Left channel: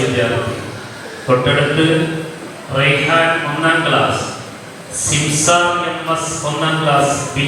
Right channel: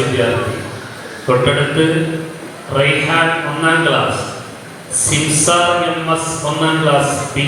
വിദ്യാർത്ഥി. തൊട്ടടുത്ത് റൈഹാൻ 1ാം ക്ലാസ്, സിംസ MS 1ാം ക്ലാസ് B.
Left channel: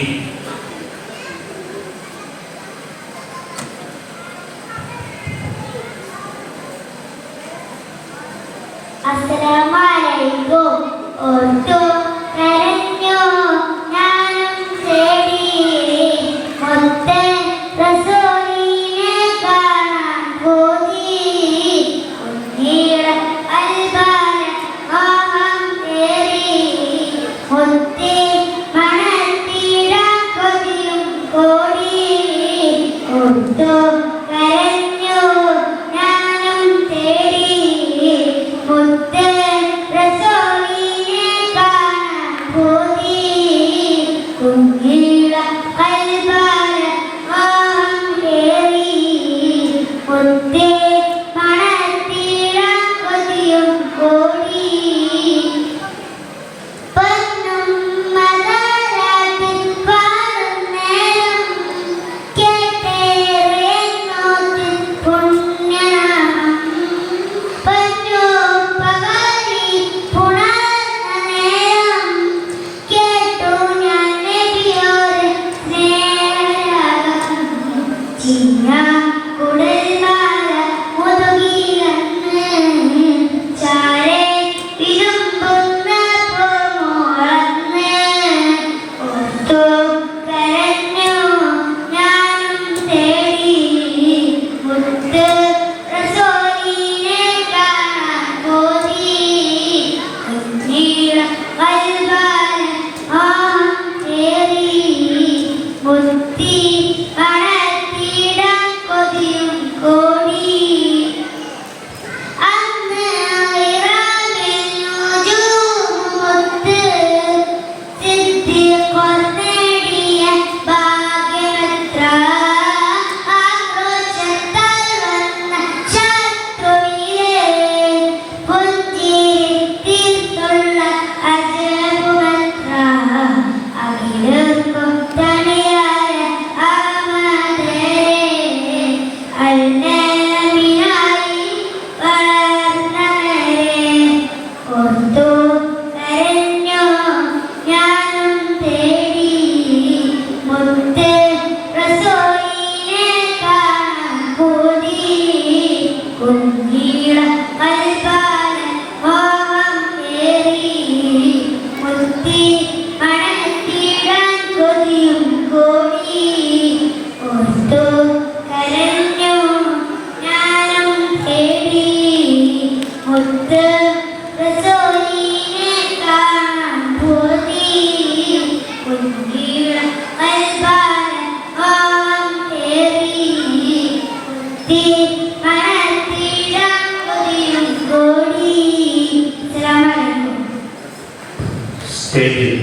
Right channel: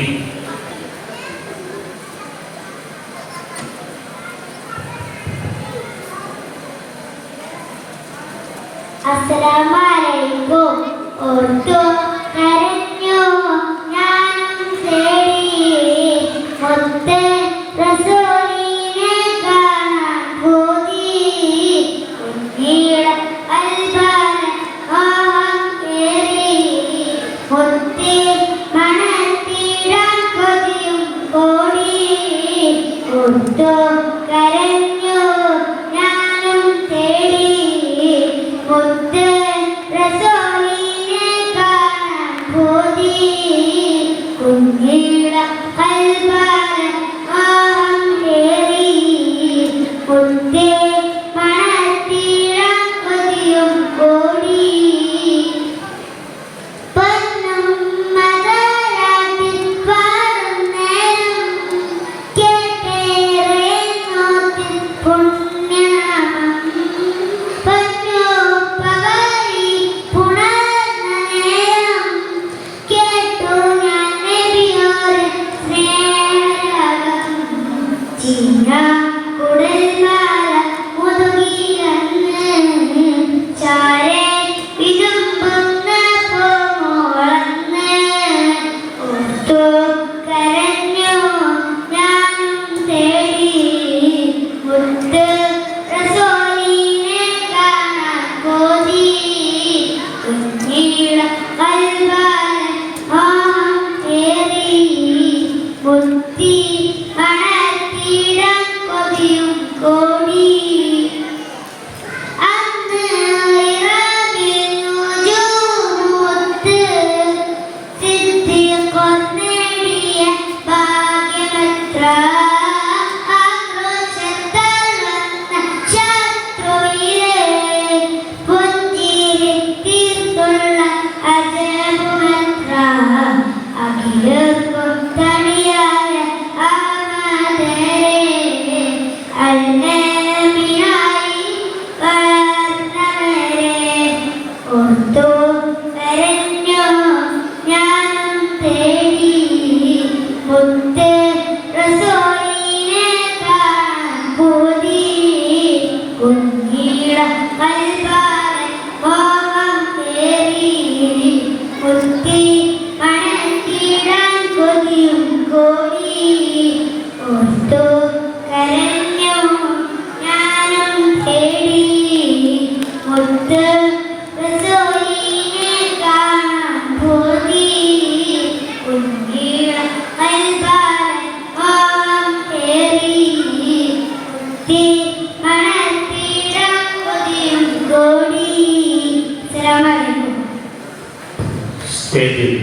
സ്റ്റേജിൽ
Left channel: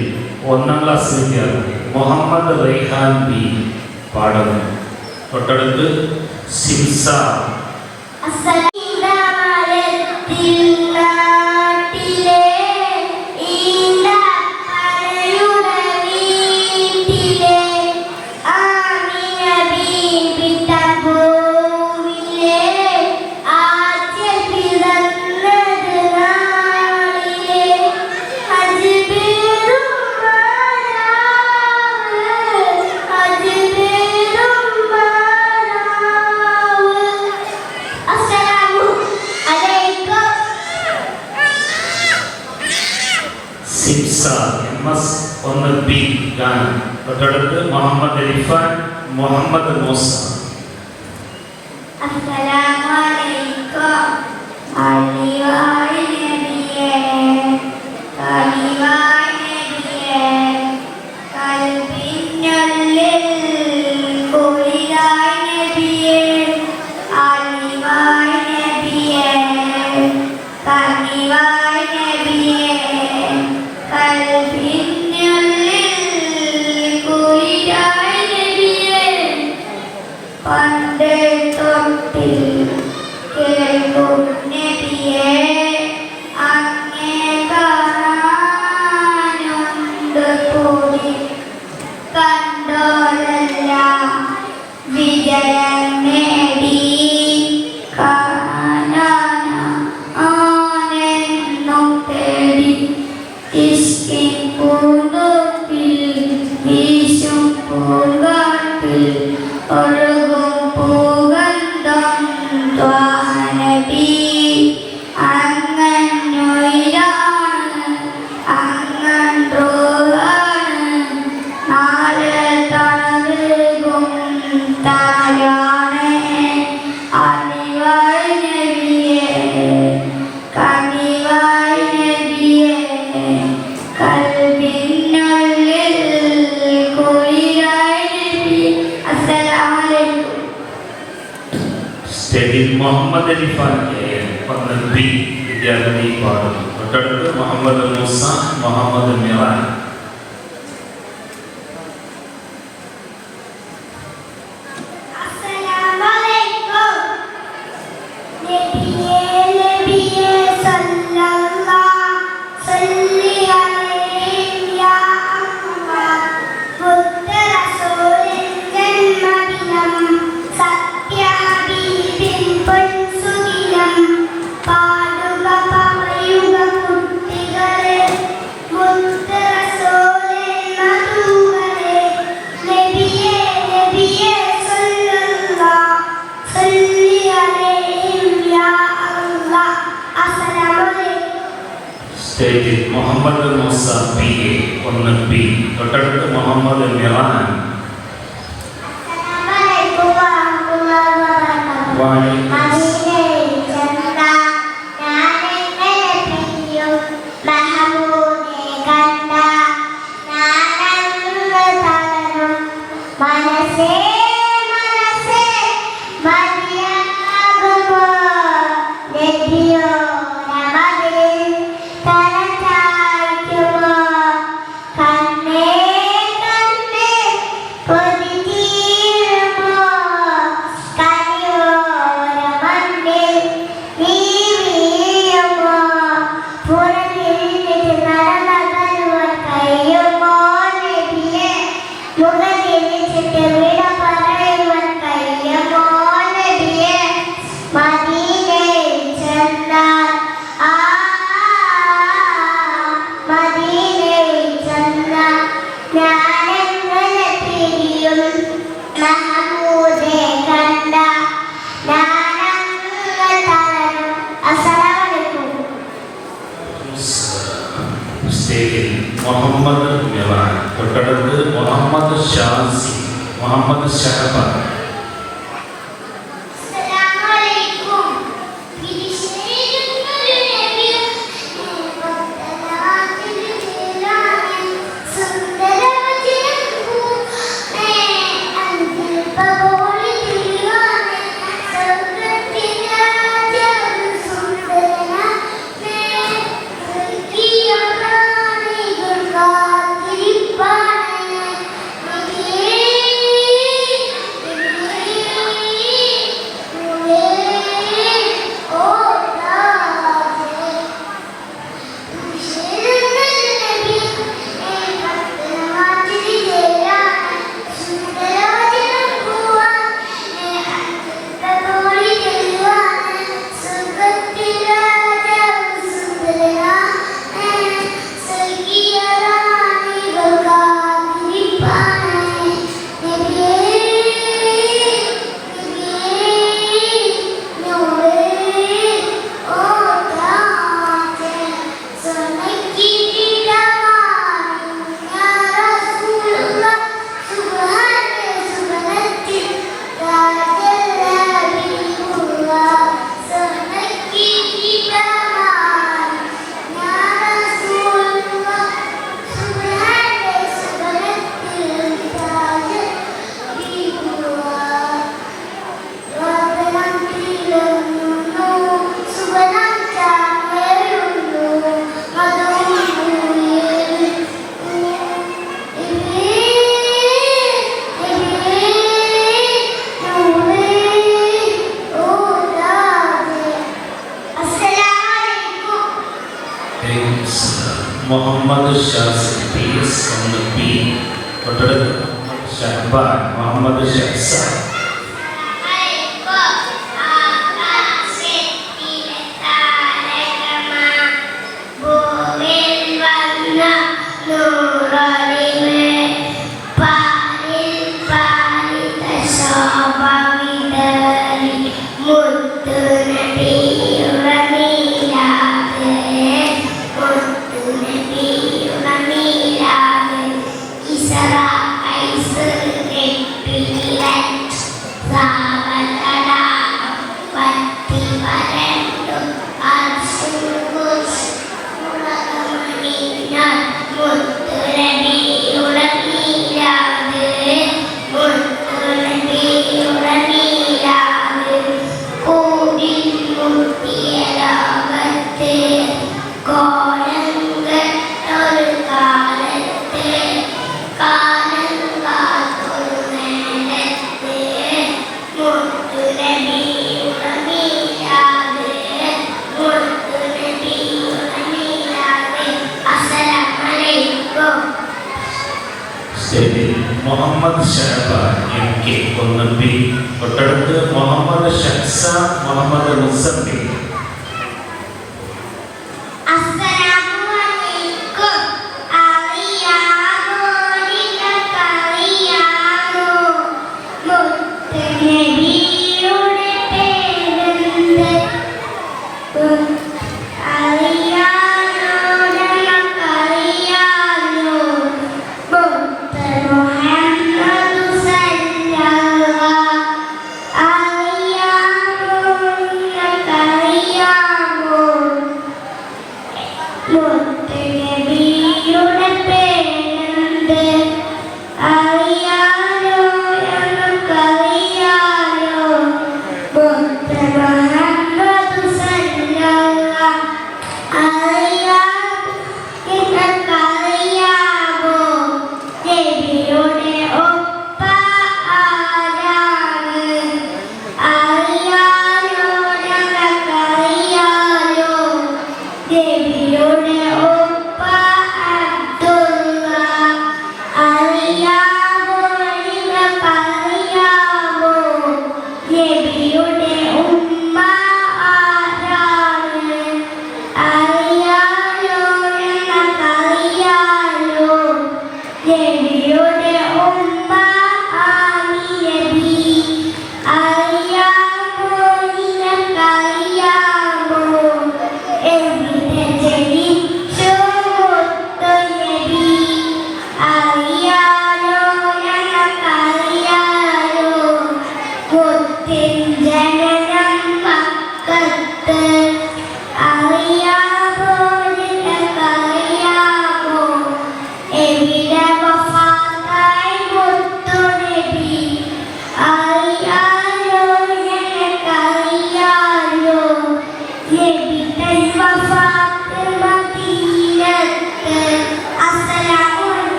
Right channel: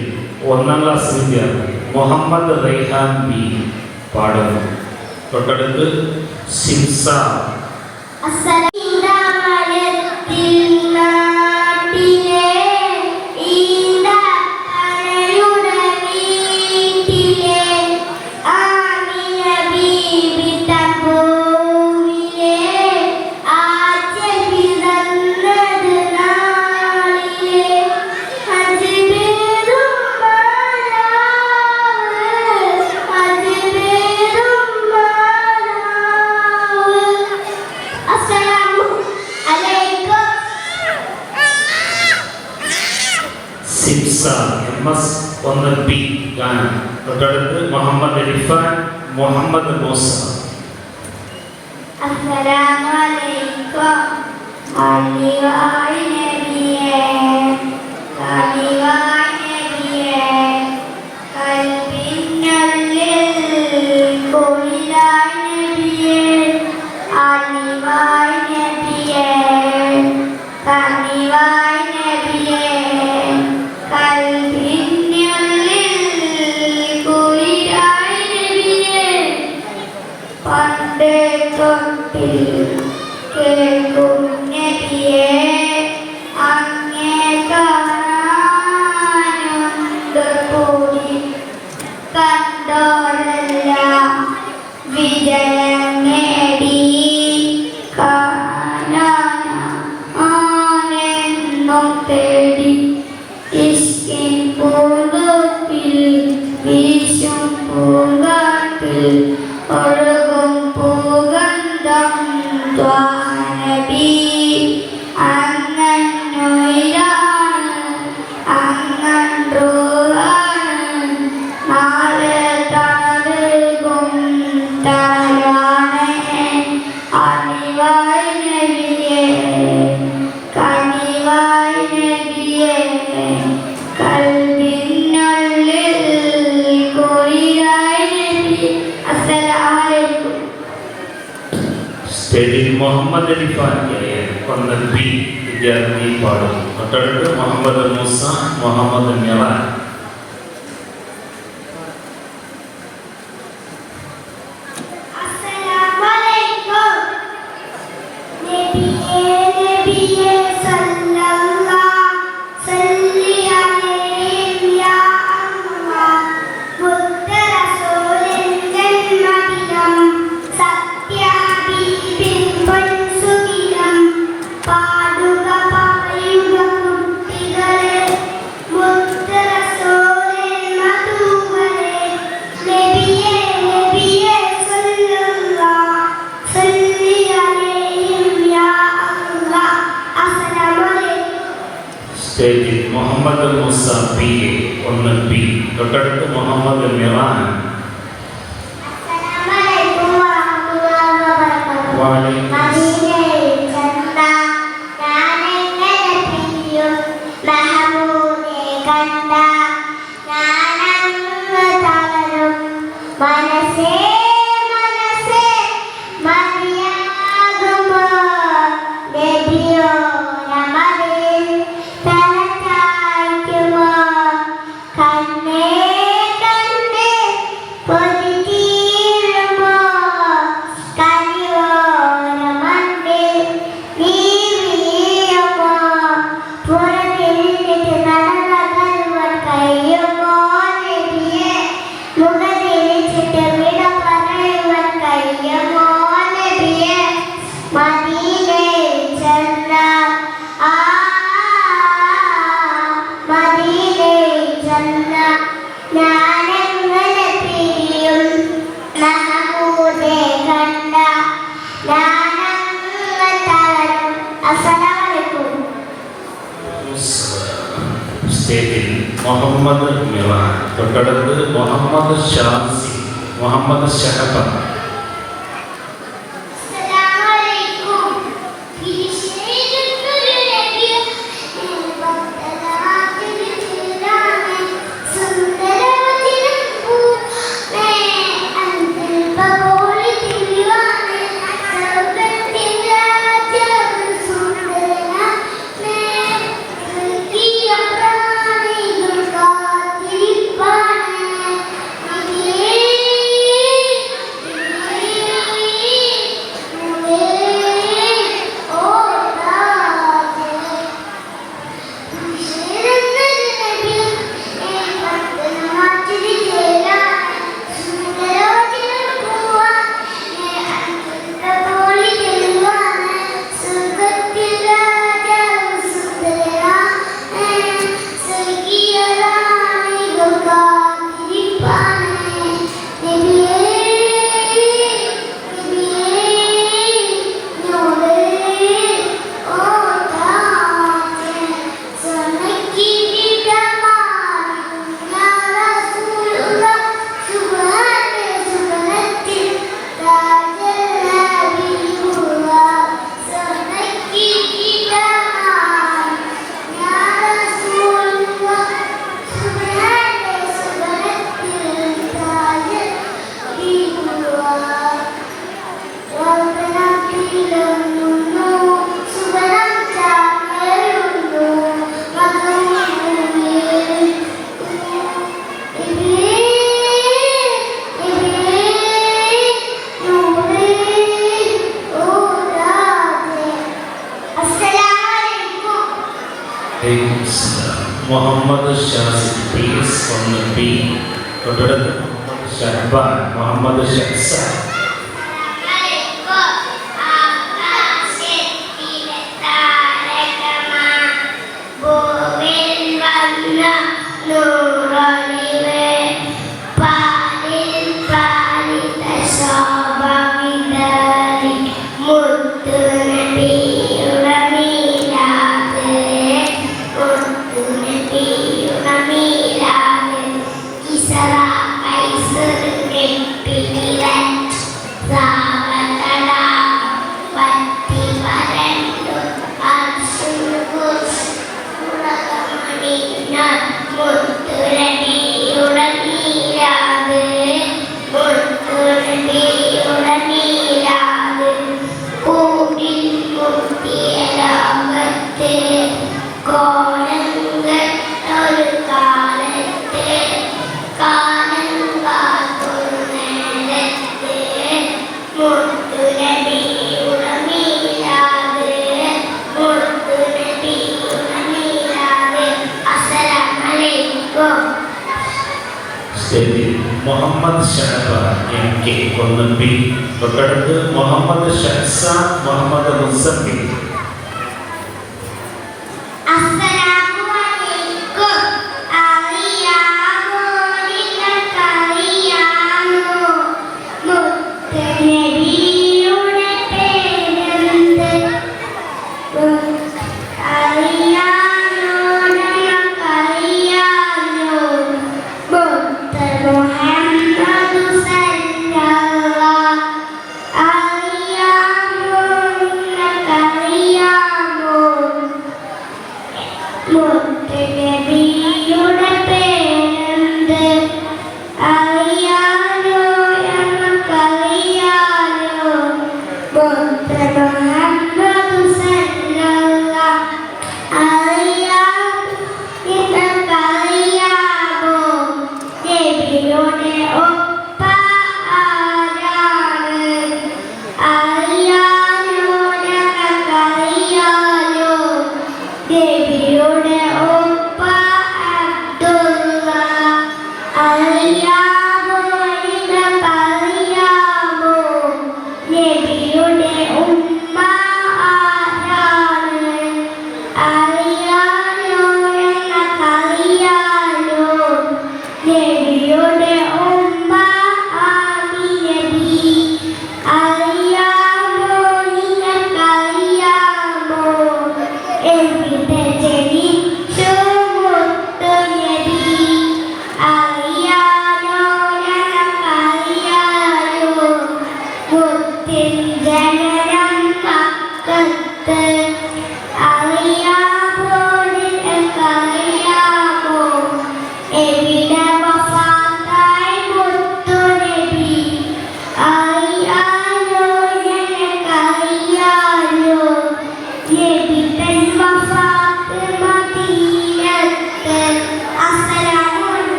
1ാം ക്ലാസ് വിദ്യാർത്ഥി മുഹമ്മദ് റൈഹാൻ B പാടുന്നു. തൊട്ടടുത്ത് സിംസ. സിംസ MS 1B ഗാനം. തൊട്ടടുത്ത് Muhammad Irfan Muhammad Musa. Pandai Kapil Kelum Nebiye Muhammad അലിഫാന്റെ ഒന്ന് ബി വിദ്യാർത്ഥി പാടുന്നു. തൊട്ടടുത്ത് മുഹമ്മദ് മുസ, മുഹമ്മദ് മിറാൻ. സ്റ്റേജിൽ മുഹമ്മദ് മുസ പി എ ഒന്ന് ബി. തൊട്ടടുത്ത് മുഹമ്മദ് മിറാൻ. മുഹമ്മദ് മിറാൻ. തൊട്ടടുത്ത് മുഹമ്മദ് ഷാസി, മുഹമ്മദ് ഷഹബ. മുഹമ്മദ് ഷാസി പി എസ് ഒന്ന് ബി. തൊട്ടടുത്ത് ഷഹബാൻ, മുഹമ്മദ് ഷഹ്സാൻ. Muhammad Shaban MK 1B. തൊട്ടടുത്ത് മുഹമ്മദ് ഷഹ്സാൻ മുഹമ്മദ് മുസഫിർ.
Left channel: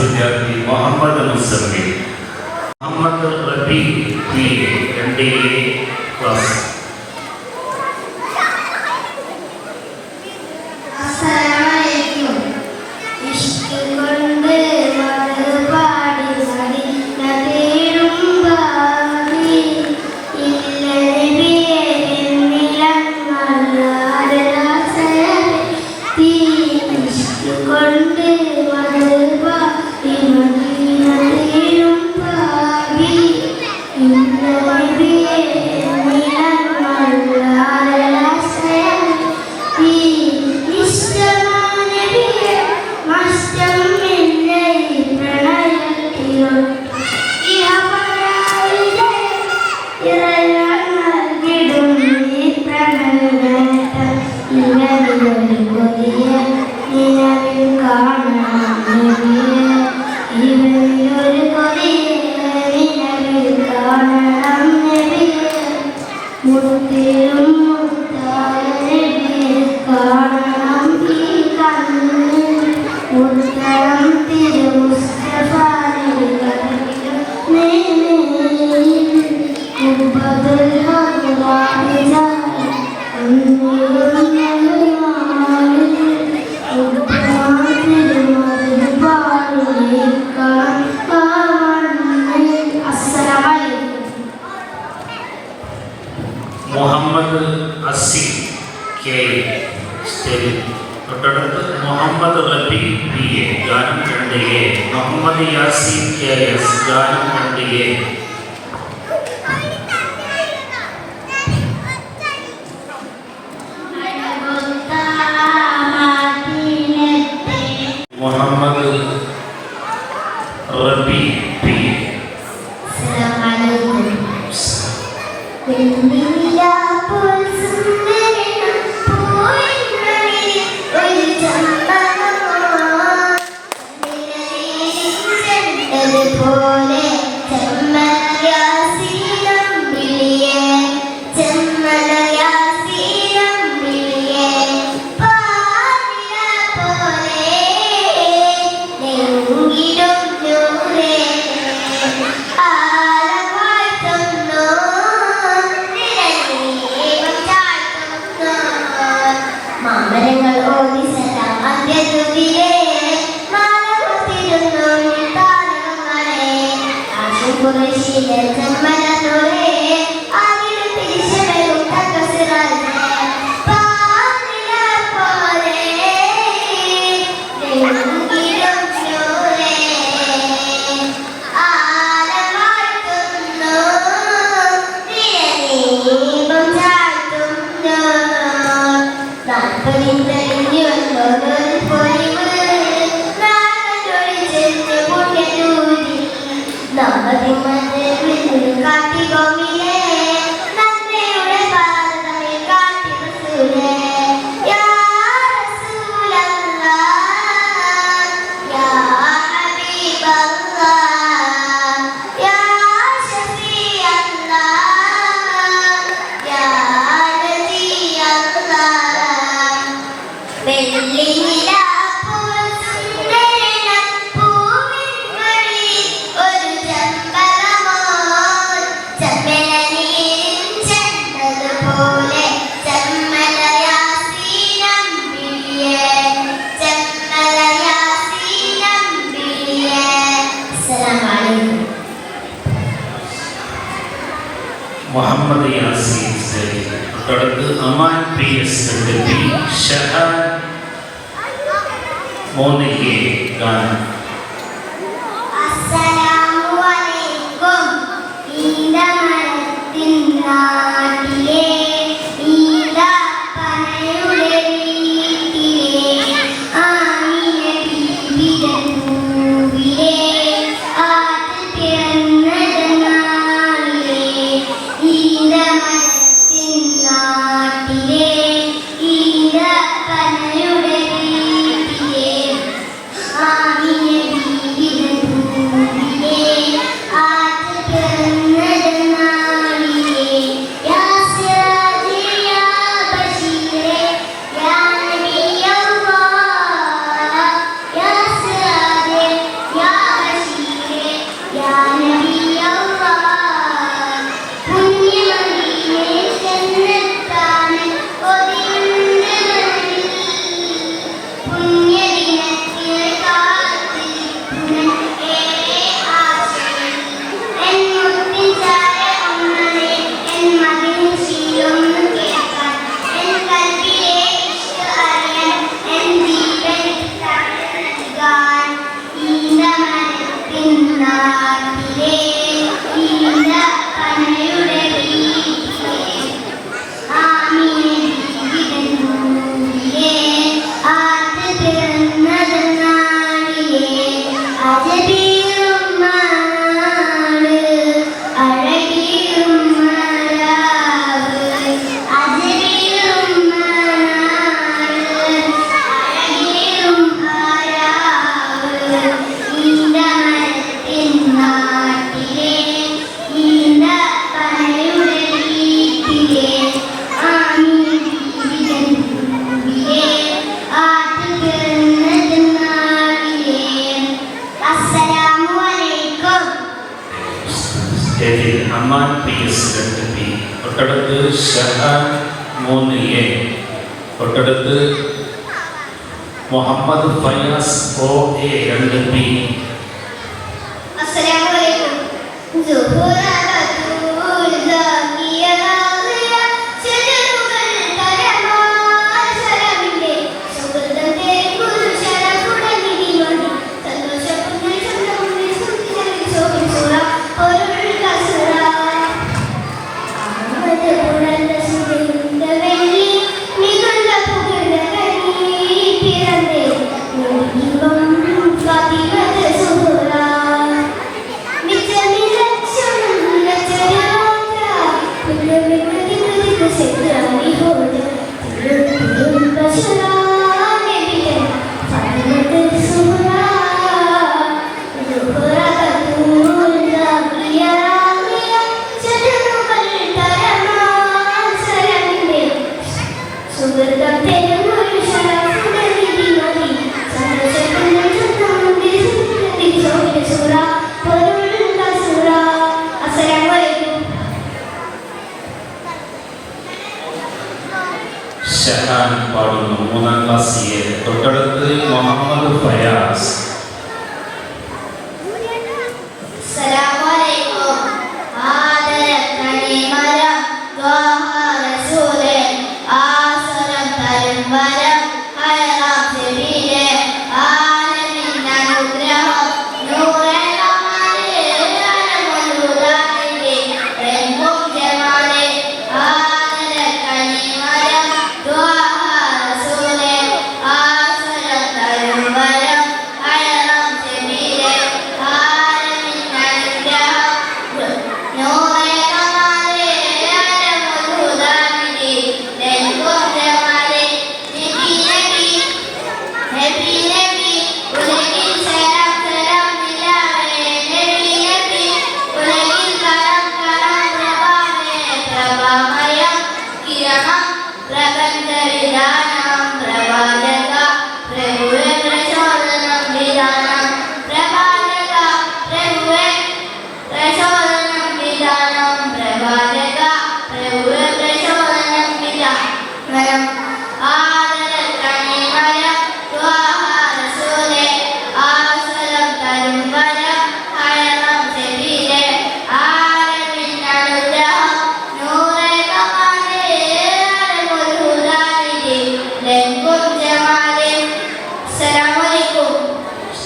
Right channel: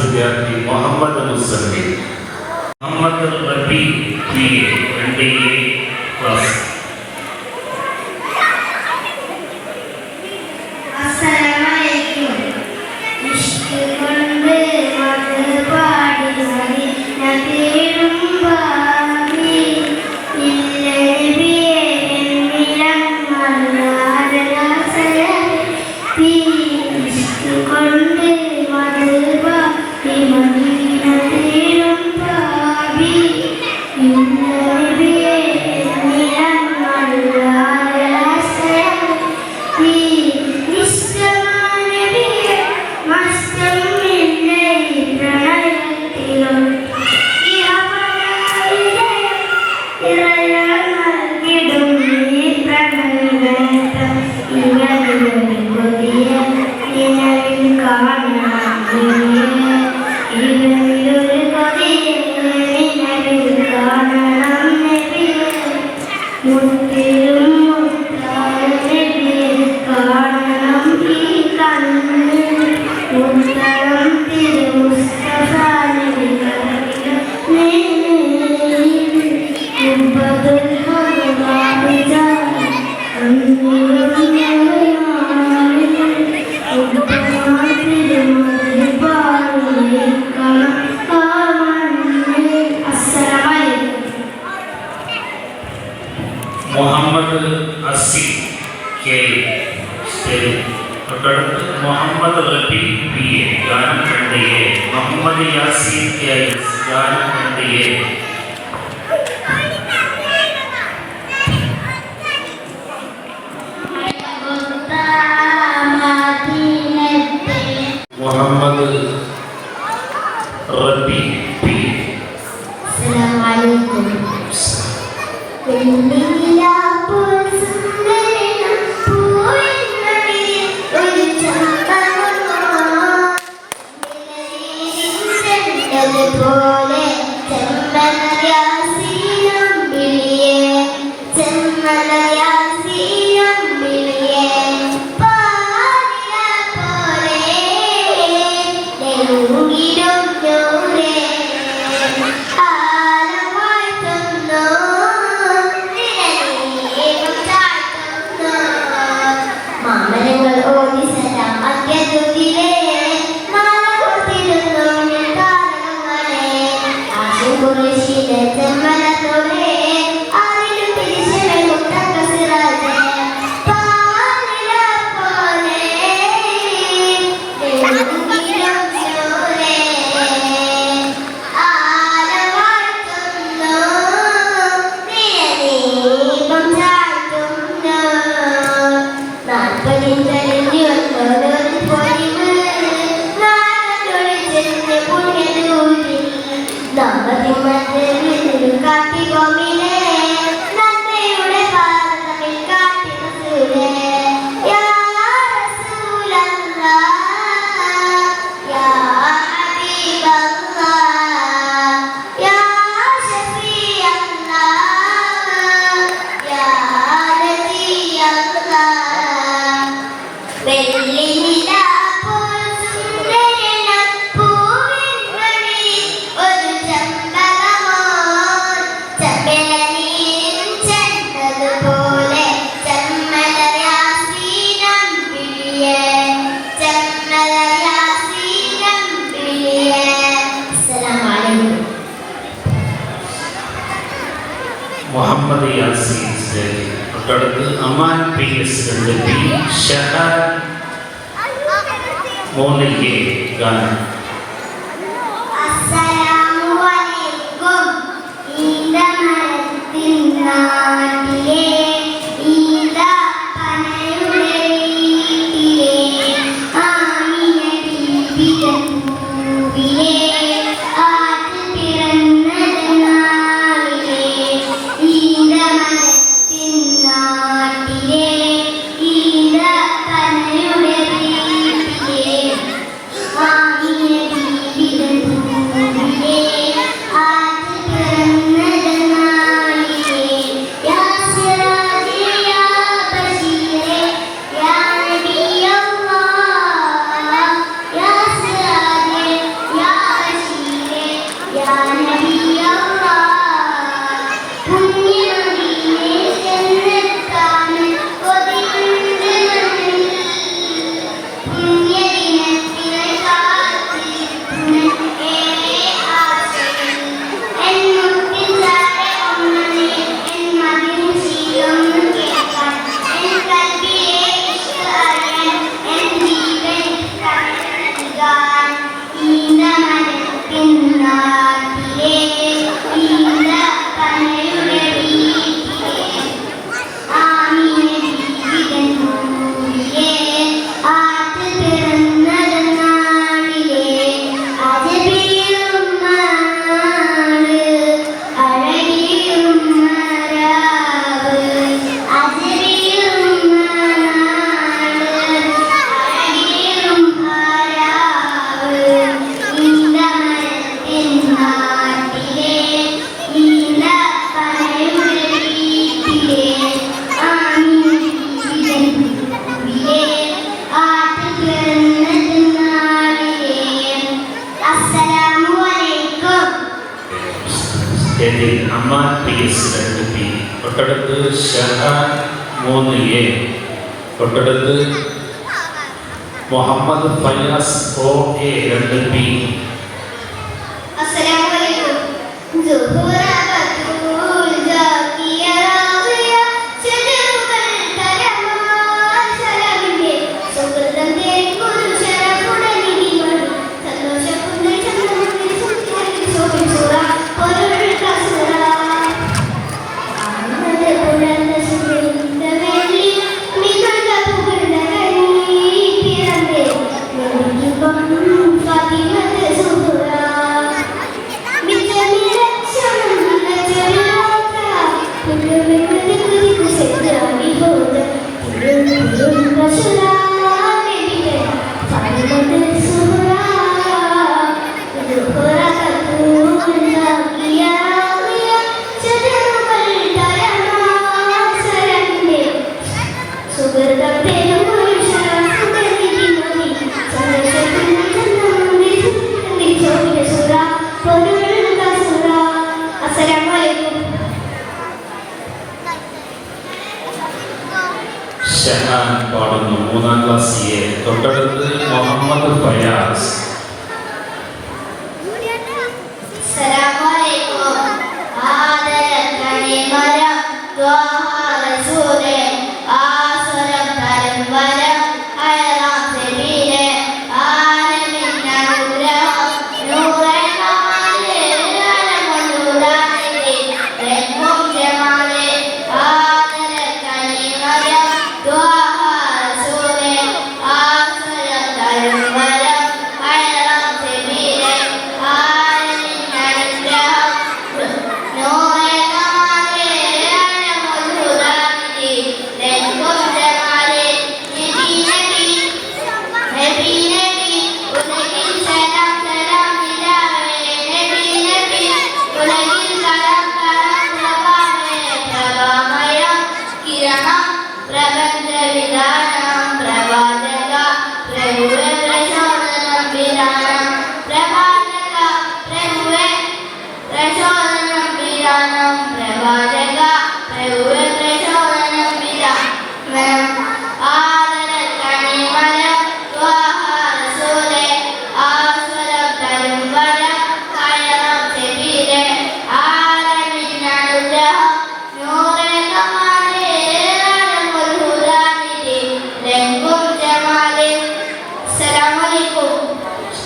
വിദ്യാർത്ഥി മുഹമ്മദ് മുസഫിർ. മുഹമ്മദ് റബി PA 2A ക്ലാസ്. മുഹമ്മദ് അസി കെ തൊട്ടടുത്ത് മുഹമ്മദ് റബി PA ഗാനം 2A. മുഹമ്മദ് യാസീൻ KS ഗാനം 2A. മുഹമ്മദ് റബി P. മാമരങ്ങൾ ഓടി സലാം അത്യതുതിലേ 3A ഗാനം. തൊട്ടടുത്ത് ഷഹാൻ 3A, തൊട്ടടുത്ത് മുഹമ്മദ് ഫൈറസ് OA 2B.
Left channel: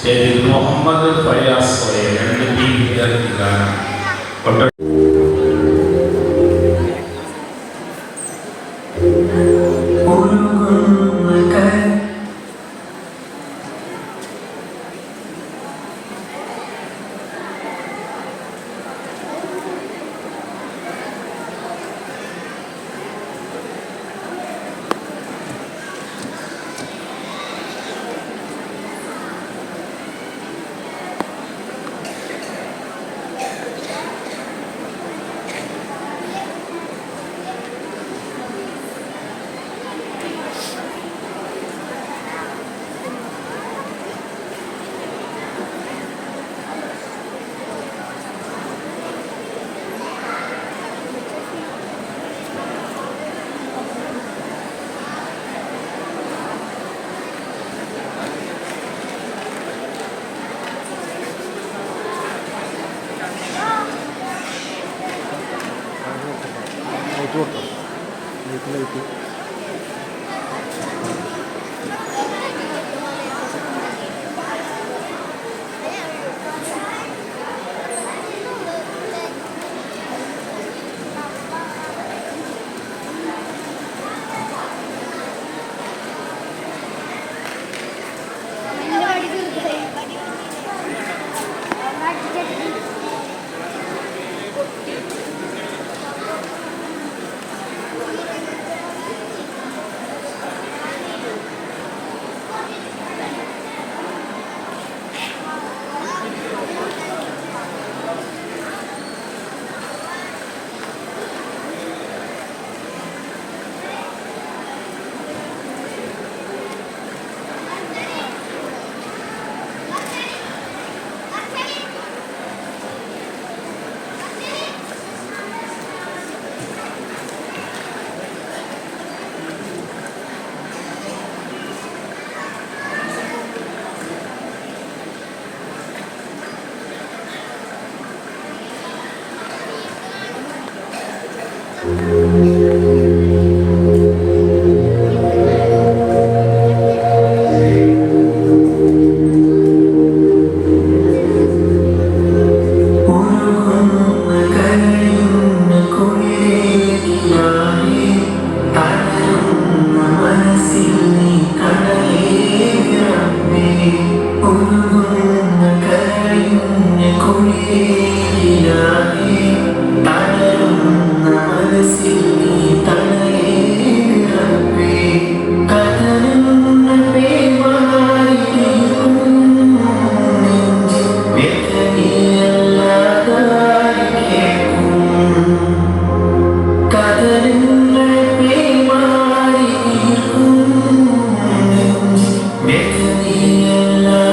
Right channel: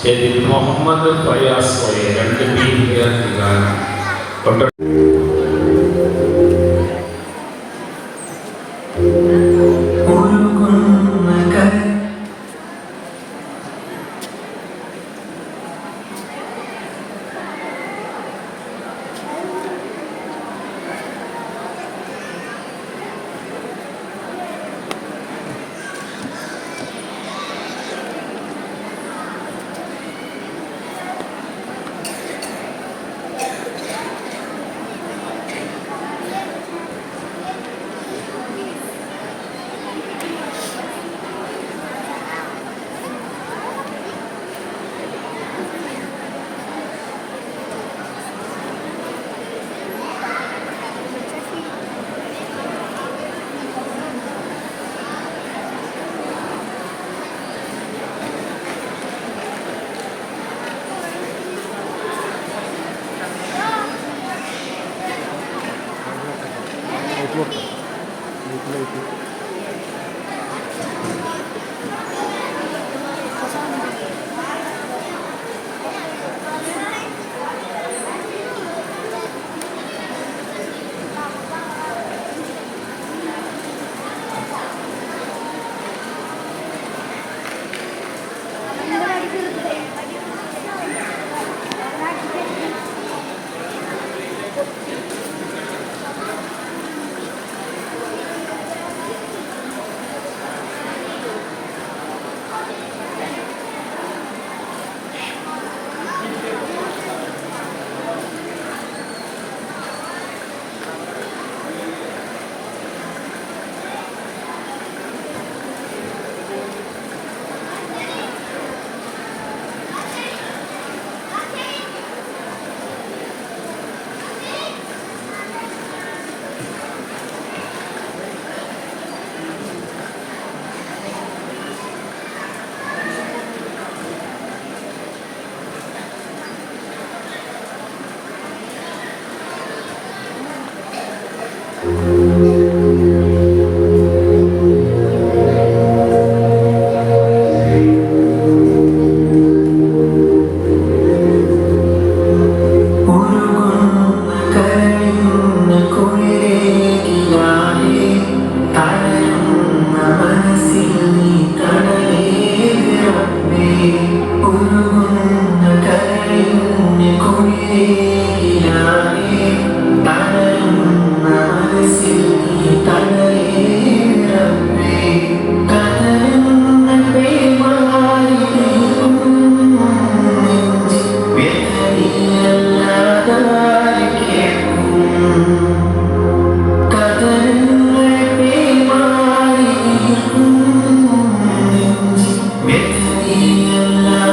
മുഹമ്മദ് ഫയാസ് കോയ 2 പേര് കൊട്ട Make me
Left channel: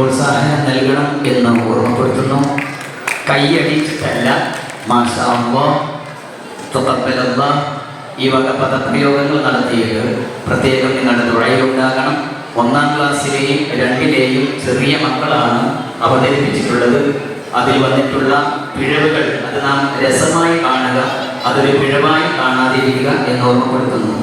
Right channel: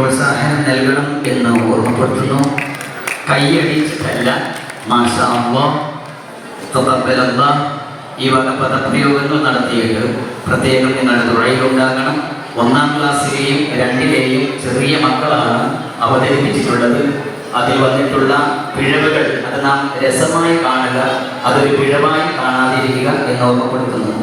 പ്രോത്സാഹനം നൽകണം എന്ന് ഓർമ്മപ്പെടുത്തുന്നു. കൈയടിച്ചിട്ടല്ല, മാഷാ അല്ലാഹ്, തഖബ്ബലല്ലാഹ് ഈ വക പദപ്രയോഗങ്ങൾ നടത്തിയിട്ട് പ്രത്യേകം നിങ്ങളുടെ ദുആയിലുണ്ടാകണം. 1-ാം ക്ലാസ്സിലെയും 2-ലെയും ചെറിയ മക്കളാണ് അവതരിപ്പിച്ചിട്ടുള്ളത്. അതിൽ വന്നിട്ടുള്ള പിഴവുകൾ അത് നാം രസമായി കാണുക, അതൊരു പിഴവായി കാണാതിരിക്കുക എന്ന് ഓർമ്മപ്പെടുത്തുന്നു.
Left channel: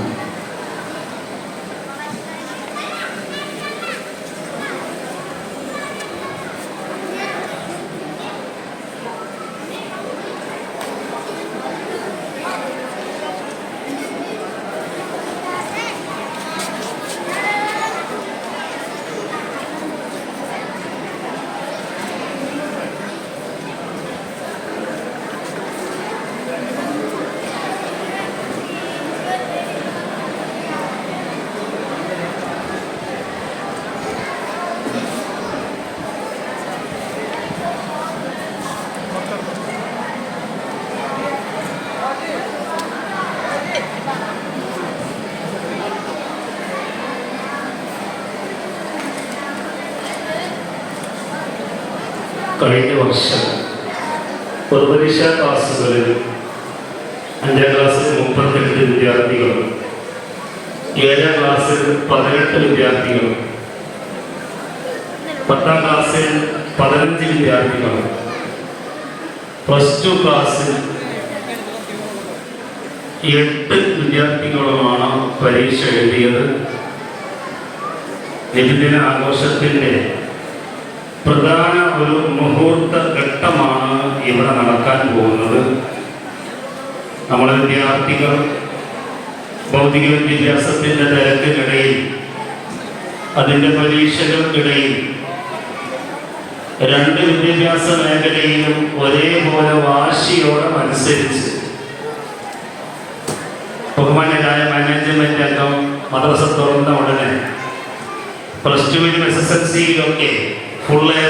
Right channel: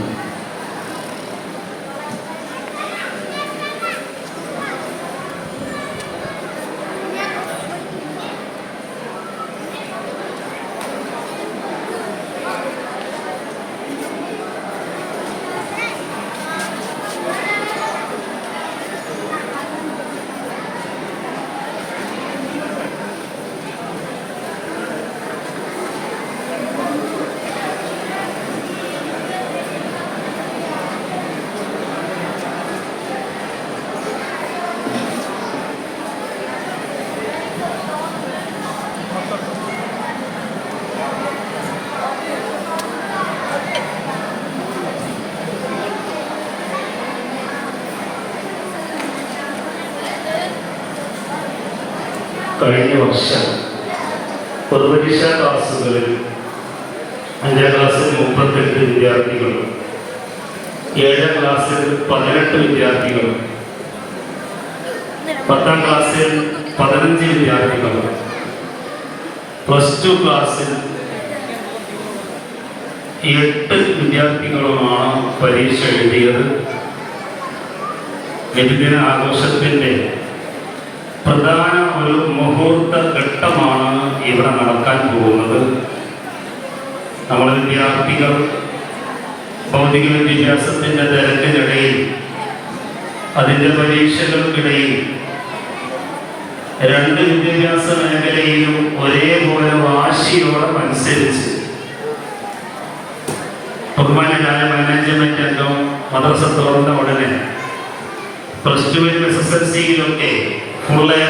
കഴിഞ്ഞ വർഷം പൊതുപരീക്ഷാ ക്ലാസ്സുകളിൽ 5-ാം ക്ലാസ്സിൽ 38 വിദ്യാർത്ഥികളും 7-ാം ക്ലാസ്സിൽ 18 വിദ്യാർത്ഥികളും 10-ാം ക്ലാസ്സിൽ 15 വിദ്യാർത്ഥികളും +2 ക്ലാസ്സിൽ 8 വിദ്യാർത്ഥികളുമാണ് പരീക്ഷ എഴുതിയത്. നബിദിന ആഘോഷത്തിൻ്റെ പ്രധാന ഒരു മുഹൂർത്ത ഘട്ടമാണ് ഇവിടെ നടക്കാൻ പോകുന്നത്. നമ്മൾ വിദ്യാർത്ഥികൾ ഭൗതിക വിദ്യാഭ്യാസത്തിൻ്റെ തിരക്കിനിടയിൽ, അതിൻ്റെ പരീക്ഷകൾക്കിടയിൽ 2 വിദ്യാഭ്യാസ മേഖലയിലും ഒരേപോലെ വാശിയോടെ മത്സരിച്ച് ബഹുമാനരായ മാനേജ്മെന്റ് അംഗം മദ്രസ തുറന്ന ഉടനെ +2-ലും SSLC-യിലൊക്കെ ഫുൾ A+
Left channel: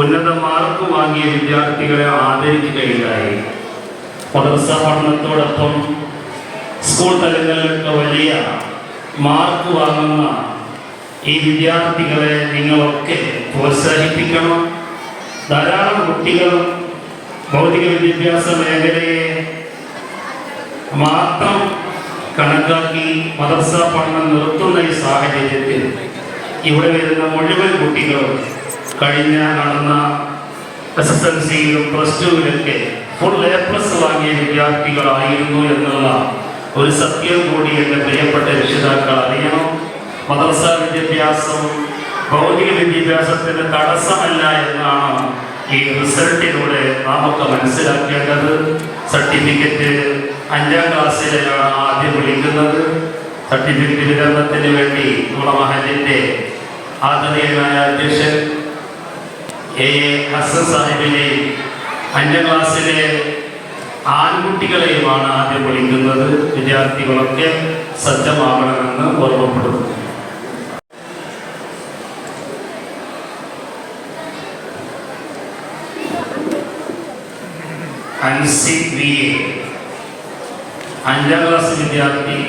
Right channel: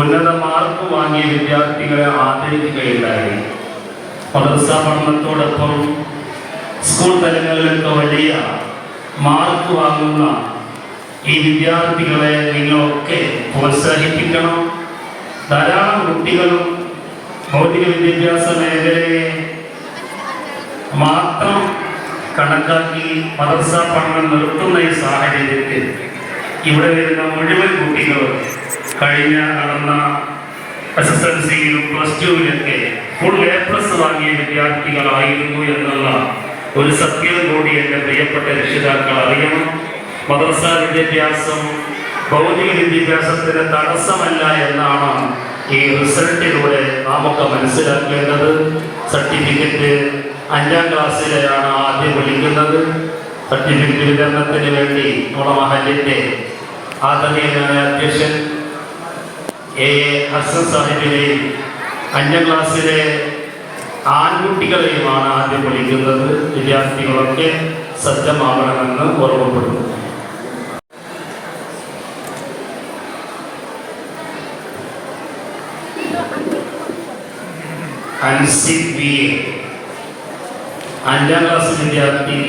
ഉന്നത മാർക്ക് വാങ്ങിയ വിദ്യാർത്ഥികളെ ആദരിക്കുകയുണ്ടായി. മദ്രസ പഠനത്തോടൊപ്പം സ്കൂൾ തലങ്ങളിലൊക്കെ വലിയ മാർക്ക് വാങ്ങുന്ന ഈ വിദ്യാർത്ഥികളെ നിങ്ങളൊക്കെ പ്രോത്സാഹിപ്പിക്കണം. ധാരാളം കുട്ടികളും ഭൗതിക വിദ്യാഭ്യാസ മേഖലയെ മാത്രം കണക്കാക്കി മദ്രസ പഠനം നിർത്തുന്ന ഈ സാഹചര്യത്തിൽ ഇവിടെ വരുന്ന മുഴുവൻ കുട്ടികളും കഴിഞ്ഞ നടന്ന SSLC-യിലും +2-ലൊക്കെ ഫുൾ A+ വാങ്ങിയ വിദ്യാർത്ഥികളായിരുന്നു എന്നുള്ള ഒരു സത്യം കൂടി എൻ്റെ പ്രിയപ്പെട്ട രക്ഷിതാക്കൾ അറിയണം. മദ്രസ വിദ്യാഭ്യാസം ഭൗതിക വിദ്യാഭ്യാസത്തിന് തടസ്സമല്ല എന്നാണ് ഈ റിസൾട്ടിലൂടെ നമുക്ക് മനസ്സിലാക്കേണ്ടത്. സർട്ടിഫിക്കറ്റ് 5-ാം ക്ലാസ്സിലെയാണ് ആദ്യം വിളിക്കുന്നത്. സർട്ടിഫിക്കറ്റ് വിതരണത്തിന് വേണ്ടി നമ്മുടെ മഹലിൻ്റെ ആദരണീയനായ അധ്യക്ഷൻ A ഹസൻ സാഹിബിനെയും 5-ാം ക്ലാസ്സിലെ ആൺകുട്ടികളെയുമാണ് ആദ്യം വിളിക്കുന്നത്. വിദ്യാർത്ഥികളൊക്കെ സജ്ജമാകണമെന്ന് ഓർമ്മപ്പെടുന്നു. അൻസിബ് VA 5-ാം ക്ലാസ് വിദ്യാർത്ഥി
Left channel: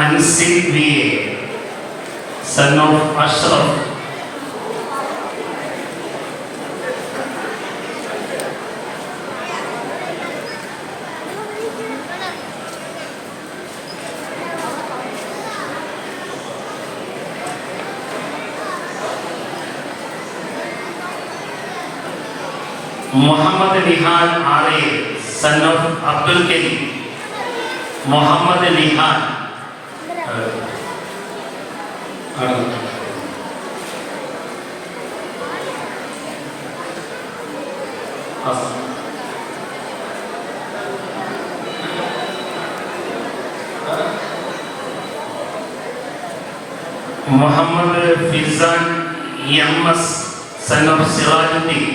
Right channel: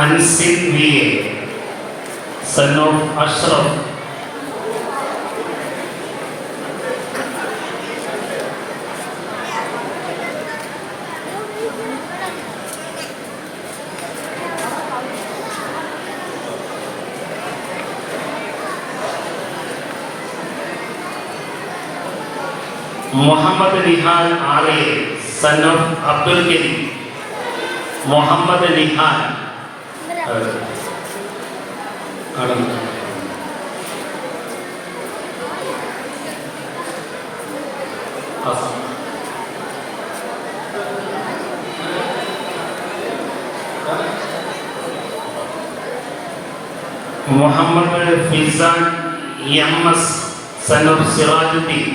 Ansib VA, son of Ashraf. Muhammad Nihan Alayil, son of Abdul Karim. Muhammad Nihan Muhammad Fizan MS, son of Sirajuddin.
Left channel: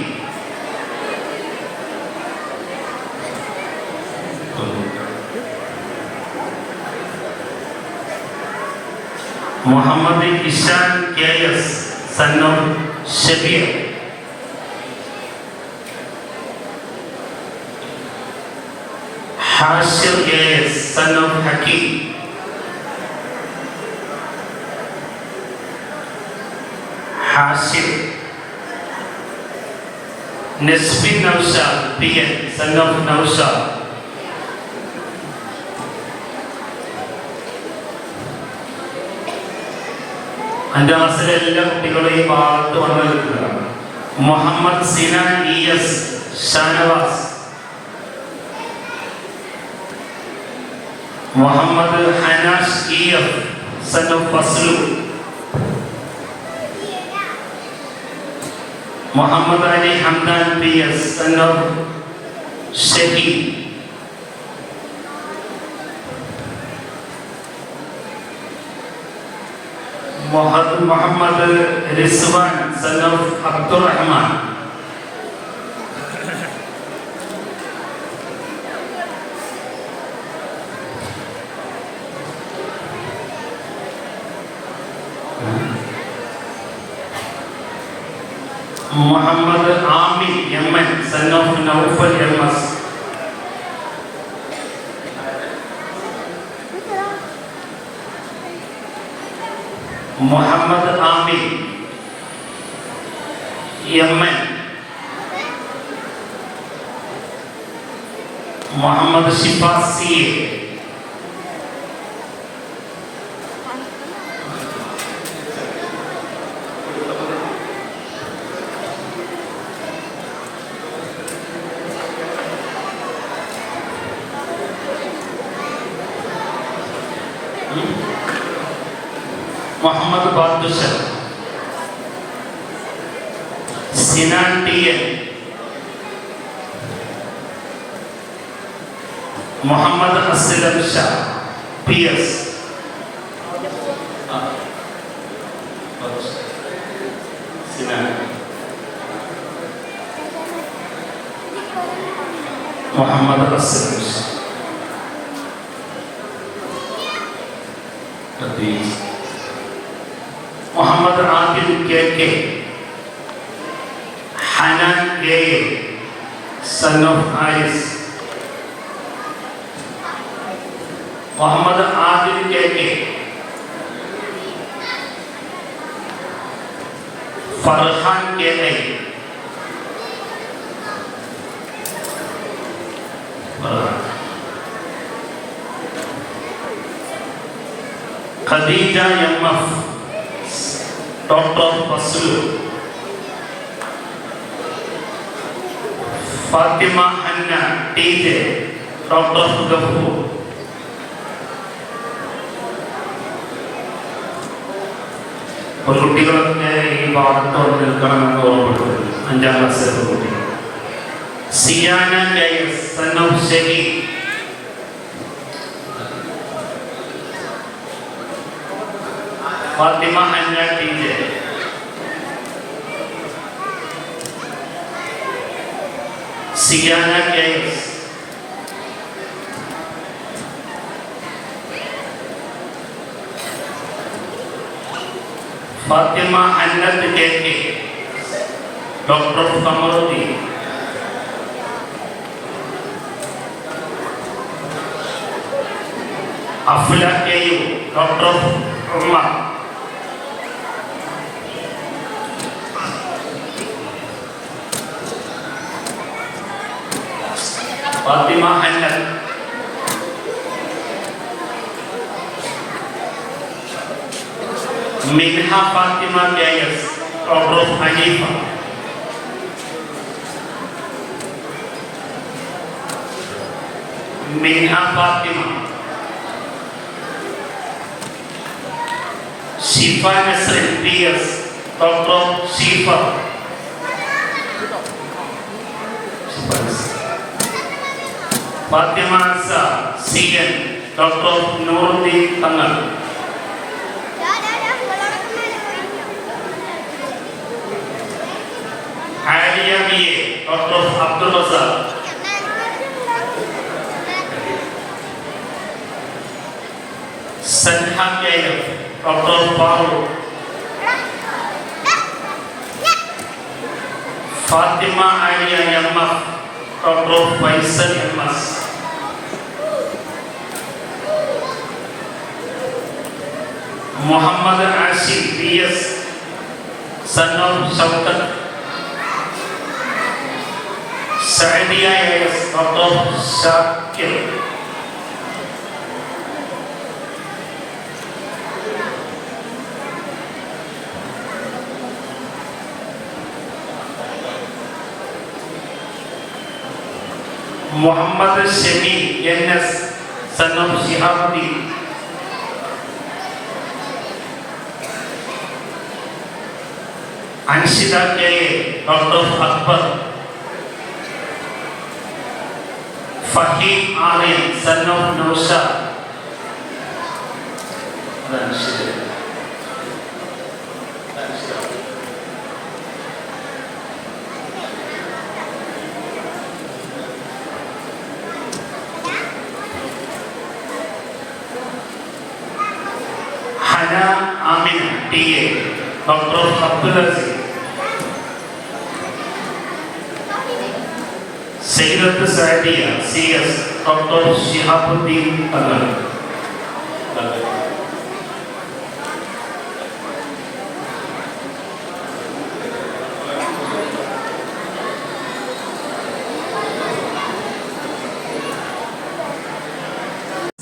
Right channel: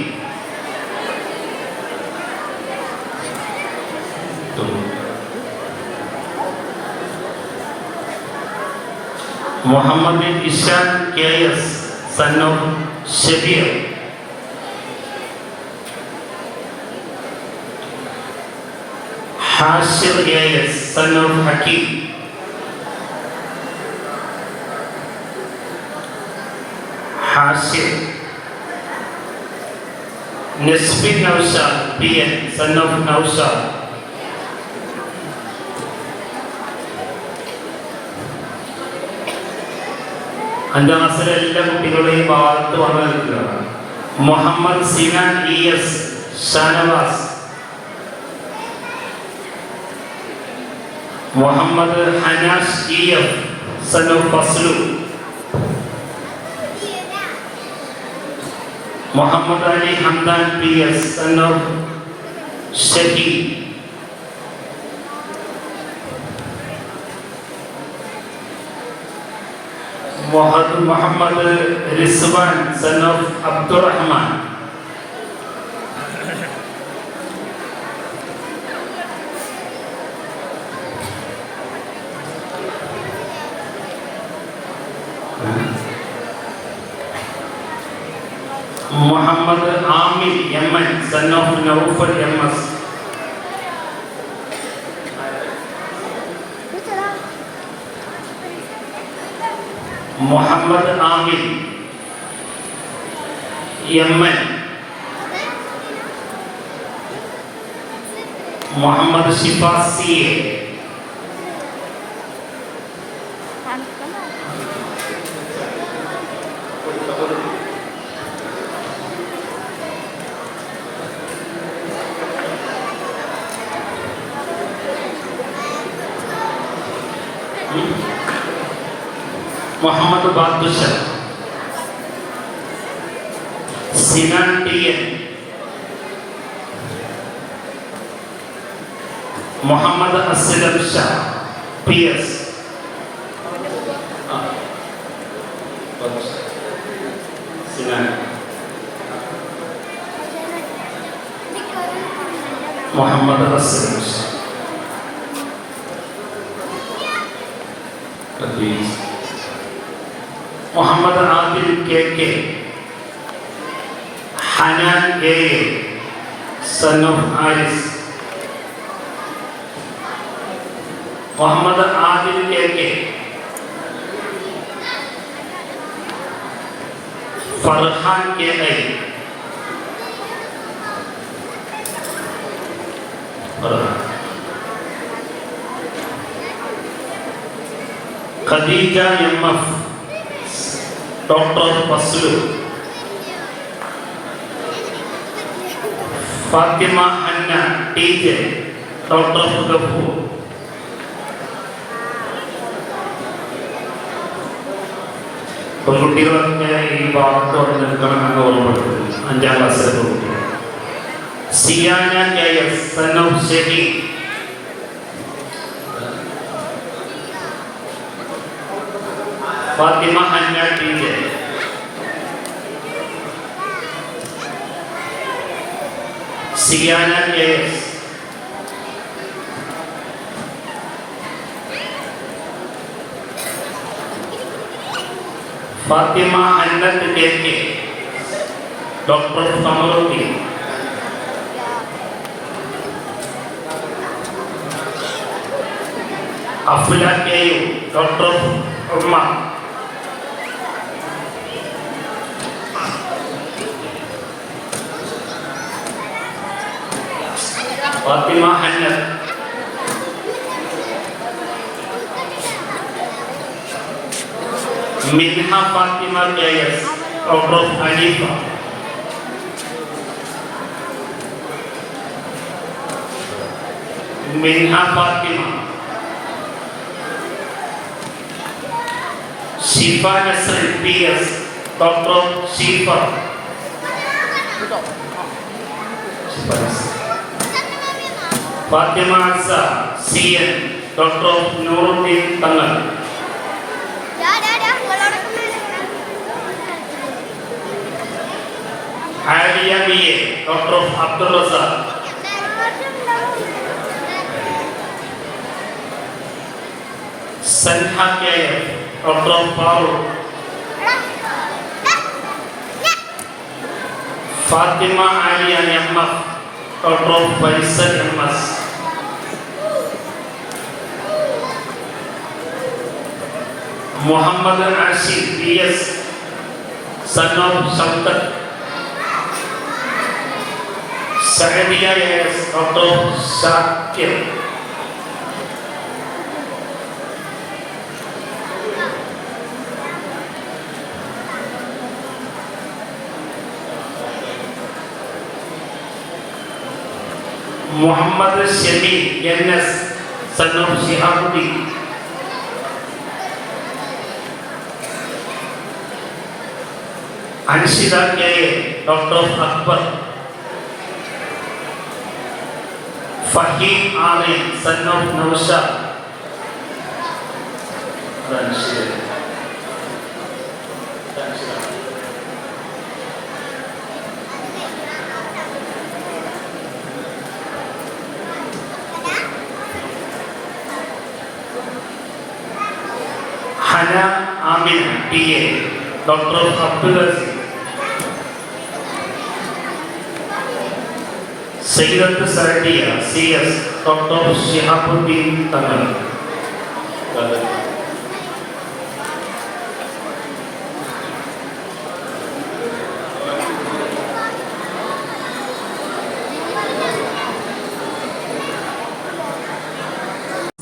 Muhammad Ishan KS, son of Shabir. Hashir AS, son of Hakim. Hashir Nasbin Naushad PN son of Naushad. അഞ്ചാം ക്ലാസ്സിലെ എല്ലാ കുട്ടികളുടെയും ഭാഗത്ത് വന്നിട്ടുള്ളതാണ്. Muhammad Sinan ES Shanavas. Muhammad Hanash EF son of Faslu. Muhammad Ali Hamdan PS son of Shahid. Muhammad Rizwan son of Abdurahman. Muhammad Aamir MN son of Naufal MS. Muhammad Aamir MN. Muhammad Shifas CA. Muhammad Badusha. Sinan TN. Muhammad Aslam Shah PS. Sinan. Muhammad Aslam Shah. Muhammad Adil KK. Hanan AA son of Haris. Muhammad Adil KK. Farhan KA. Khadeeja MF doctor Faslu. Fathima Anna TJ doctor Gafoor. കുട്ടികളൊക്കെ ഈ ഭാഗത്ത് നിൽക്കണമെന്ന് ഓർമ്മപ്പെടുന്നു. അഞ്ചാം ക്ലാസ്സിലെ കുട്ടി. Siyana KS son of Shaheed. Fathima Anna TJ. Siyana KS. Fathima Annath KK doctor Kamaruddin. Afla KU doctor Umar. Fathima Annath. Minha Fathima KS doctor Hanifa. Minha Fathima. Shifa Nasrin PS doctor Shifa. Fathima Asa CN doctor Nooruddin Thangal. Aliya BA doctor Abdul Razak. Sanha KF doctor Farooq. Fathima Aliya MF doctor Faisal MS. Muhammad Ashiq PS son of Shoukath. Sadiya S doctor Shakir, Muhammad Shami N S son of Shihabuddin, Anshitha K doctor Akbar, Faheem Aryan son of Naushad, Hana Amina T A doctor Abdul Aziz, Sayyidath Sadiya C S doctor Shihabuddin Thangal,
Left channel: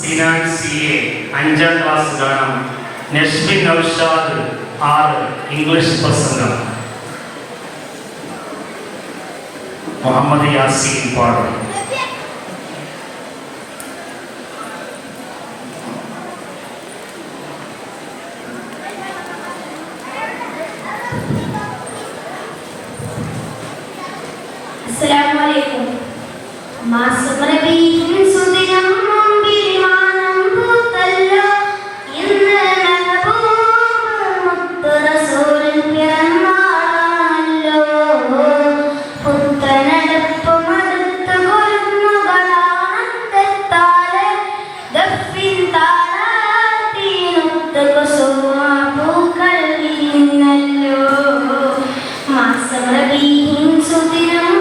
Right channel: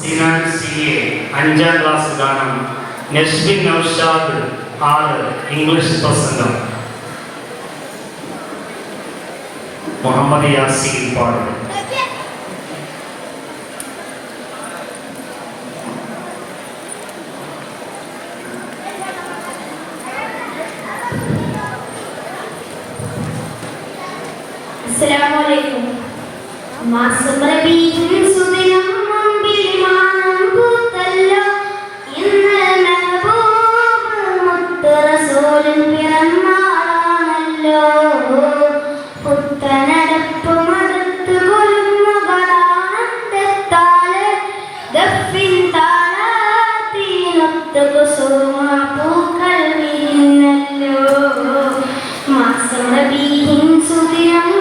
Sinan C A 5ാം class ഗാനം, Nasbin Naushad 6 English പ്രസംഗം, മുഹമ്മദ് യാസീൻ പാട്ട്. അസ്സലാമു മാസം റബീഉൽ സുദിനം അമ്പിളിമാനം പൂത്തല്ലോ, ഇന്ന് മെഹബൂബ് മുത്ത് റസൂലിൻ പിറന്നാളാണല്ലോ. പുത്തനടപ്പു മടുത്ത് കുലുങ്ങുകളാനന്ദത്താല് ഗഫിൻ താളത്തിനൊത്ത് കുസുമ പൂക്കൾ വിരിഞ്ഞല്ലോ. മാസം റബീഉൽ സുദിനം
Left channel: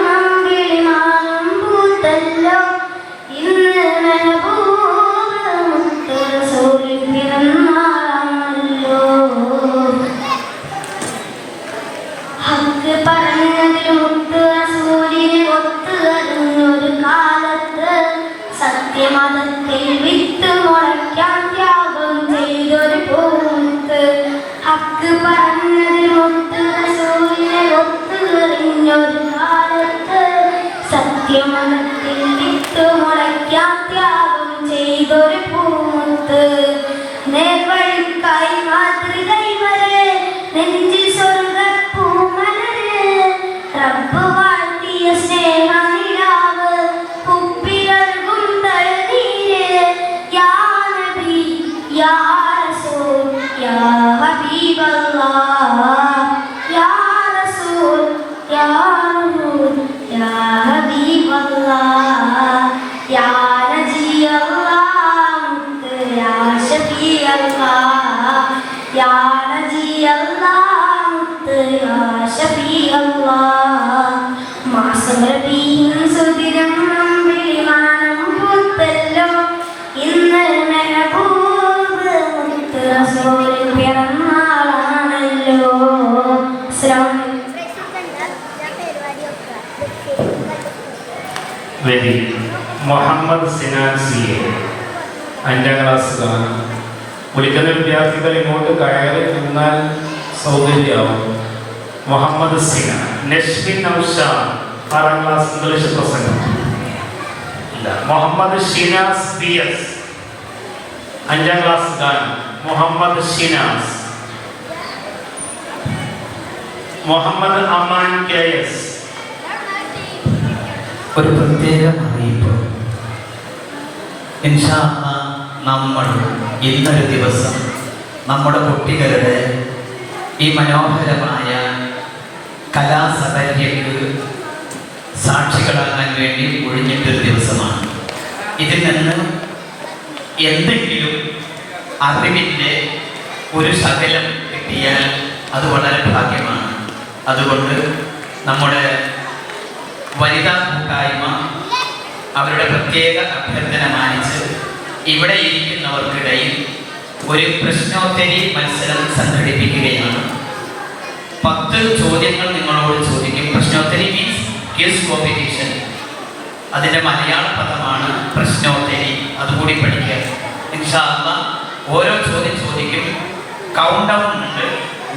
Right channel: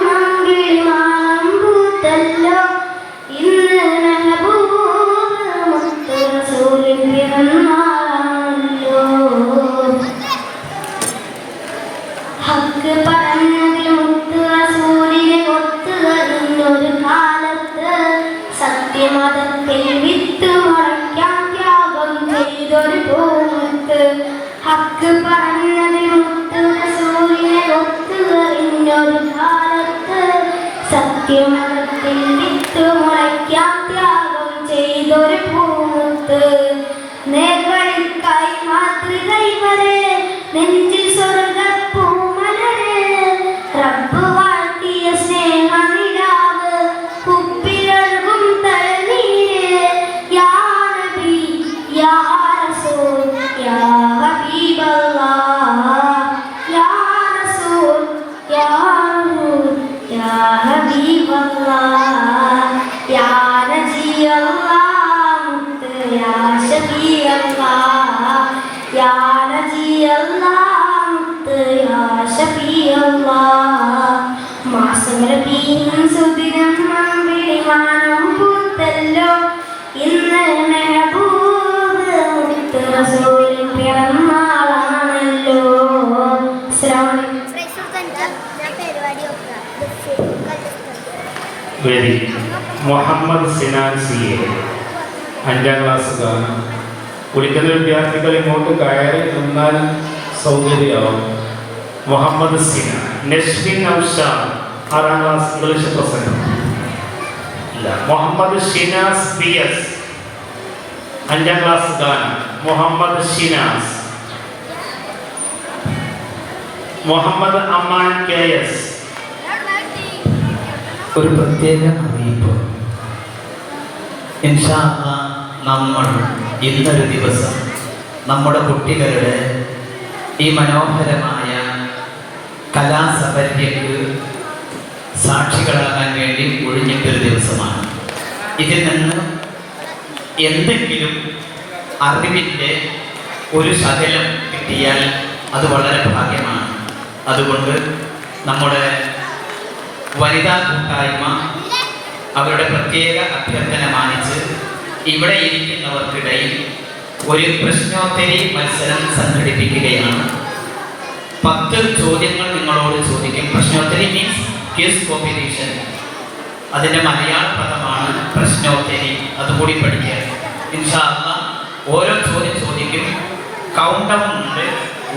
മുഹമ്മദ് സിനാൻ സി എ 5ാം ക്ലാസ് ഗാനം. വിളിക്കുന്ന വിദ്യാർത്ഥികൾ ഇങ്ങോട്ട് കയറി നിന്നാൽ സൗകര്യമാവും. മുഹമ്മദ് സിനാൻ. നസ്ബിൻ നൗഷാദ് 6ാം ക്ലാസ് ഇംഗ്ലീഷ് പ്രസംഗം. മുഹമ്മദ് ഷിനാസ് പി എസ് 5ാം ക്ലാസ് ഗാനം. മുഹമ്മദ് ഷിനാസ്. Muhammad Aman K S. ഒരു പ്രത്യേക അറിയിപ്പ്. ഇൻഷാ അല്ലാഹ് നമ്മൾ ഇന്നൊരു ദിവസം നമ്മുടെ കുട്ടികളുടെ ഈ മനോഹരമായ കലാസഭയ്ക്ക് സാക്ഷികളാകാൻ വേണ്ടി ഒഴിഞ്ഞിട്ടൊരു ദിവസമാണ്. ഇതിൽ നിന്ന് എന്തെങ്കിലും അറിവിൻ്റെ ഒരു ശകലം കിട്ടിയാൽ അത് വളരെ ഭാഗ്യമാണ്. അതുകൊണ്ട് നമ്മുടെ വനിതാ കൂട്ടായ്മ അവരുടെ പ്രത്യേക അഭ്യർത്ഥന മാനിച്ച് ഇവിടെ ഇരിക്കുന്നവർക്കിടയിൽ ഒരു പ്രശ്നോത്തരി മത്സരം സംഘടിപ്പിക്കുകയാണ്. 10 ചോദ്യങ്ങൾ നിങ്ങളോട് ചോദിക്കും. പ്രശ്നോത്തരി മീൻസ് ക്വിസ് കോമ്പറ്റീഷൻ. അതിൻ്റെ മലയാള പദമാണ് പ്രശ്നോത്തരി. അതുകൂടി പഠിക്കുക. ഇൻഷാ അല്ലാഹ് ഓരോ ചോദ്യം ചോദിക്കും. കൗണ്ട് ഡൗൺ ഉണ്ട്.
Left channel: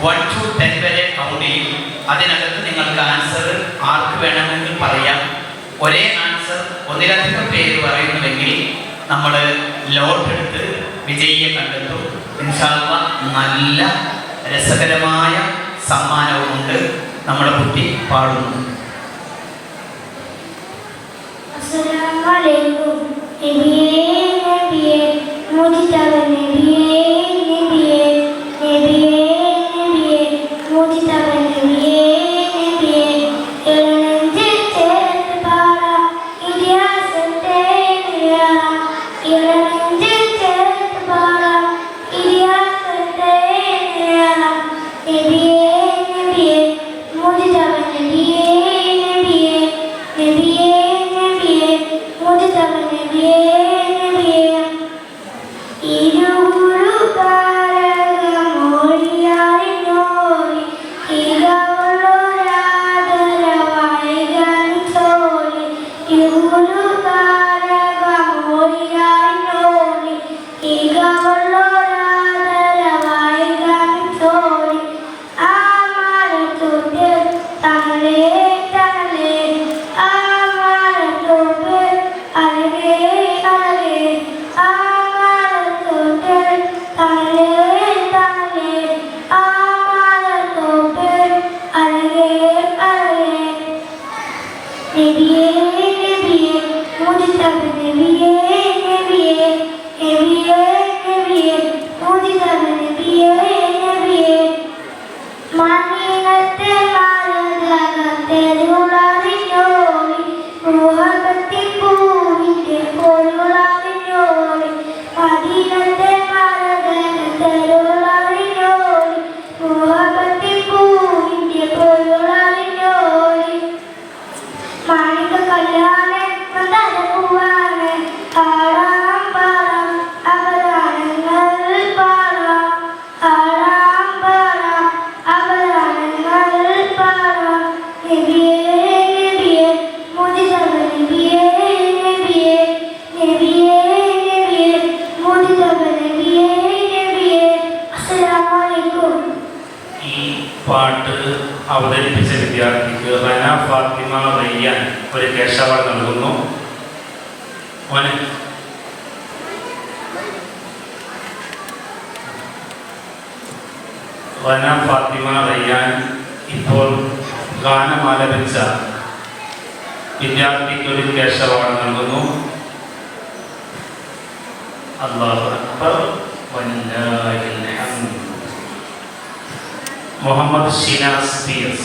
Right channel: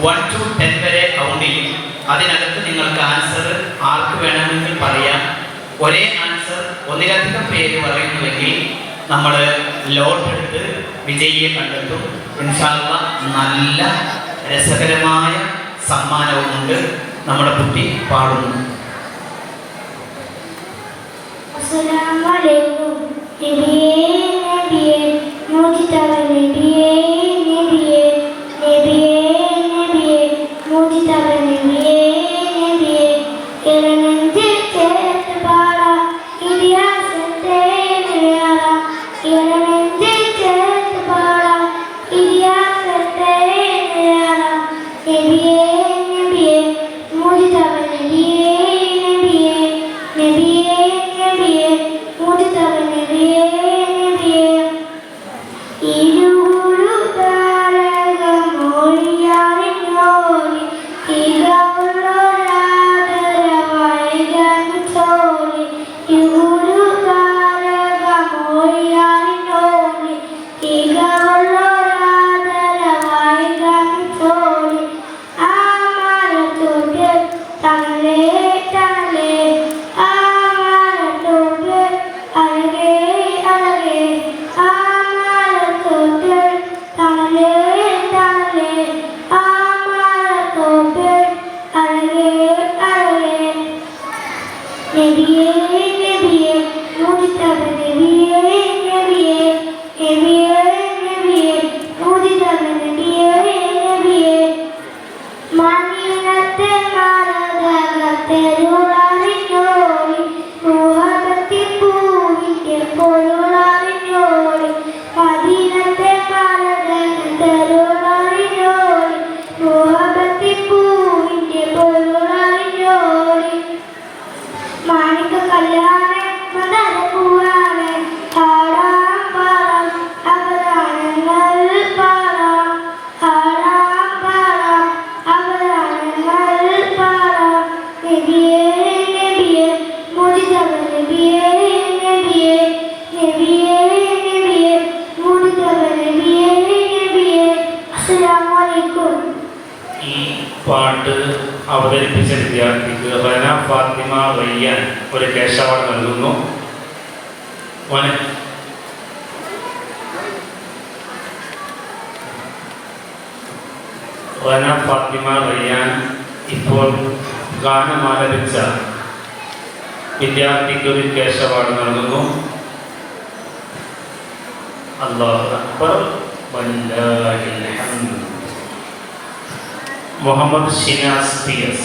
1 to 10 വരെ കൗണ്ട് ചെയ്യും. അതിനകത്ത് നിങ്ങൾക്ക് ആൻസർ ആർക്ക് വേണമെങ്കിൽ പറയാം. ഒരേ ആൻസർ ഒന്നിലധികം പേര് പറയുന്നുണ്ടെങ്കിൽ നമ്മൾ ലോട്ടെടുത്ത് വിജയിയെ കണ്ടെത്തും. ഇൻഷാ അല്ലാഹ് നല്ല രസകരമായ സമ്മാനവുമുണ്ട്. നമ്മുടെ കുട്ടി പാടുന്നു. അസ്സലാമു അലൈക്കും. നബിയേ നബിയേ മുജിതബ നബിയേ നബിയേ നബിയേ നബിയേ മുജിതബ നബിയേ നബിയേ ഇളനെഞ്ചിൽ ചേർത്ത് പാടാം ഇതിഹാസത്തെ നിലയാറാം. ഇളനെഞ്ചിൽ ചേർത്ത് പാടാം ഇതിഹാസത്തെ നിലയാറാം. നബിയേ നബിയേ മുജിതബ നബിയേ നബിയേ നബിയേ നബിയേ മുജിതബ നബിയേ നബിയേ ഇരുളു താരകമൊഴിയാറിനോടി തികവുള്ളൊരാദരവായി ഗമിച്ചോടി. ഇരുളു താരകമൊഴിയാറിനോടി തികവുള്ളൊരാദരവായി ഗമിച്ചോടി. ആ മരത്തുമ്പിൽ തണലേ തണലേ ആ മരത്തുമ്പിൽ അഴകേ അഴകേ ആ മരത്തുമ്പിൽ തണലേ തണലേ ആ മരത്തുമ്പിൽ അഴകേ അഴകേ. നബിയേ നബിയേ മുജിതബ നബിയേ നബിയേ നബിയേ നബിയേ മുജിതബ നബിയേ നബിയേ മദീനത്തെ മലതകത്തെരുളറിഞ്ഞോടി മുഹബത്തിൻ പൂവിൻ്റെ പൊരുളറിഞ്ഞോടി. മദീനത്തെ മലതകത്തെരുളറിഞ്ഞോടി മുഹബത്തിൻ പൂവിൻ്റെ പൊരുളറിഞ്ഞോടി. മാണിക കല്യാണേ മദനപൂവാണേ പാടാം പാടാം അപരാധങ്ങൾ പാടാം പാടാം പാടാം അപരാധങ്ങൾ പാടാം. നബിയേ നബിയേ മുജിതബ നബിയേ നബിയേ നബിയേ നബിയേ മുജിതബ നബിയേ നബിയേ. അസ്സലാമു അലൈക്കും. ഈ പാട്ട് അവതരിപ്പിച്ച വിദ്യാർത്ഥിക്ക് റന ഫാത്തിമ റയ്യാൻ ഒരു ക്യാഷ് അവാർഡ് നൽകുന്നു. റന ഫാത്തിമ റയ്യാൻ ഇപ്പോൾ ഗാനം ആലപിച്ച വിദ്യാർത്ഥിക്ക് ഒരു ക്യാഷ് അവാർഡ് നൽകുന്നു. അല്ലാഹു അക്ബർ വലില്ലാഹിൽ ഹംദ്. മുഹമ്മദ് ഷിനാസ് PS.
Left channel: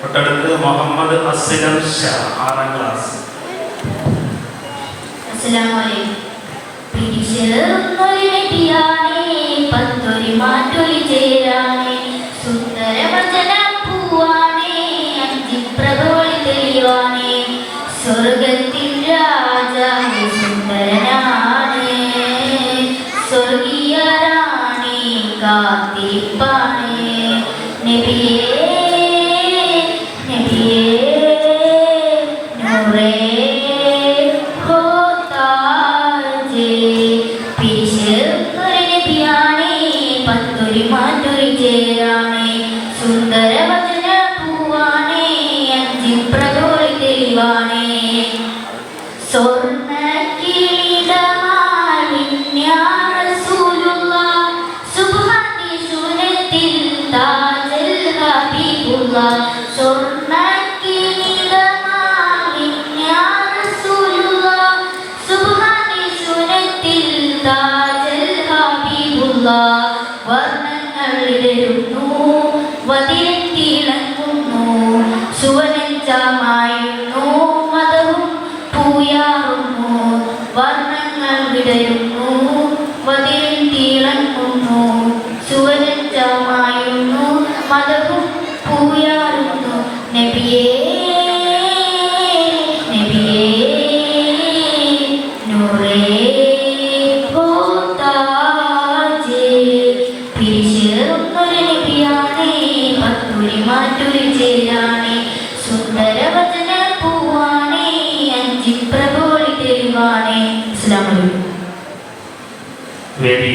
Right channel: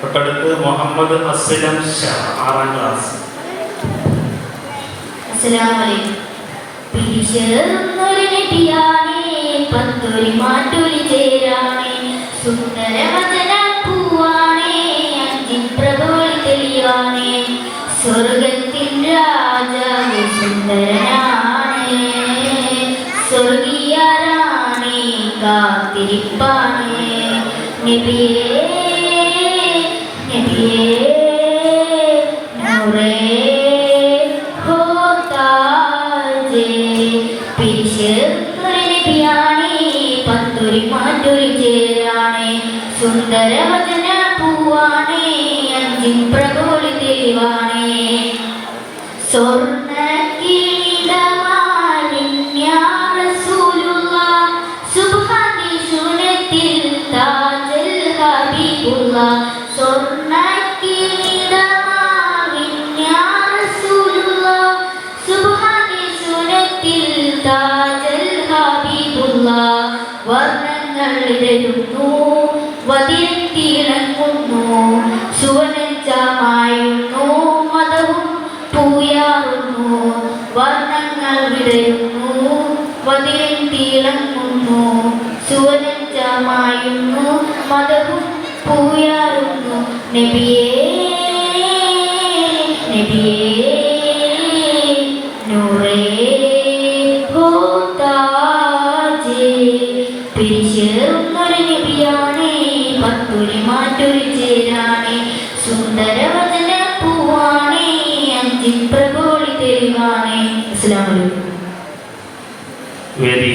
തൊട്ടടുത്ത് മുഹമ്മദ് അസ്ലം ഷാ 6ാം ക്ലാസ്. അസ്സലാമു അലൈക്കും. പിരിശെറുന്നൊരു നബിയാണേ പത്തൊരു മാറ്റൊരു ചേരാണേ സുന്ദരവചന പൂവാണേ അഞ്ചിപ്രഭോളി തെളിവാണേ സ്വർഗത്തിൻ രാജാവ് സുന്ദരനാണേ സ്വർഗീയരാണേ കാത്തിരിപ്പാണേ. നബിയേ നബിയേ നൂറേ ഹോതാജേ. പിരിശെറുന്നൊരു നബിയാണേ പത്തൊരു മാറ്റൊരു ചേരാണേ സുന്ദരവചന പൂവാണേ അഞ്ചിപ്രഭോളി തെളിവാണേ സ്വർണ്ണക്കിരീടമാലിൻ യാ റസൂലുള്ളാഹ് സുബ്ഹാനി സുനത്തിൽ താജൽ ഹബീബുള്ളാഹ്. സ്വർണ്ണക്കിരീടമാലിൻ യാ റസൂലുള്ളാഹ് സുബ്ഹാനി സുനത്തിൽ താജൽ ഹബീബുള്ളാഹ്. വർണ്ണങ്ങൾ ഇടരുന്നു വതിരത്തിളങ്ങുന്നു സുവനഞ്ചമായുന്നു മതവും പൂയാറുന്നു പ്രഭോളി തെരുവാണേ. അസ്സലാമു അലൈക്കും. വേദി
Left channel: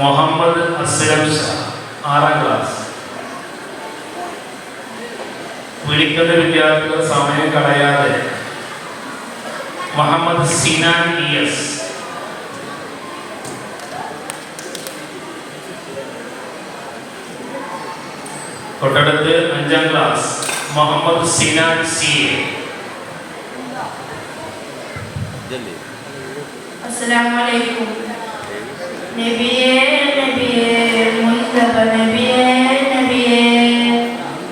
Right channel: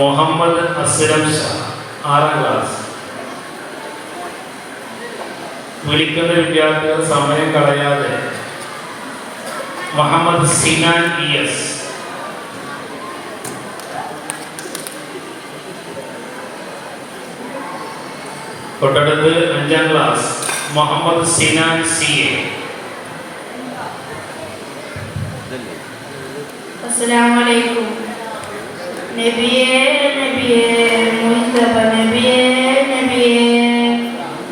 മുഹമ്മദ് അസ്ലം ഷാ, 6ാം ക്ലാസ്. വിളിക്കുന്ന വിദ്യാർത്ഥികൾ സമയം കളയാതെ മുഹമ്മദ് സിനാൻ ES, തൊട്ടടുത്ത് 5ാം ക്ലാസ് മുഹമ്മദ് സിനാൻ CA. അസ്സലാമു അലൈക്കും. നബിയേ നബിയേ മുസ്തഫ നബിയേ നബിയേ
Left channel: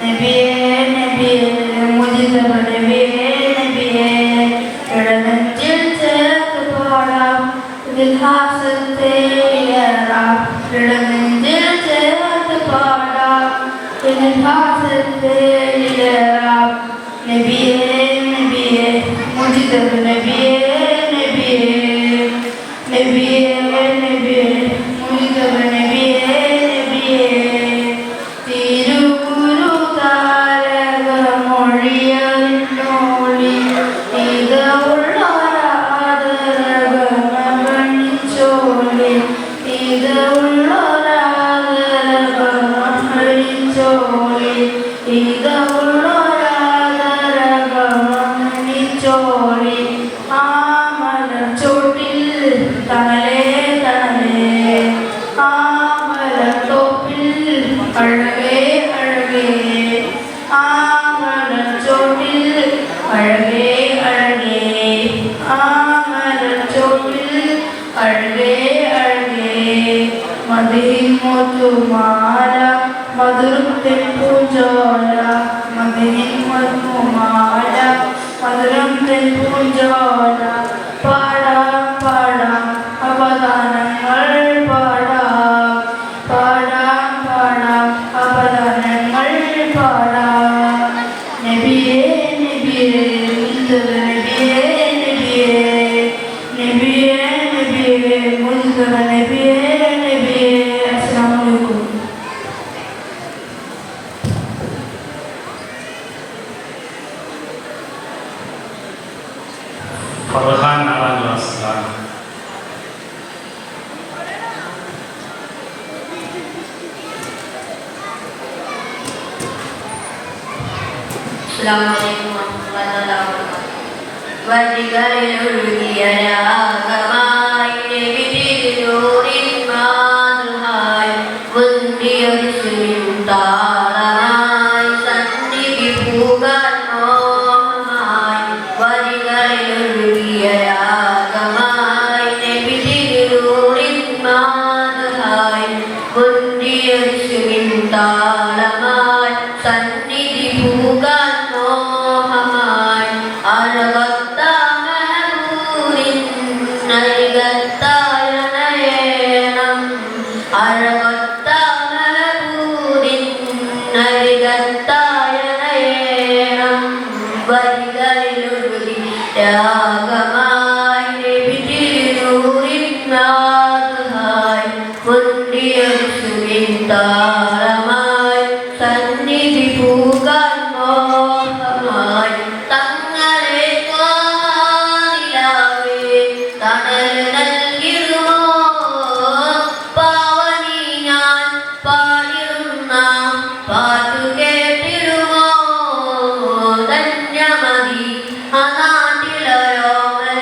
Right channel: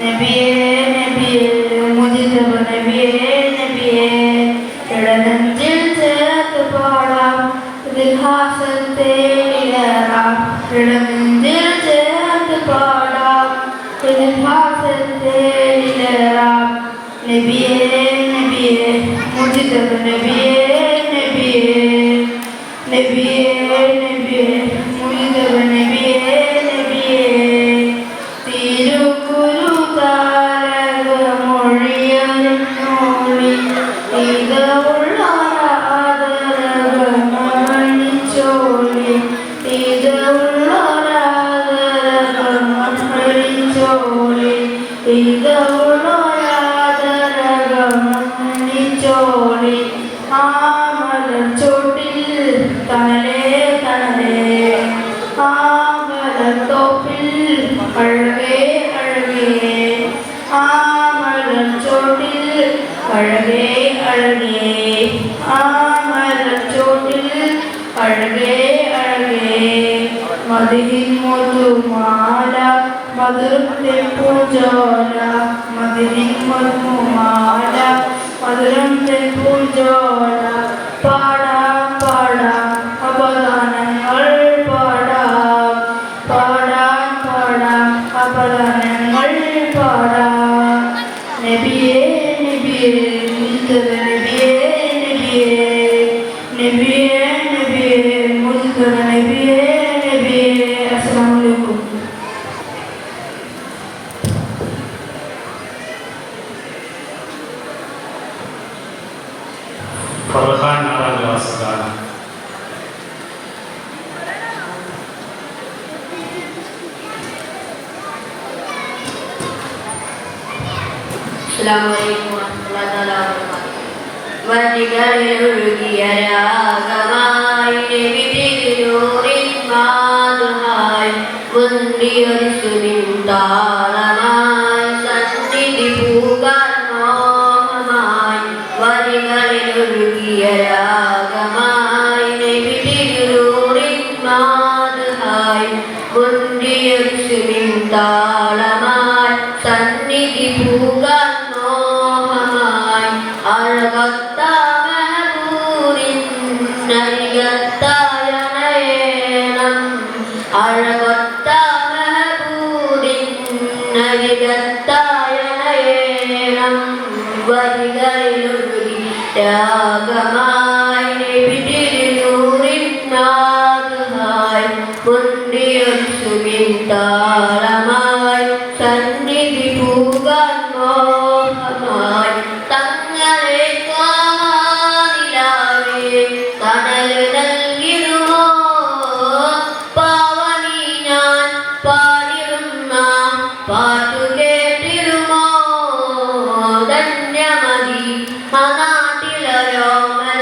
നബിയേ നബിയേ മുസ്തഫ നബിയേ നബിയേ ഇടനെഞ്ചിൽ ചേർത്ത് പാടാം ഇതിഹാസം തേടിയേറാം. ഇടനെഞ്ചിൽ ചേർത്ത് പാടാം ഇതിഹാസം തേടിയേറാം. നബിയേ നബിയേ മുസ്തഫ നബിയേ നബിയേ നബിയേ മുസ്തഫ നബിയേ നബിയേ തിരുകുരു താരകമൊഴിയറിഞ്ഞോളി ഇതുള്ളൊരാദരകമണിച്ചോളി ഇതുള്ളൊരാദരകമണിച്ചോളി ഇതുള്ളൊരാദരകമണിച്ചോളി ചോട്ടിൽ തനലേ തനലേ ആമലത്തോപ്പിൽ അഴകേ അഴകേ ആമലച്ചോട്ടിൽ അഴകേ അഴകേ ആമലച്ചോട്ടിൽ അഴകേ അഴകേ മതിഹിൻ മുത്തുമാല മധുരത്തിൽ പൂജോല മതിഹിൻ മുത്തുമാല മധുരത്തിൽ പൂജോല പാടാം പാടാം അപദാനങ്ങൾ പാടാം പാടാം പാടാം അപദാനങ്ങൾ പാടാം. നബിയേ നബിയേ മുസ്തഫ നബിയേ നബിയേ നബിയേ നബിയേ മുസ്തഫ നബിയേ നബിയേ. അസ്സലാമു അലൈക്കും. ഫർഹാൻ 4ാം ക്ലാസ്സിലാണ്. അസ്സലാമു അലൈക്കും വറഹ്മത്തുള്ളാഹി വബറകാതുഹു. വഴികളിലൊഴുകിയ രാഗമായി നബിതിരുനൂറിൻ നാദമായി മുന്തിയൊരു സുനിതാളമായി സന്നിധി പൂകാൻ മോഹമായി. വഴികളിലൊഴുകിയ രാഗമായി നബിതിരുനൂറിൻ നാദമായി മുന്തിയൊരു സുനിതാളമായി സന്നിധി പൂകാൻ മോഹമായി. അഴകത്ത മെഹബൂബിൻ അരികത്തായണയേണം. അഴകത്ത മെഹബൂബിൻ അരികത്തായണയേണം. വരികളിലൊഴുകി രാഗമായി നബിതിരുനൂറിൻ നാദമായി മുന്തിയൊരു സുനിതാളമായി സന്നിധി പൂകാൻ മോഹമായി. തങ്ങളെ കാണിലാവേ തണൽ നൽകിടുമോ പാവനി ഞാൻ പാടിടുന്ന പാട്ടു കേട്ടിടുമോ. ധന്യമതി ആ നാട്ടിലൊരോമന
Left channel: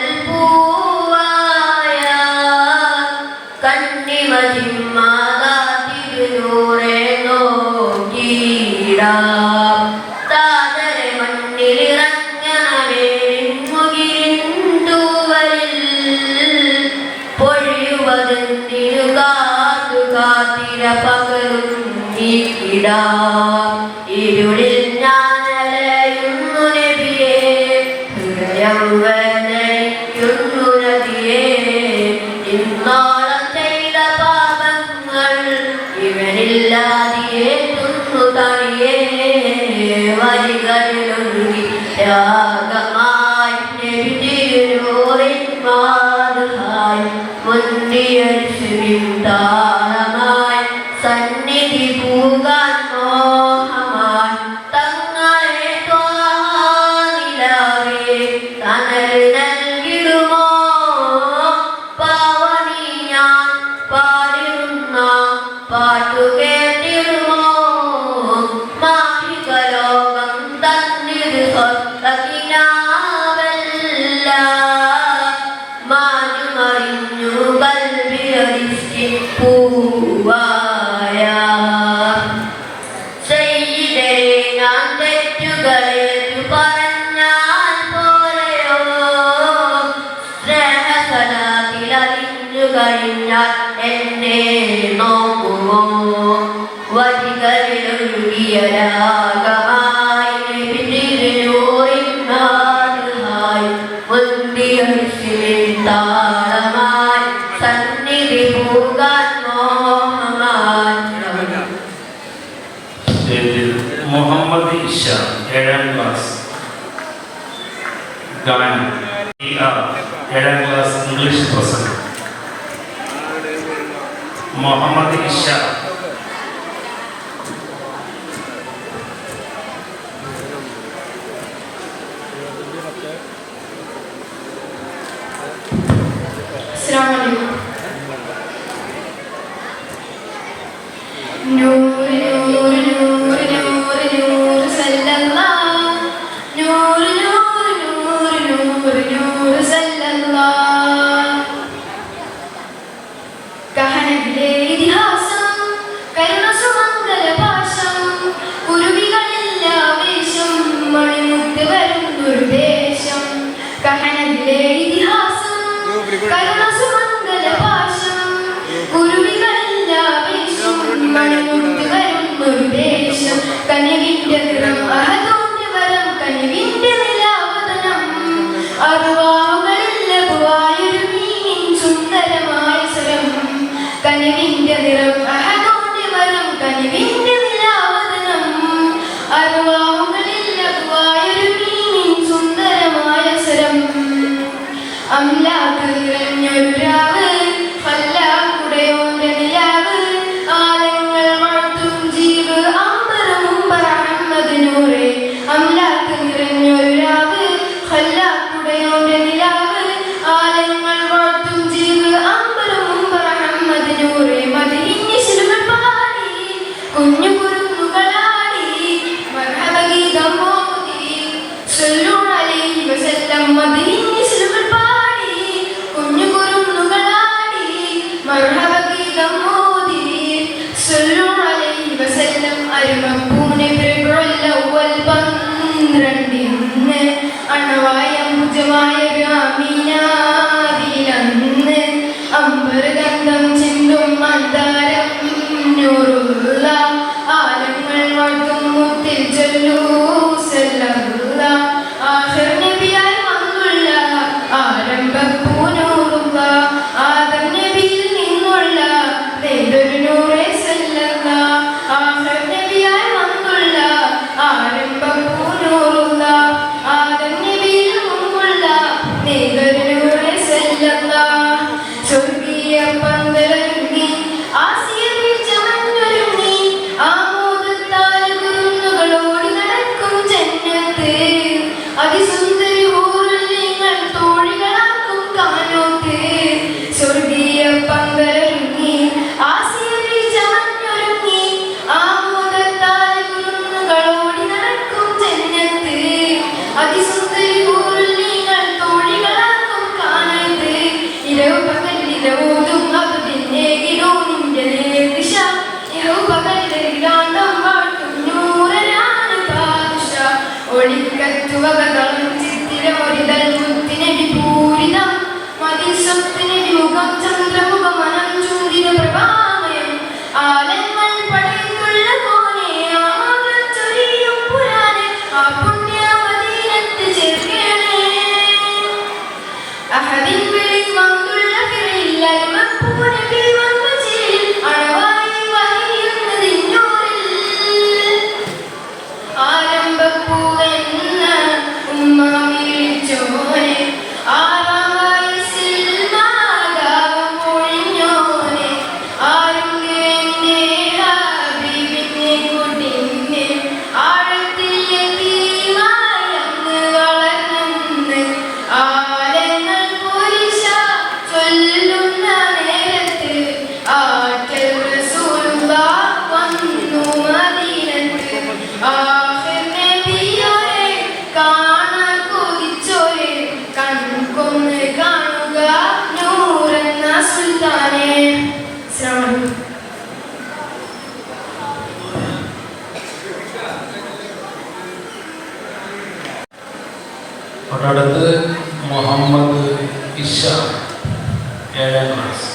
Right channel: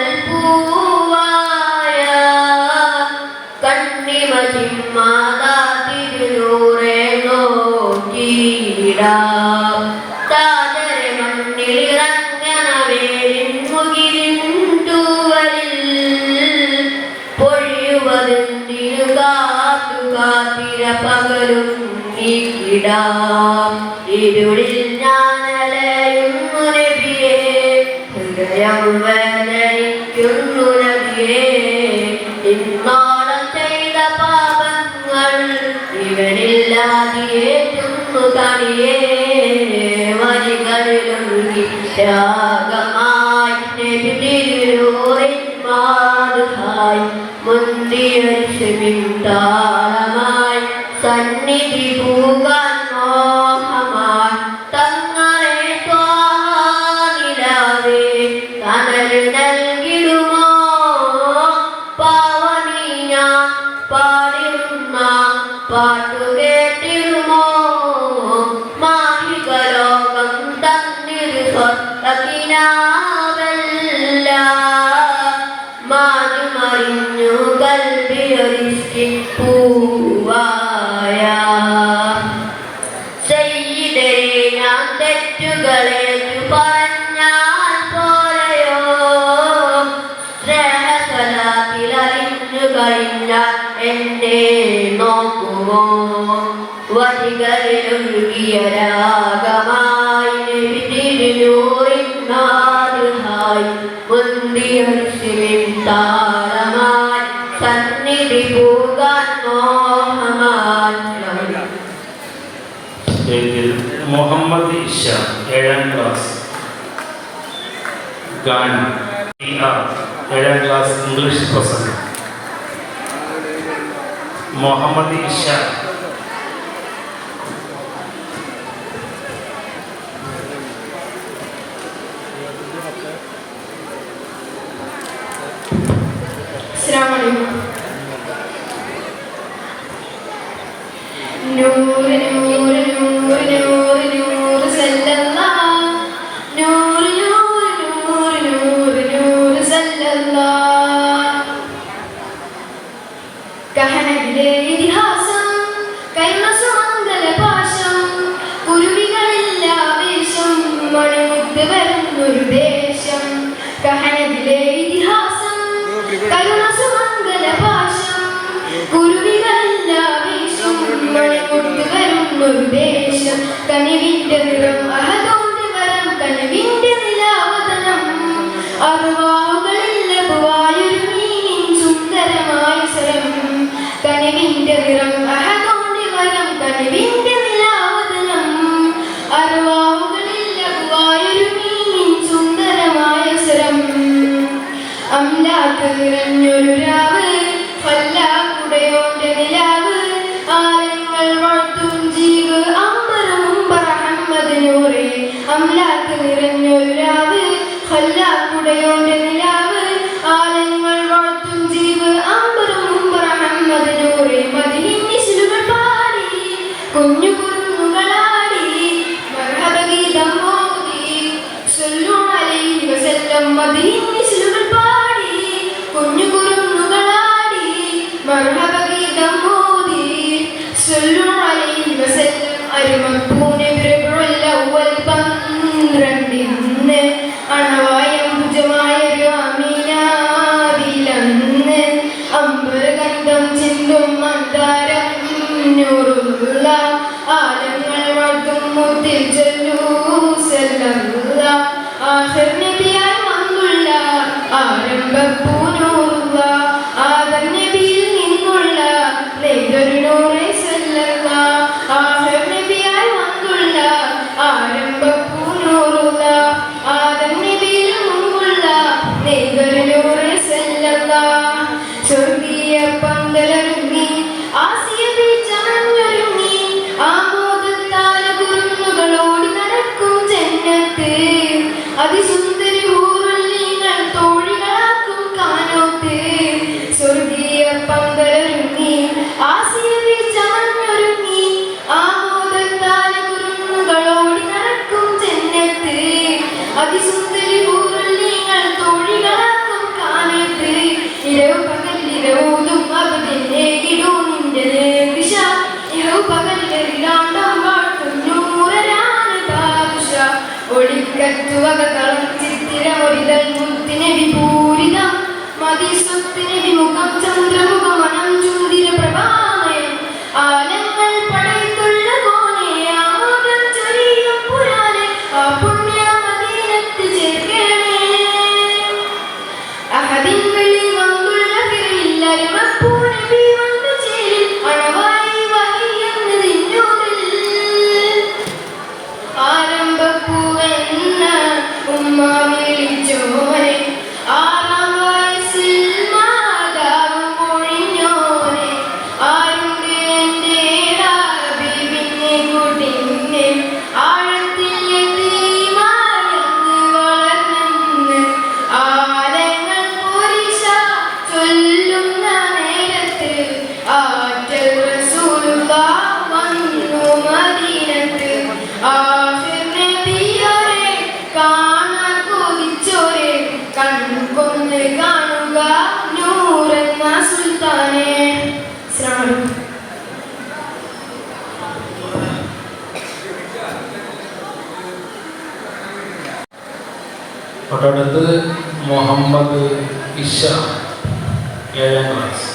എന്നെ നോക്കുമോ വരികളിലൊഴുകിയ രാഗമായി പിന്നിലൂറിനാറുമായി മുന്തിയൊഴിച്ചിലിൻ താളമായി സന്നിധി പോകാൻ മോഹമായി. മുഹമ്മദ് ഇഷ 7ാം ക്ലാസ് ഗാനം 7ാം ക്ലാസ് ഇംഗ്ലീഷ് പ്രസംഗം. മുഹമ്മദ് ഇഷ തൊട്ടടുത്ത് മുഹമ്മദ് ഇഷ 7ാം ക്ലാസ്.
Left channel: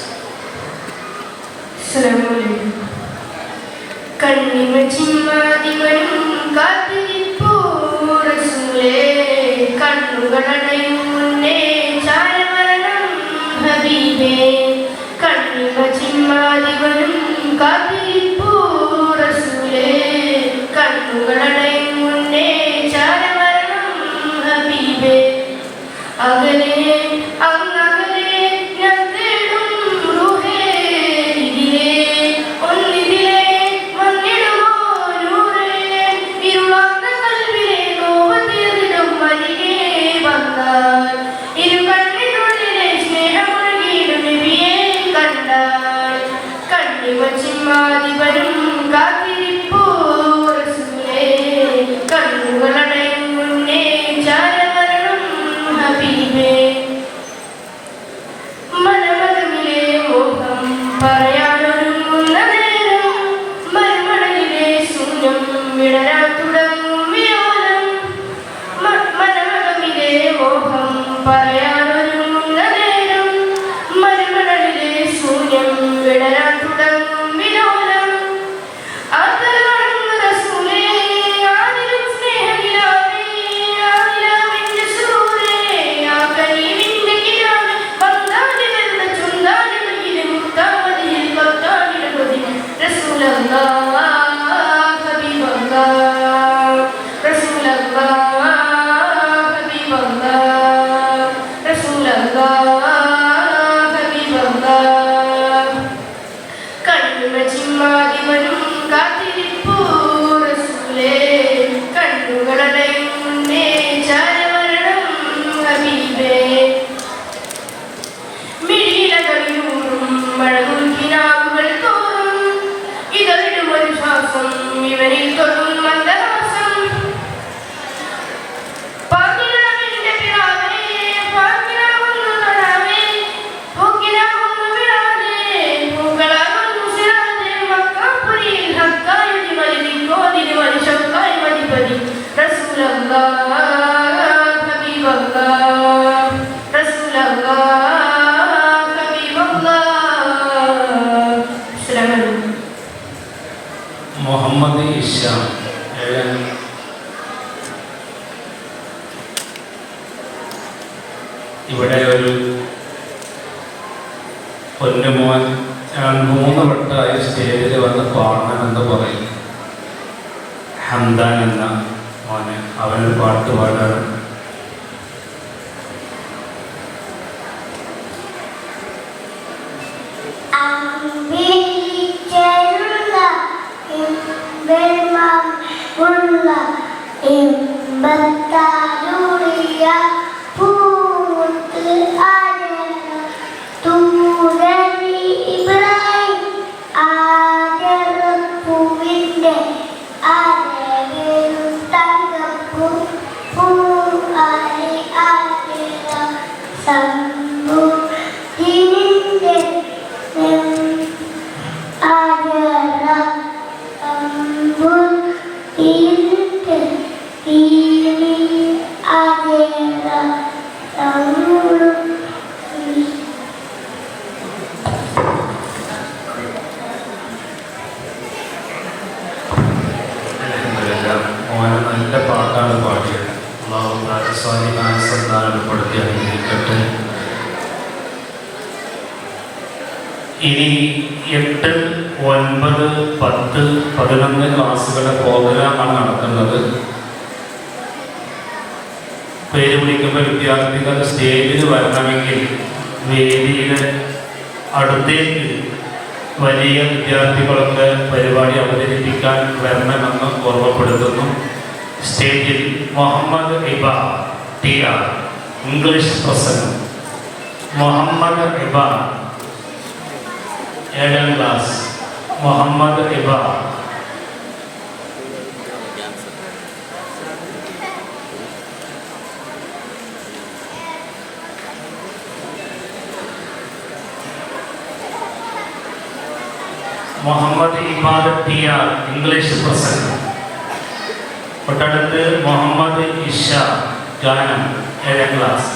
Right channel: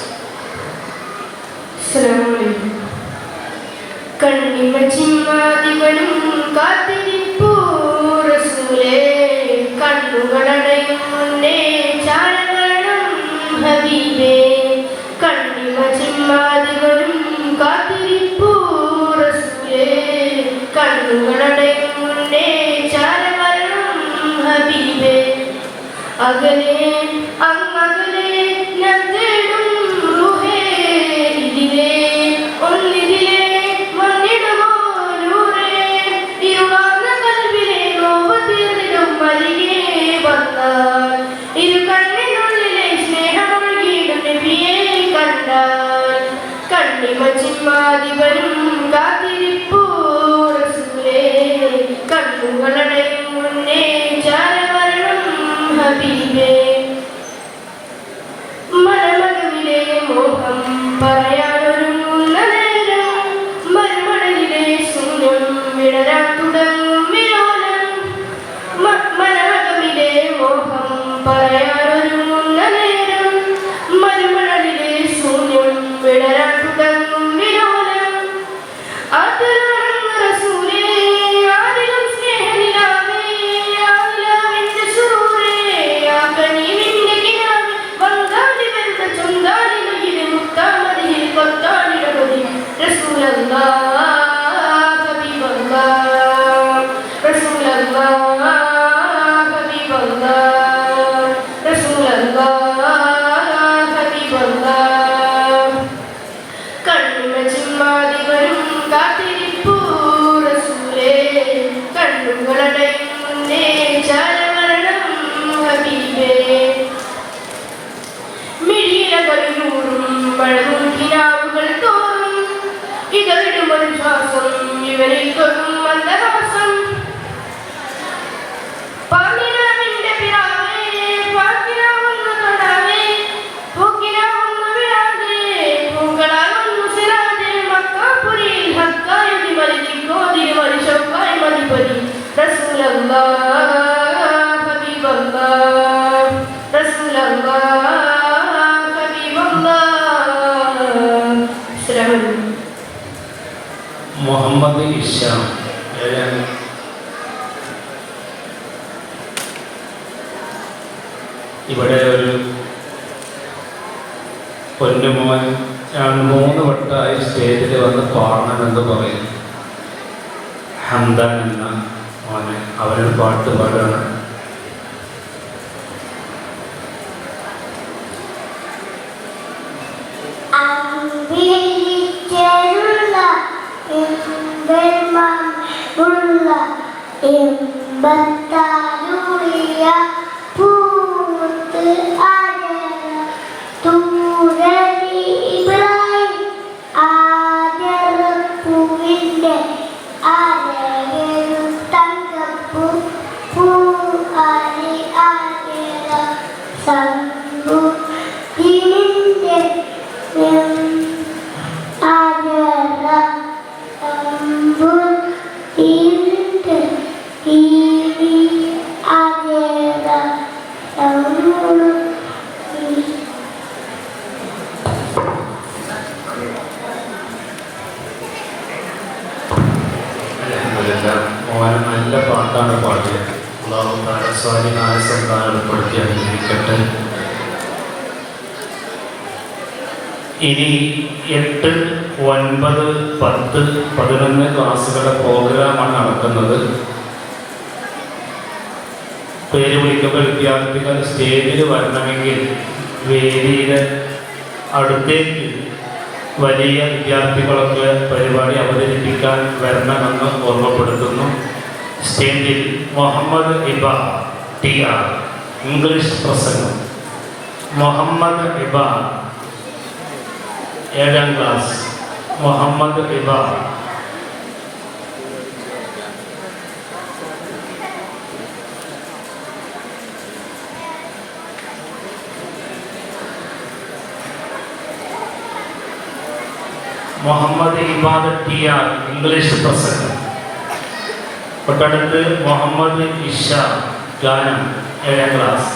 മുഹമ്മദ് ഇഷ ഇവിടെ ഒരു പൊന്നുമോൻ 3 വട്ടമായി സ്റ്റേജിൽ വന്ന് പാടണമെന്ന് പറയും. ഹംദാൻ എന്ന മോനെ അവനൊരു പാട്ട് പാടാണ്. നല്ല പാട്ടാണ് പാടിയത്. സ്വാധീനപ്പെടുത്തി അഭിനയിക്കട്ടെ. ഇനി 8, 9, 10, 11 ക്ലാസ്സുകളുടെ പ്രോഗ്രാമാണ് നടക്കുന്നത്. പേര് വിളിക്കുമ്പോൾ വിദ്യാർത്ഥികൾ സ്റ്റേജിൽ വരണമെങ്കിൽ വേദിയുടെ അടുത്തേക്ക് വലിയ വിദ്യാർത്ഥികളൊക്കെ പരിപാടി അവതരിപ്പിക്കാൻ വരണമെന്ന് ഓർമ്മപ്പെടുത്തുന്നു. സ്റ്റേജിൽ മുഹമ്മദ് ഇബ TR ഇംഗ്ലീഷ് പ്രസംഗം. മുഹമ്മദ് ഇബ 7ാം class. Muhammad Iba Muhammad Ibad TR English പ്രസംഗം. തൊട്ടടുത്ത് മുഹമ്മദ് ഇഷ ഗാനം 7ാം ക്ലാസ്.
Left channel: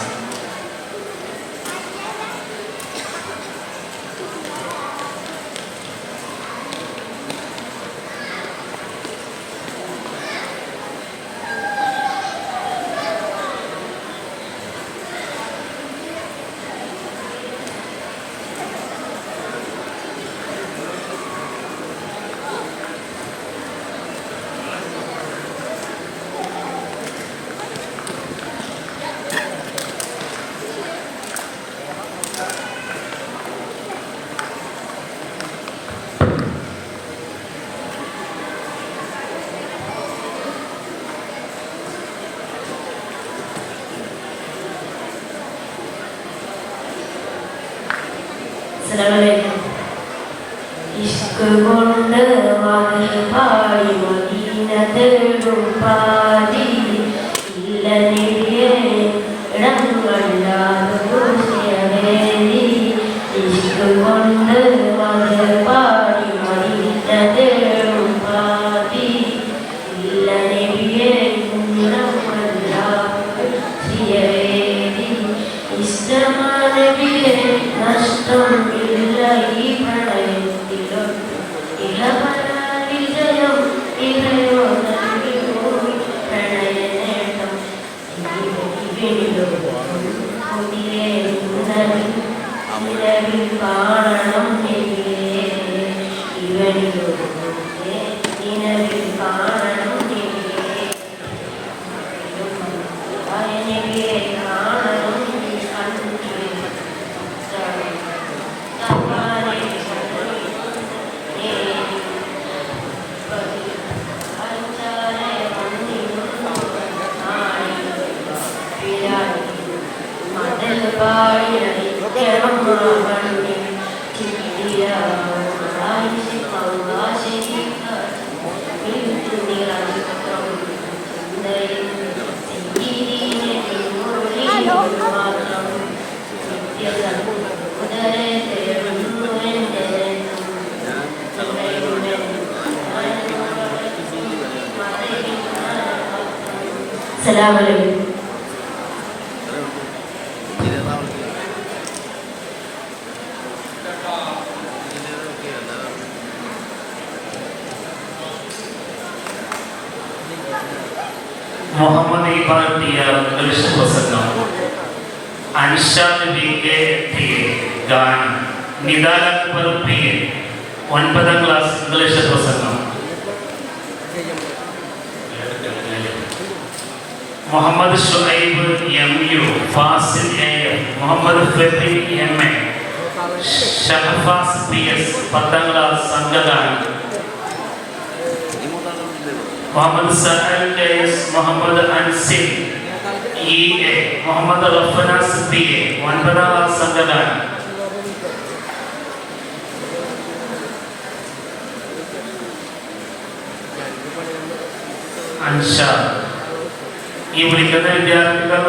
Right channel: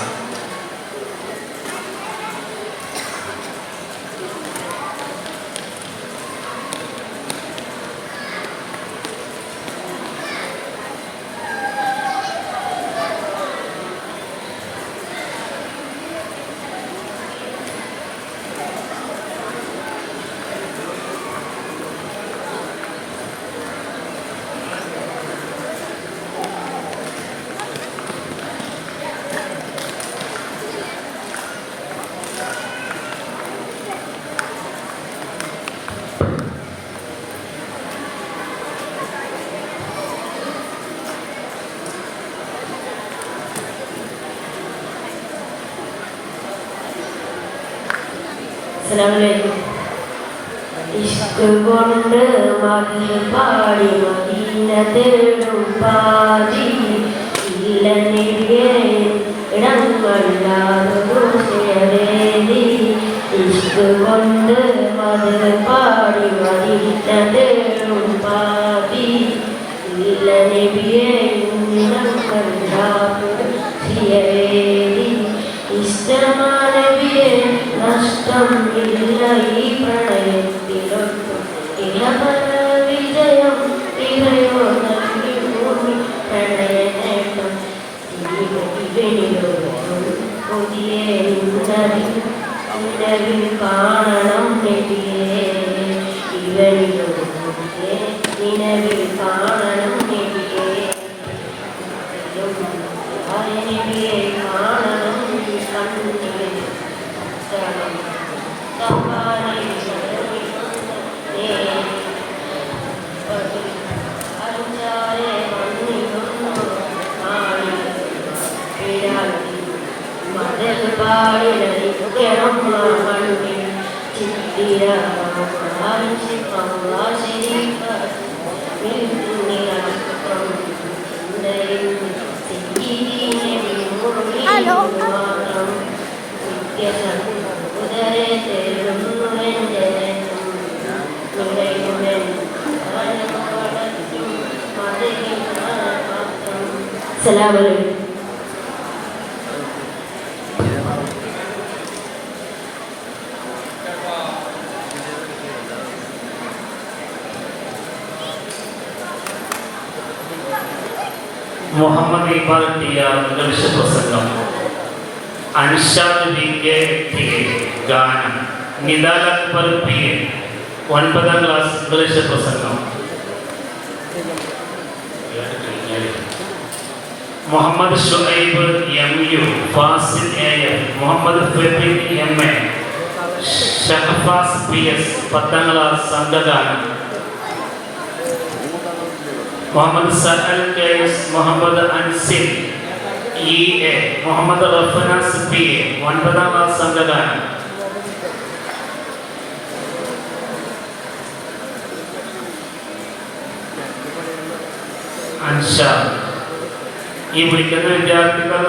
ഇഷ്ക് കൊണ്ട് മധുപാടി മദീന തേടും പാതി ഇല്ല നിധിയെ ഇടങ്ങളാകുതേരി ഇഷ്ക് കൊണ്ട് മധുപാടി മദീന തേടും പാതി ഇല്ല നിധിയെ ഇടങ്ങളാകുതേരി ഇഷ്ടമാനവിയെ നഷ്ടം ഇല്ല ഈ പ്രണയത്തിലൊട്ട് ഇളവര വിജയം ഇറയോ നൽകി പ്രണയനേട്ടം പുതിയ നിലവിൽ കാണണം നിലവിൽ കാണണം Assalamualaikum. Muhammad Ibban TR English പ്രസംഗം, അൻഷാദ് BK ഗാനം, നിദാൽ അക്ബർ പി 9ാം ക്ലാസ് ഇംഗ്ലീഷ് പ്രസംഗം, Muhammad Shuaib MU Fasil AF, Muhammad Febi MA, Shahafas PS 10ാം ക്ലാസ് സംഘഗാനം, Muhammad Sahal KS, Muhammad Ansil EA, Muhammad Rafnas PA 9ാം ക്ലാസ് സംഘഗാനം, അൻഷാദ്. ഈ വിളിക്കുന്ന വിദ്യാർത്ഥികൾ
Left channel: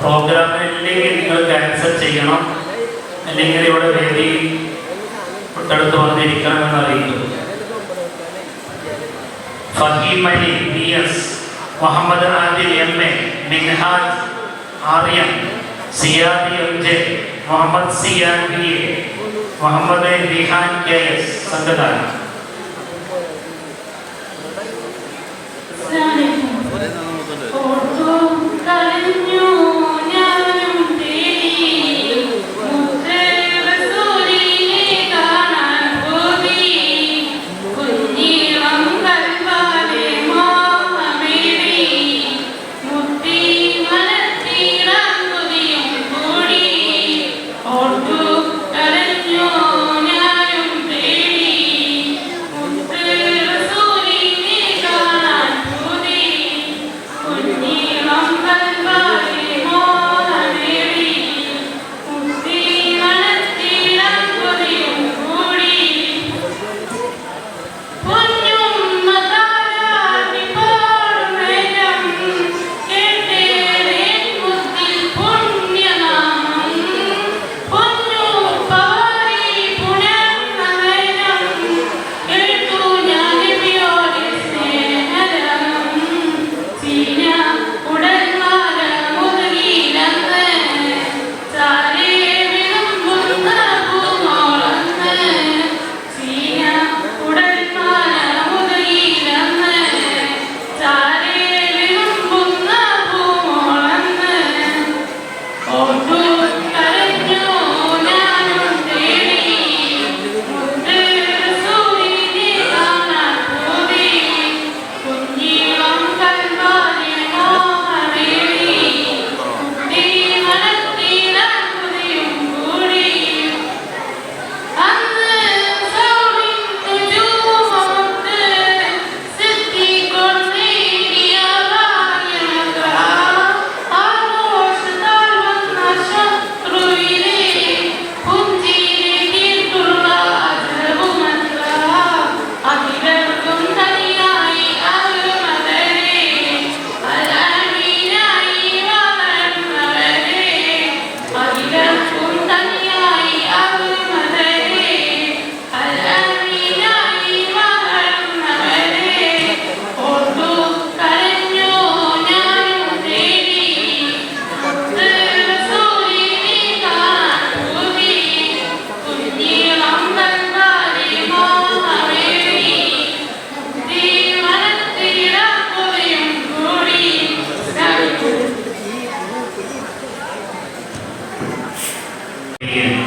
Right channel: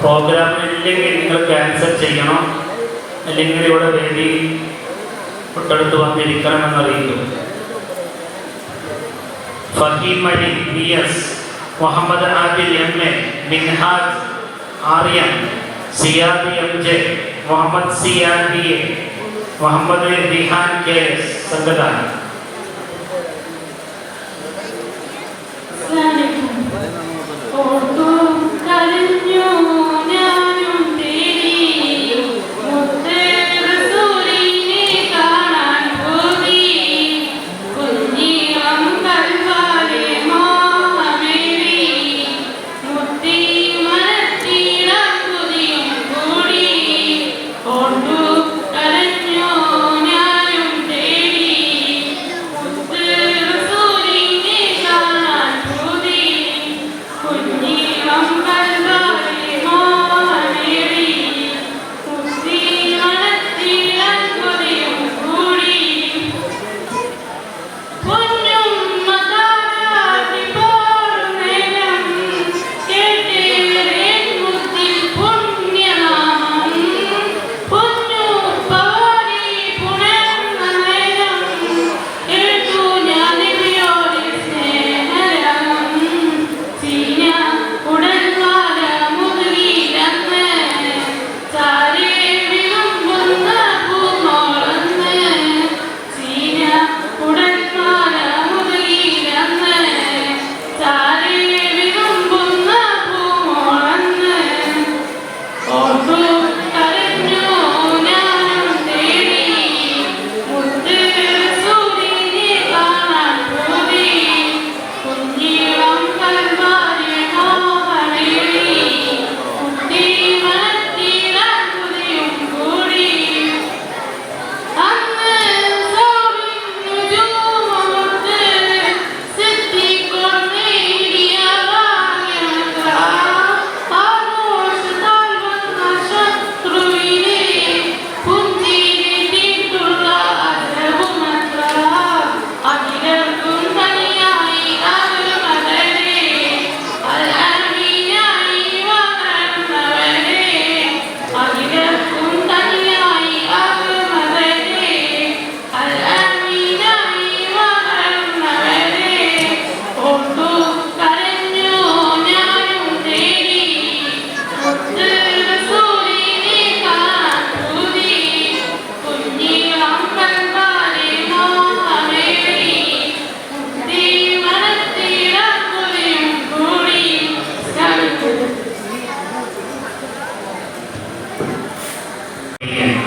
പ്രോഗ്രാമിനില്ലെങ്കിൽ നിങ്ങൾ ക്യാൻസൽ ചെയ്യണം, അല്ലെങ്കിൽ ഇവിടെ വേദി തൊട്ടടുത്ത് വന്നിരിക്കണമെന്ന് അറിയിക്കും. ഫഹീം അലി PS, മുഹമ്മദ് ആദിൽ MA, മിൻഹാജ് ആർയം, Siyad MJ, Muhammad Siyan BA, Muhammad Rihan KS സംഘഗാനം.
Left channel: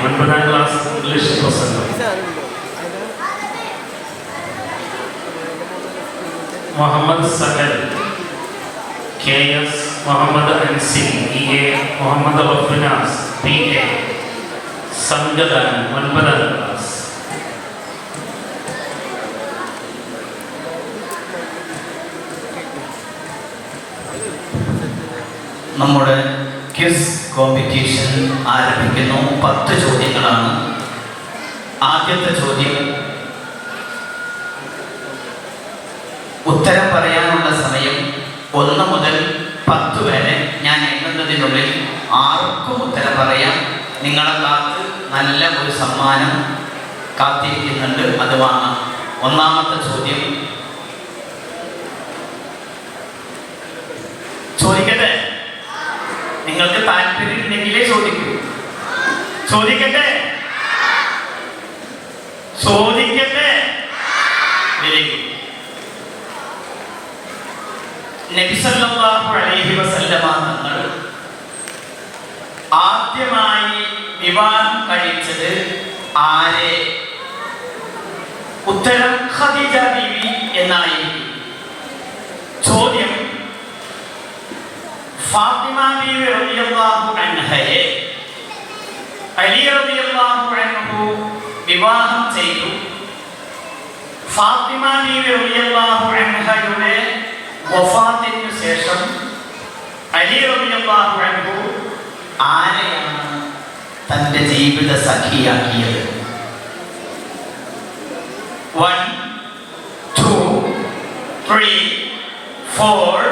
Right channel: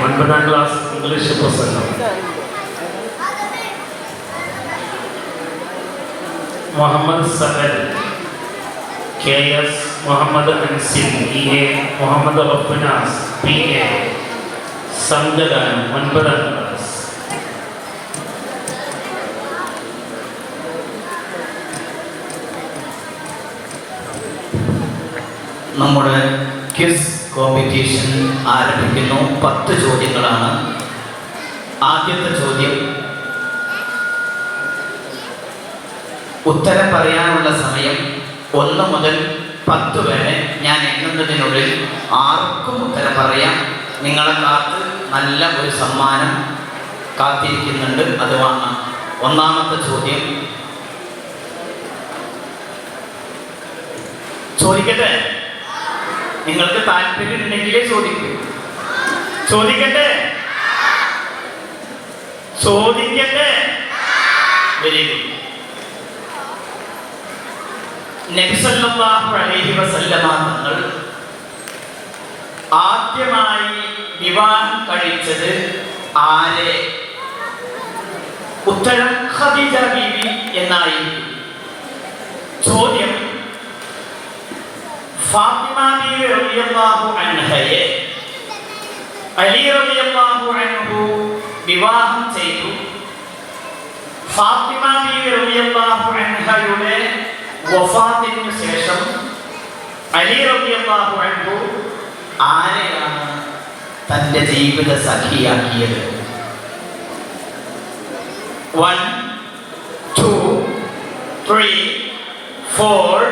9ാം ക്ലാസ് ഇംഗ്ലീഷ് പ്രസംഗം. Muhammad Sahal, KS Muhammad Ansil, EA Muhammad Afnas, PA സംജദാൻ, 9ാം ക്ലാസ്. നമ്മുടെ ക്വിസ് കോമ്പറ്റീഷൻ ആരംഭിക്കുന്നു. 10 ചോദ്യങ്ങളാണ്. ആദ്യത്തെ ചോദ്യം, ഉത്തരം പറയാനുള്ള സമയം 1 മുതൽ 10 വരെ ഞാൻ എണ്ണുന്നതിനുള്ളിൽ ആർക്കും ഉത്തരം പറയാം. നിങ്ങളെ കാത്ത് നല്ല ഒരു സമ്മാനം കാത്തിരിക്കുന്നുണ്ട്, അത് വാങ്ങാം. ഒന്നാമത്തെ ചോദ്യം ചോദിക്കട്ടെ? നിങ്ങൾക്ക് താല്പര്യമില്ലെങ്കിലേ ചോദിക്കൂ. ചോദിക്കട്ടെ? ചോദിക്കട്ടെ? നബി സല്ലല്ലാഹു അലൈഹി വസല്ലമ തങ്ങൾ ആദ്യമായി വിവാഹം കഴിച്ചത് ആരെ? ഉത്തരം ഖദീജ ബീവി എന്നായിരുന്നു. ചോദ്യം, ഫാത്തിമ ബീവി റളിയല്ലാഹു അൻഹയെ അലി റളിയല്ലാഹു അൻഹു വിവാഹം ചെയ്തു. ഫാത്തിമ ബീവി റളിയല്ലാഹു അൻഹയുടെ വഫാത്തിന് ശേഷം അലി റളിയല്ലാഹു അൻഹു ആരെയാണ് തന്റെ ജീവിത സഖിയാക്കിയത്? 1 2 3 4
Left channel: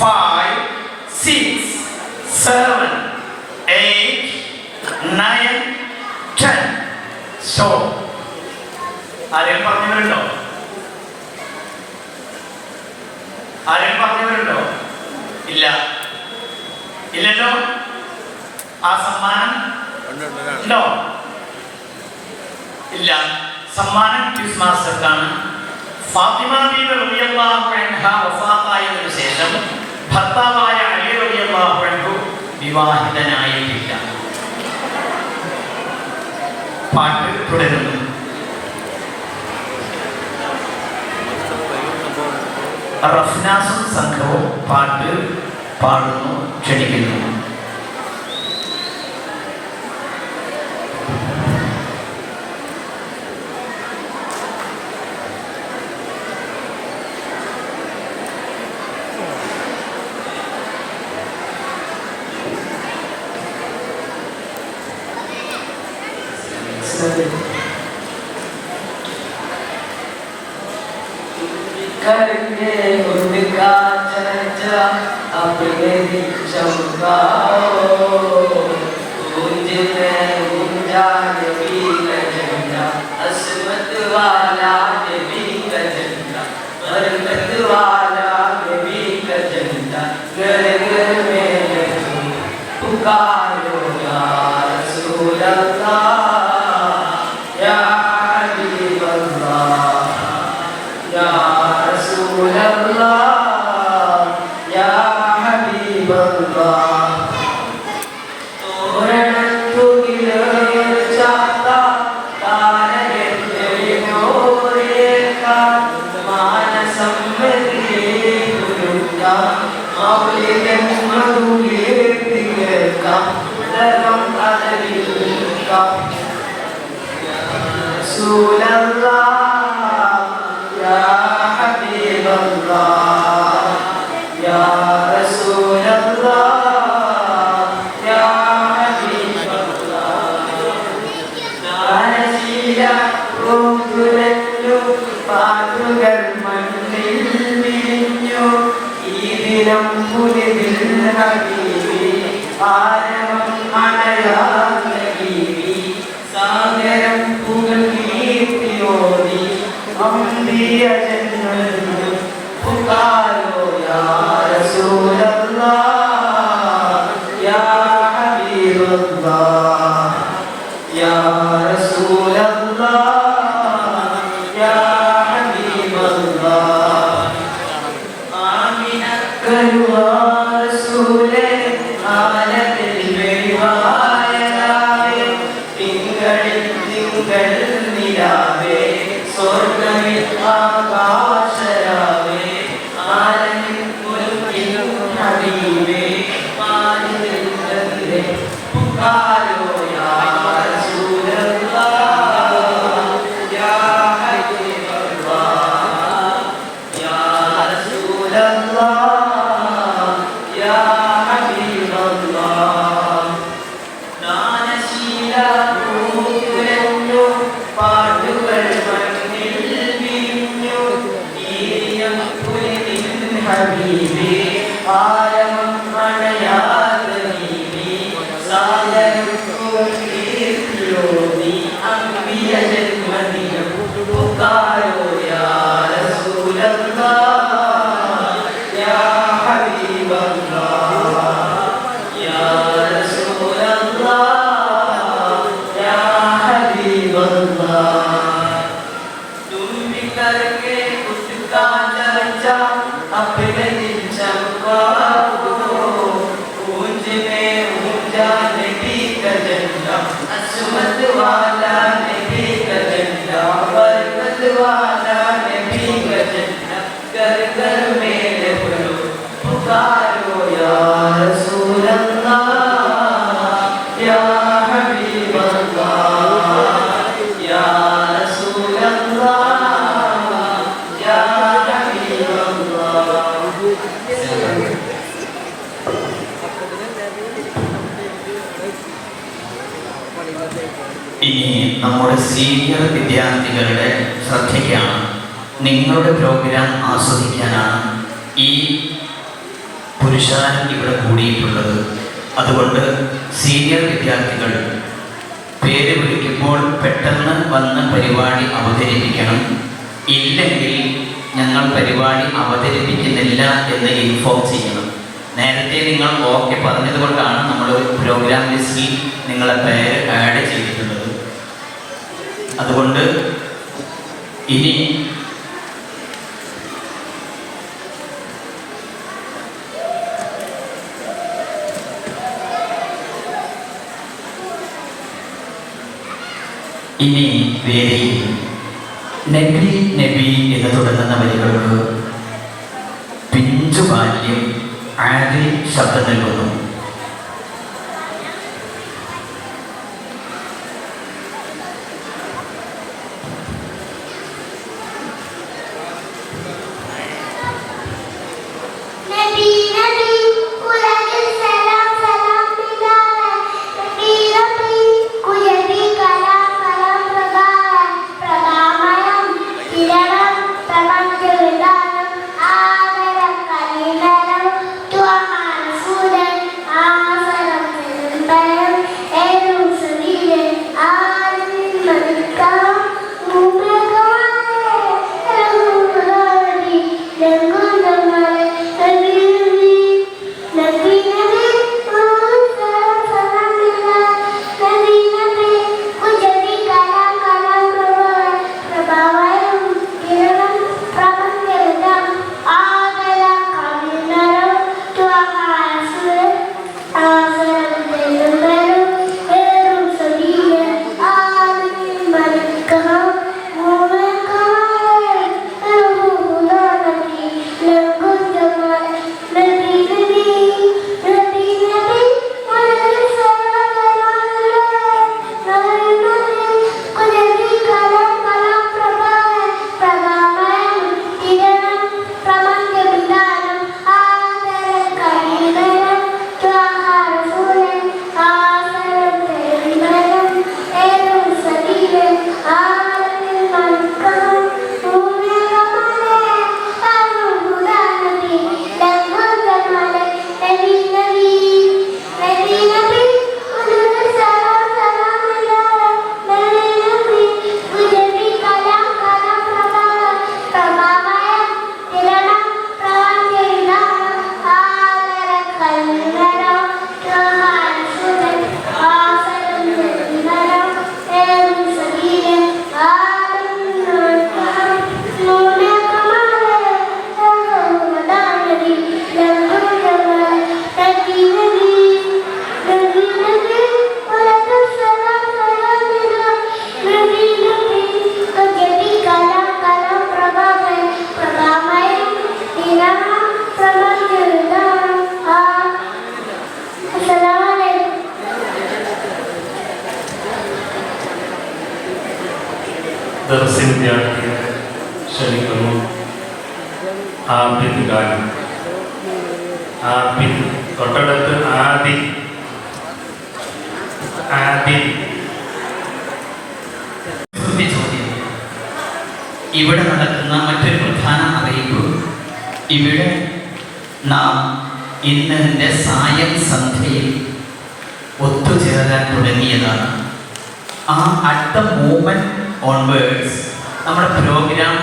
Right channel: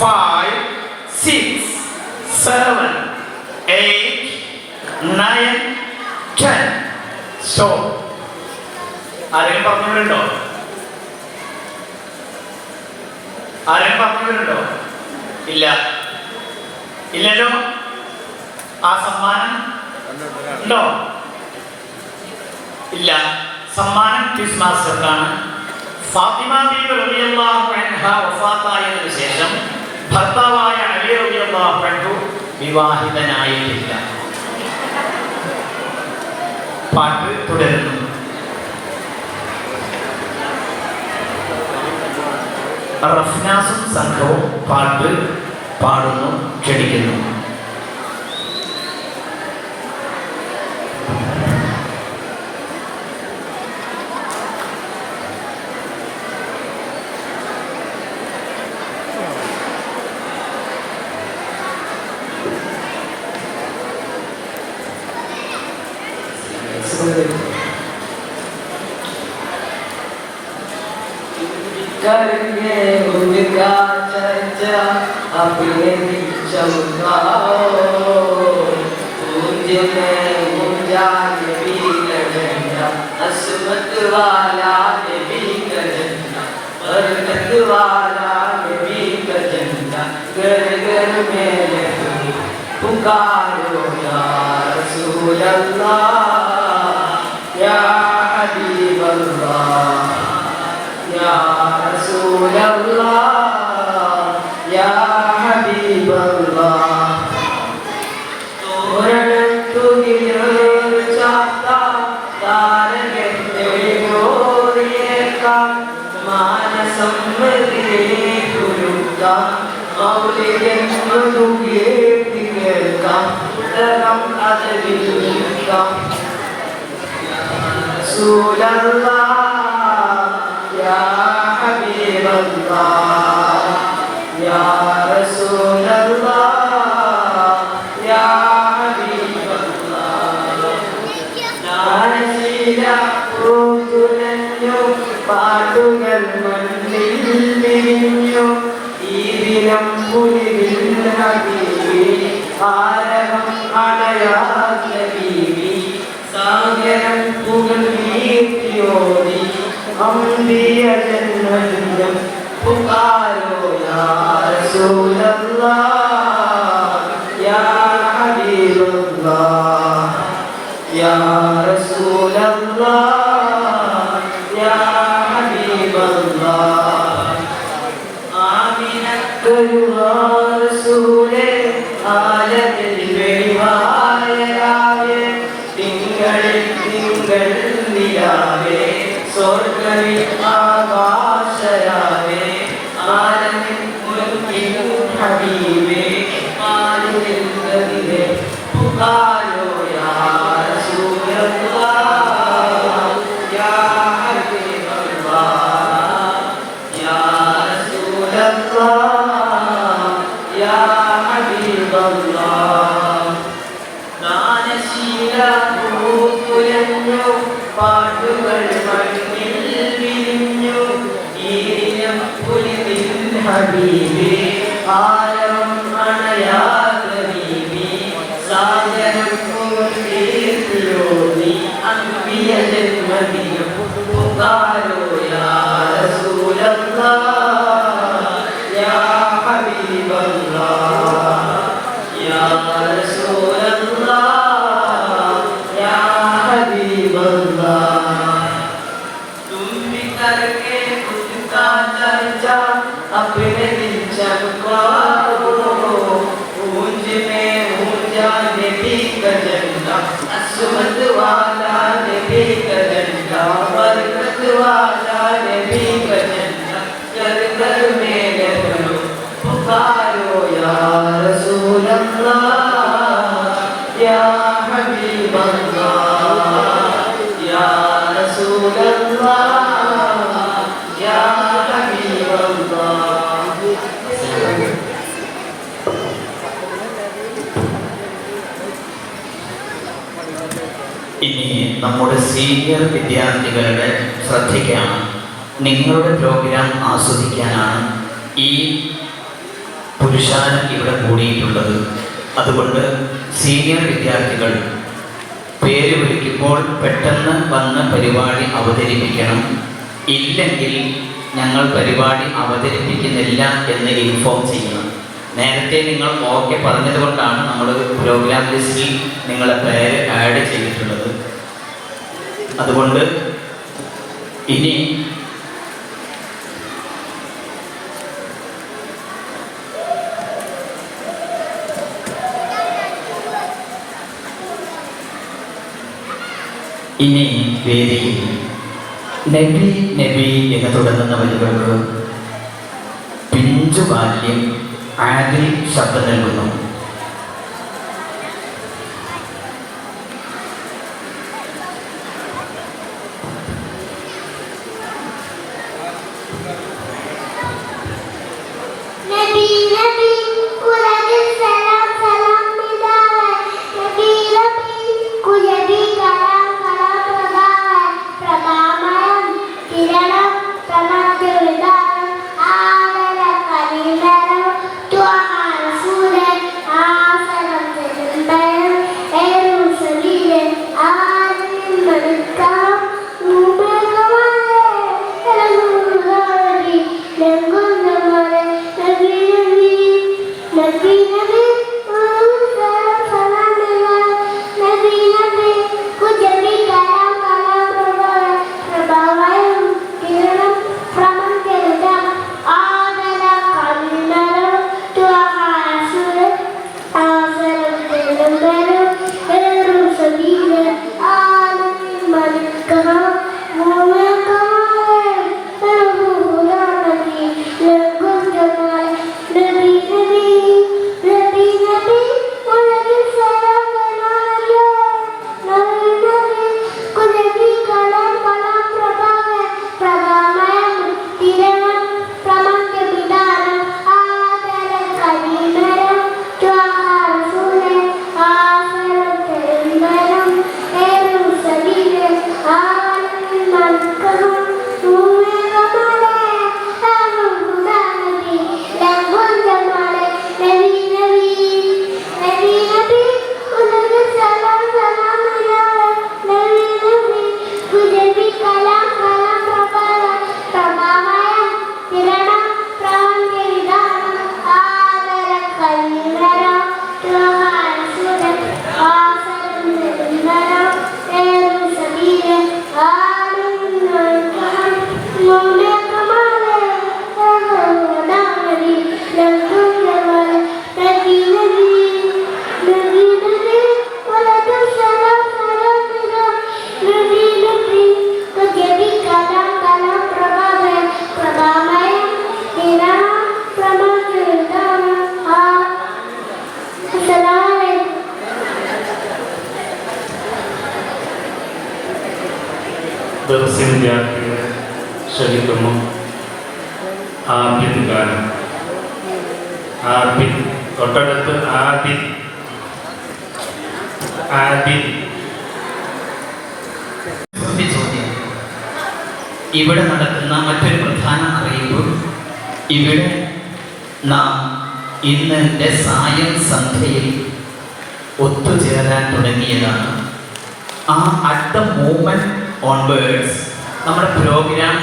5 6 7 8 9 10. സ്റ്റോപ്പ്. ആരെയും പറഞ്ഞിട്ടുണ്ടോ? ആരെയും പറഞ്ഞിട്ടുണ്ടോ? ഇല്ല. ഇല്ലല്ലോ. ആ സമ്മാനം ഉണ്ടോ? ഇല്ല. സമ്മാനം ക്വിസ് മാസ്റ്റർക്കാണ്. ഫാത്തിമ ബീവി റളിയല്ലാഹു അൻഹ വഫാത്തായതിനു ശേഷം ഭർത്താവായ അലി റളിയല്ലാഹു അൻഹു വിവാഹിതനായിട്ടില്ല. പാട്ട് തുടരുന്നു. റഫ്നാസും സംഘവും പാട്ട് പാടുന്നു, ക്ഷണിക്കുന്നു. करके उनका चर्चा अपने चमकाओ, मुझे गुंजाय भी करना, असमत वाला भी करना, बरकत वाला भी करना, घर घर में पुकारो या रसूल अल्लाह, या हबीब अल्लाह, या रसूल अल्लाह, या हबीब अल्लाह. رسول الله يا حبيب الله يا رسول الله يا حبيب الله نازل روحنا പാട്ടുകൾ മണ്ണിൽ വിരിഞ്ഞു ഈദിനം പുലിതിൽ ഹബീബി ആരവം അടയാത്ത ബീവി സാഗരം പുകൾ കീർത്തിയോതി അമ്പിയ ജന്മങ്ങൾ പുകാരോ യാ റസൂലല്ലാഹ് യാ ഹബീബല്ലാഹ് യാ റസൂലല്ലാഹ് യാ ഹബീബല്ലാഹ് ആമിനക്കരുവാ റസൂലേ ആലത്തിൽ വെളിവായലാവേ ഇനി നമ്മുടെ സീനിയർ വിദ്യാർത്ഥികളുടെ ശ്രദ്ധയ്ക്കാണ്. നിങ്ങളുടെ പ്രോഗ്രാം ആസ്വദിക്കാനാണ് ഈ പുരുഷാരം ഇവിടെ കൂടിയിട്ടുള്ളത്. അതുകൊണ്ട് സീനിയർ വിദ്യാർത്ഥികൾ പേര് വിളിക്കുമ്പോൾ പെട്ടെന്ന് വന്ന് പരിപാടി അവതരിപ്പിക്കണം. ഇല്ലെങ്കിൽ ഞങ്ങൾ പരിപാടി അവതരിപ്പിക്കുന്നില്ല എന്ന് ഇൻഫോം ചെയ്യണം. നേരത്തെ നിങ്ങൾ ഓക്കെ പറഞ്ഞതുകൊണ്ടാണ് നമ്മൾ പ്രോഗ്രാം ലിസ്റ്റിൽ നിങ്ങളെ പേര് ആഡ് ചെയ്തിട്ടുള്ളത്. അതുകൊണ്ട് ഇനി വേദിയിൽ നബി നബി എന്ന് തുടങ്ങുന്ന വരികൾക്ക് പിഞ്ചു ബാല്യം ആദിൽ ശബ്ദം നൽകുന്നു. വിദ്യാർത്ഥികളെ ക്ഷണിക്കുന്നു. ആബിദ് ഗാനം. ആബിദ് തൊട്ടടുത്ത് ആബിദ് ആബിദ്. ഇവിടെ നടക്കുന്ന മറ്റൊരു പ്രധാന അറിയിപ്പ്, ഇവിടെ നാം ഇന്നത്തെ സായം സന്ധ്യയിൽ ഒത്തുചേരാൻ തുടങ്ങിയതാണ്. ആ അറ്റ് ദ മൂമെന്റ് ഓൺവേർഡ്സ് നമ്മുടെ പ്രോഗ്രാം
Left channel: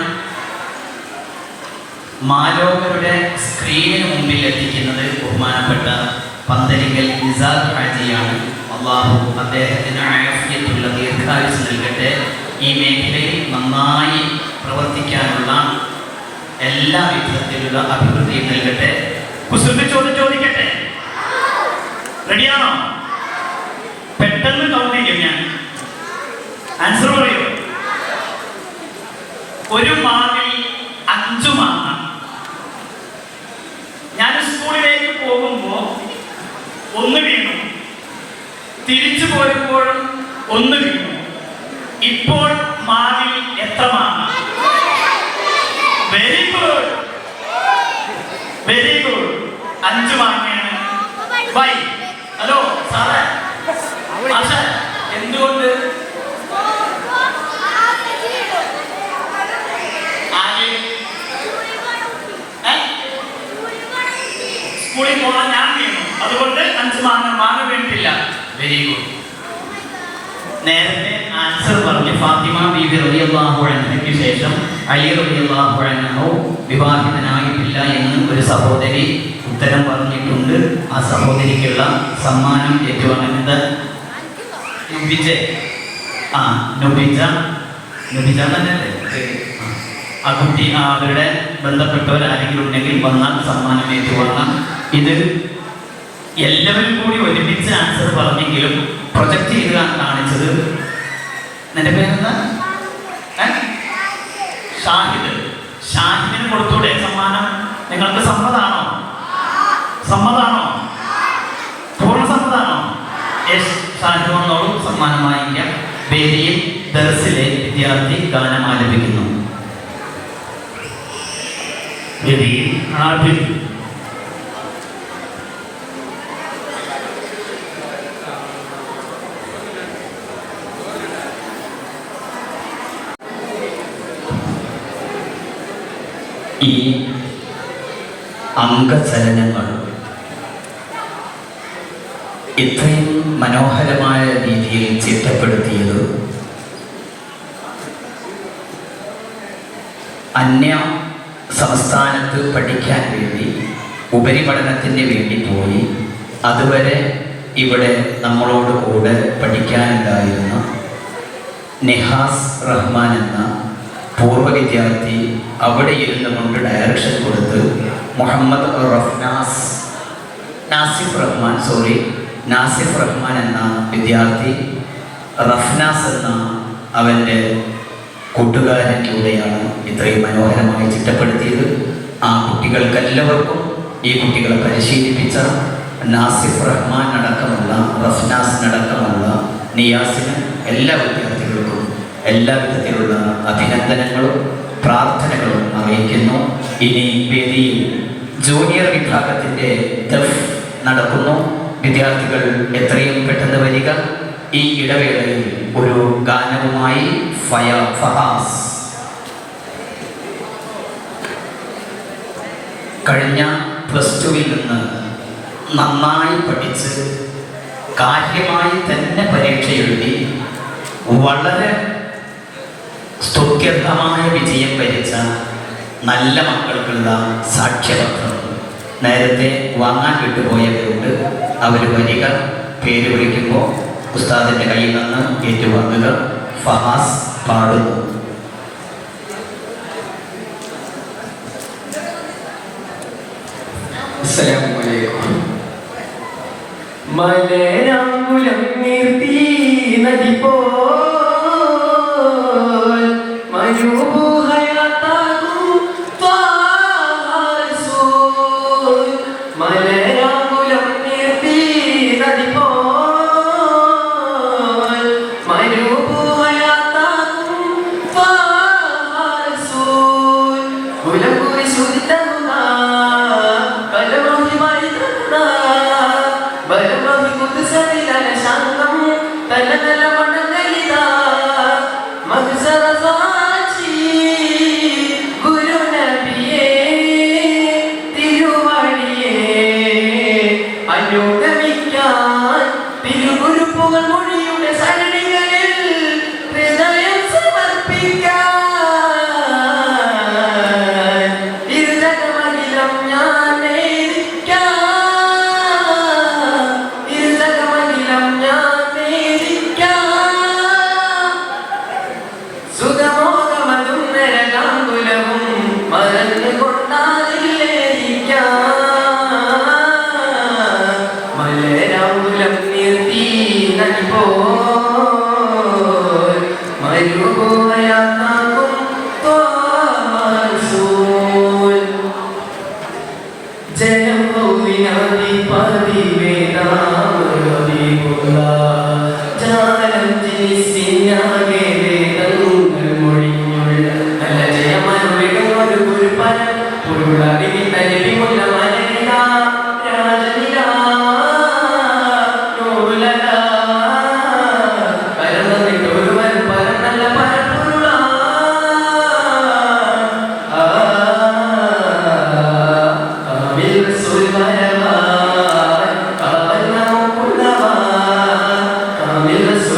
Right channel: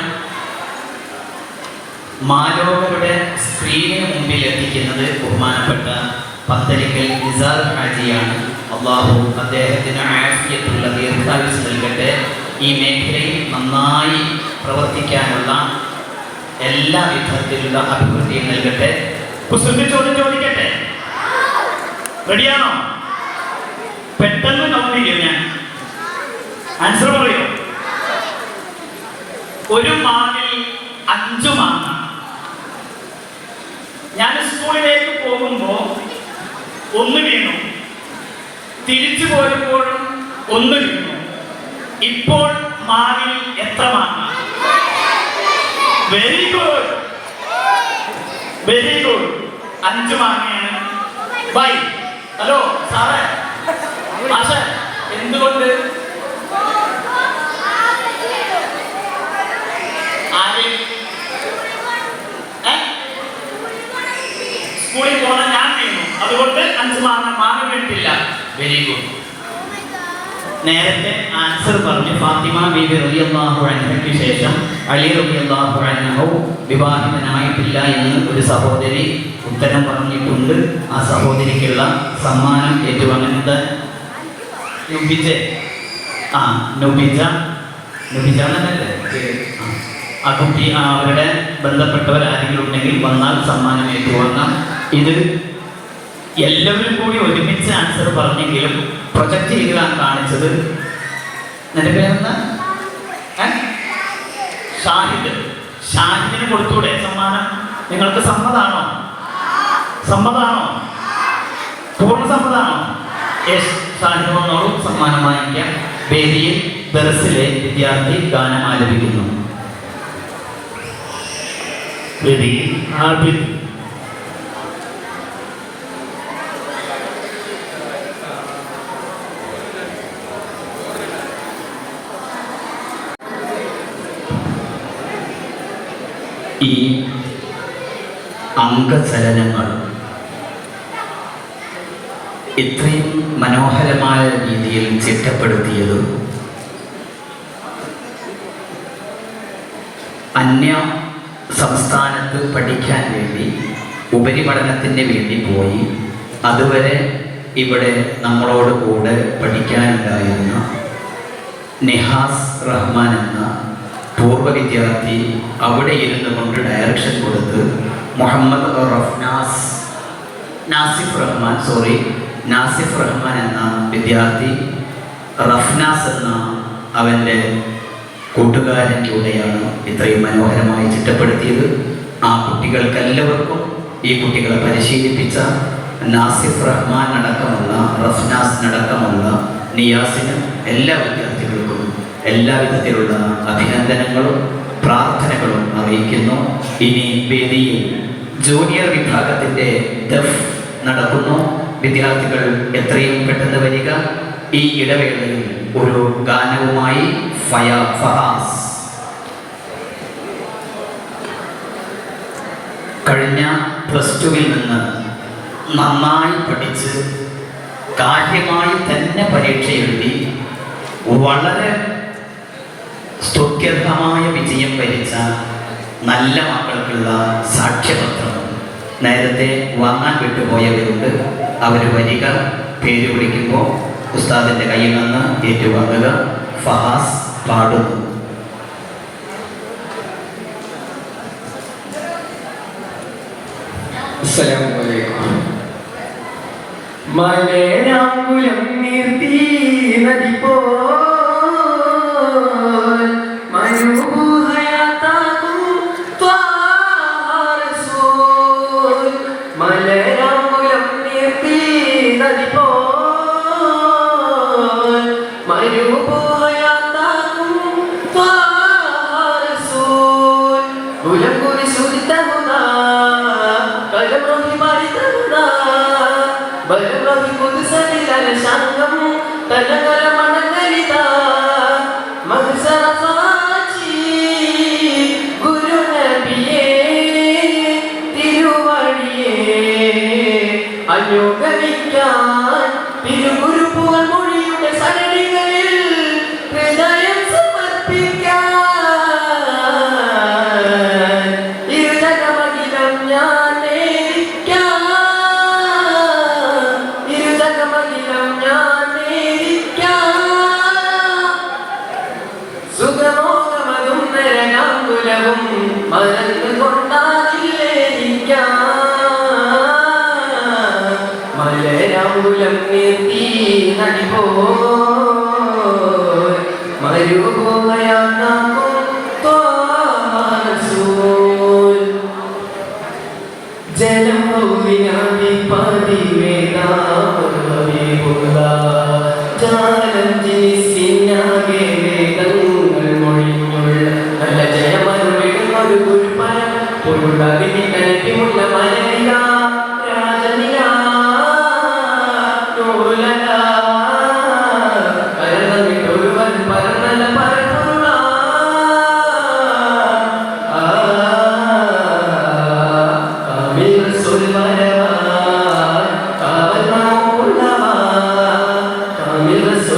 മാലോകരുടെ സ്ക്രീനിന് മുമ്പിൽ എത്തിക്കുന്നത് ബഹുമാനപ്പെട്ട പന്തലിക്കൽ നിസാർ ഹാജിയാണ്. അള്ളാഹു അദ്ദേഹത്തിന് ആഫിയത്തുള്ള ദീർഘായുസ്സ് നൽകട്ടെ. ഈ മേഖലയിൽ നന്നായി പ്രവർത്തിക്കാനുള്ള എല്ലാ വിധത്തിലുള്ള അഭിവൃദ്ധിയും നൽകട്ടെ. ചോദിക്കട്ടെ, റെഡിയാണോ? പെട്ടെന്ന് തോന്നില്ല, ഞാൻ ആൻസർ പറയൂ. ഒരു മാവിൽ 5 മാങ്ങ. ഞാൻ സ്കൂളിലേക്ക് പോകുമ്പോ 1 വീണു, തിരിച്ചു പോരുമ്പോഴും 1 വീണു. ഇപ്പോൾ മാവിൽ എത്ര മാങ്ങ? Very good, very good. 5 മാങ്ങയാണ്. വൈ? ഹലോ സാറേ, ആശാ, എന്തുകൊണ്ട്? സ്കൂളിൽ പോകാൻ ഞാൻ വീണു, അതുകൊണ്ട് 5 മാങ്ങ വീണിട്ടില്ല. Very good. നേരത്തെ ആൻസർ പറഞ്ഞു. ഫാത്തിമ ബീവി റളിയല്ലാഹു അൻഹയ്ക്ക് ശേഷം അലി റളിയല്ലാഹു അൻഹു വിവാഹിതനായിട്ടില്ല എന്ന് ഒരു സഹോദരി ഉത്തരം പറഞ്ഞിട്ടുണ്ട്. ആ സഹോദരിക്കുള്ള സമ്മാനം ഏറ്റുവാങ്ങുന്നത് നുബിജ. നുബിജ എന്നല്ലേ ആ കുട്ടി. അവരുടെ ബന്ധപ്പെട്ടവർ ആരെങ്കിലും ഉണ്ടെങ്കിൽ വന്നാൽ സമ്മാനം ഏറ്റുവാങ്ങാം. ഇത് എല്ലാവരും കൂടി ഒരുമിച്ച് ആൻസർ പറഞ്ഞെങ്കിലും പ്രൊജക്ട് ചെയ്താണ് കാണിച്ചത്. നിലവിലെന്താ? ഷാഹിദ്. ഷാഹിദിന് കൊടുത്തൂടെ സമ്മാനം? നിങ്ങൾക്ക് സമ്മതാണോ? സമ്മതാണോ? പൂർണ്ണ സമ്മതാണോ? യെസ്. ഷാഹിദ് വന്നോളൂ, സമ്മാനം വാങ്ങിക്കാം. വേദിയിൽ ദർസിലെ വിദ്യാർത്ഥി ഗാനം ആലപിക്കുന്നു. വേദിയിൽ ആബിദ്. ഈ അംഗചലനങ്ങൾ ഇത്രയും മനോഹരമായ രീതിയിൽ ചിട്ടപ്പെടുത്തിയത് അന്യ സംസ്ഥാനത്ത് പഠിക്കാൻ വേണ്ടി, ഉപരിപഠനത്തിന് വേണ്ടി പോയി അതുവരെ ഇവിടെ നമ്മളോട് കൂടെ പഠിക്കാനുണ്ടായിരുന്ന നിഹാസ് റഹ്മാൻ എന്ന പൂർവ്വ വിദ്യാർത്ഥി അവിടെ ഇരുന്ന് കൊണ്ട് ഡയറക്ഷൻ കൊടുത്ത് മുഹമ്മദ് നാസിഫ് റഹ്മാൻ എന്ന വിദ്യാർത്ഥി റഫ്നാസ് എന്ന അവൻ്റെ കൂട്ടുകാരനിലൂടെയാണ് ഇത്രയും മനോഹരമായി ചിട്ടപ്പെടുത്തിയത്. ആ കുട്ടികൾക്കെല്ലാവർക്കും, ഈ കുട്ടികളെ പരിശീലിപ്പിച്ച നാസിഫ് റഹ്മാൻ അടക്കമുള്ള, റഫ്നാസ് അടക്കമുള്ള നിയാസിന്, എല്ലാ വിദ്യാർത്ഥികൾക്കും എല്ലാവിധത്തിലുള്ള അഭിനന്ദനങ്ങളും പ്രാർത്ഥനകളും അറിയിക്കുന്നു. ഇനി വേദിയിൽ ജൂനിയർ വിഭാഗത്തിൻ്റെ ദഫ് നടക്കുന്നു. വിദ്യാർത്ഥികൾ എത്രയും പെട്ടെന്ന് വരിക. ഈ ഇടവേളയിൽ ഒരു ഗാനവുമായി ഫഹാസ്. കഴിഞ്ഞ +2-ൽ നിന്ന് നന്നായി പഠിച്ച് കാര്യമായി തന്നെ പരീക്ഷ എഴുതി വളരെ സ്തുത്യർഹമായ വിജയം വരിച്ച നല്ല മക്കൾക്കുള്ള സാക്ഷ്യപത്രം നേരത്തെ വാങ്ങാൻ വിട്ടുപോയവരുണ്ട്. അവർ വരിക, പേര് വിളിക്കുമ്പോൾ ഉസ്താദിൻ്റെ കയ്യിൽ നിന്ന് ഏറ്റുവാങ്ങുക. ഫഹാസ് പാടുന്നു. മലരാങ്കുലം നീർത്തി നദി പോൽ മരുഭൂഹയാത്താകും ത്വാറസൂൽ. മലരാങ്കുലം നീർത്തി നദി പോൽ മരുഭൂഹയാത്താകും ത്വാറസൂൽ. കുലംകുരി ശുദ്ധിതമുള്ള കലമോഹി മരിതമുള്ള ബലമോഹി കുതിസവിലല ശാന്തം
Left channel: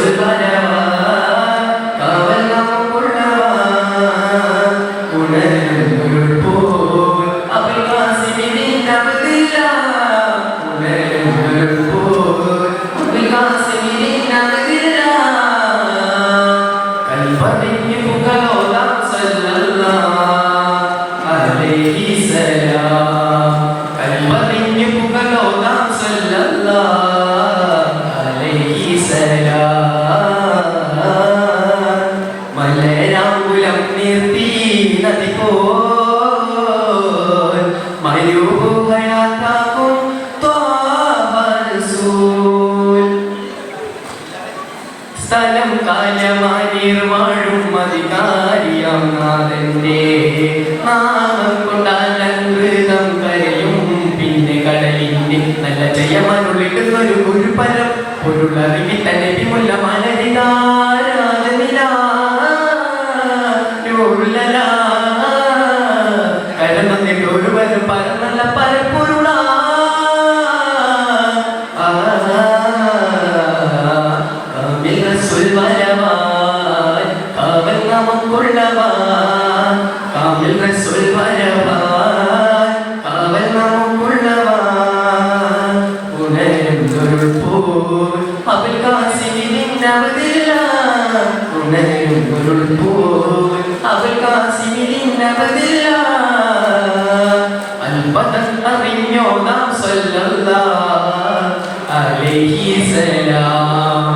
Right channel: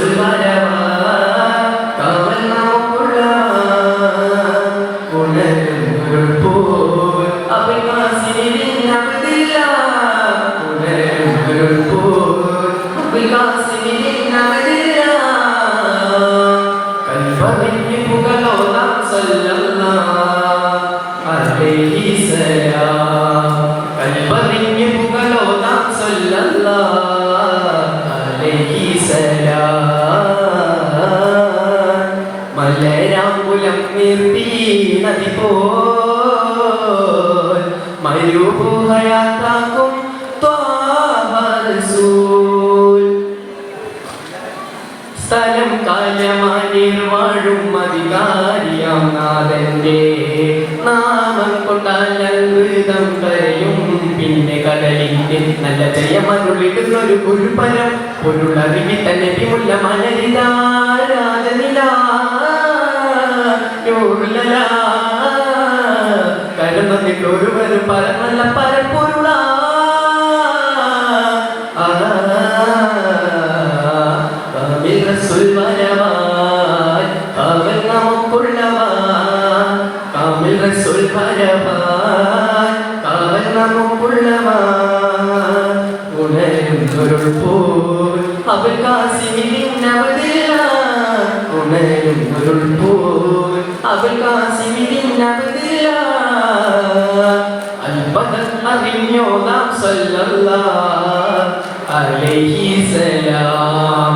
സുൽവരവാ കാവൽ നമുക്കുള്ളവാ ഉണരുൾ പോ അബുൽ ഖാസിമിൻ അബ്ദില്ല ഉണരുൾ പോ അബുൽ ഖാസിമിൻ അബ്ദില്ല കൽബറിഞ്ഞു പുകളോതാം സല്ലല്ലാഹു അലൈഹി സലാം കൽബറിഞ്ഞു പുകളോതാം സല്ലല്ലാഹു അലൈഹി സലാം മലരാകുലം നിർത്തി നദി പോൽ മരുഭൂഹയാത്താക്കും ത്വാഹ റസൂൽ സ്ഥലം കാലമാനീർ വാഴും അധികാരിയാം നാഥന്റെ നാമം കൊണ്ടാലംകൃതം കരയും പിന്നെ കടലിന്റെ നല്ല ജയമരുളിടുന്നൊരു ഗുരുപരം പൊരുളറിയി തന്നെ വിമുല്ല മനരിതാരാധനില കരുണന്റെ ഗുരുവരും പരമല പരപ്പൊരുള കാമിൽ റസൂൽ വരവാൻ കാവൽ നമുക്കുള്ളവാൻ കാമിൽ റസൂൽ വരവാൻ കാവൽ നമുക്കുള്ളവാൻ ഉണരുൾ പോൽ അബുൽ ഖാസിമിൻ അബ്ദില്ല ഉണരുൾ പോൽ അബുൽ ഖാസിമിൻ അബ്ദില്ല അൽബദർ അറിഞ്ഞോടാം സല്ലല്ലാഹു അലൈഹി സലാം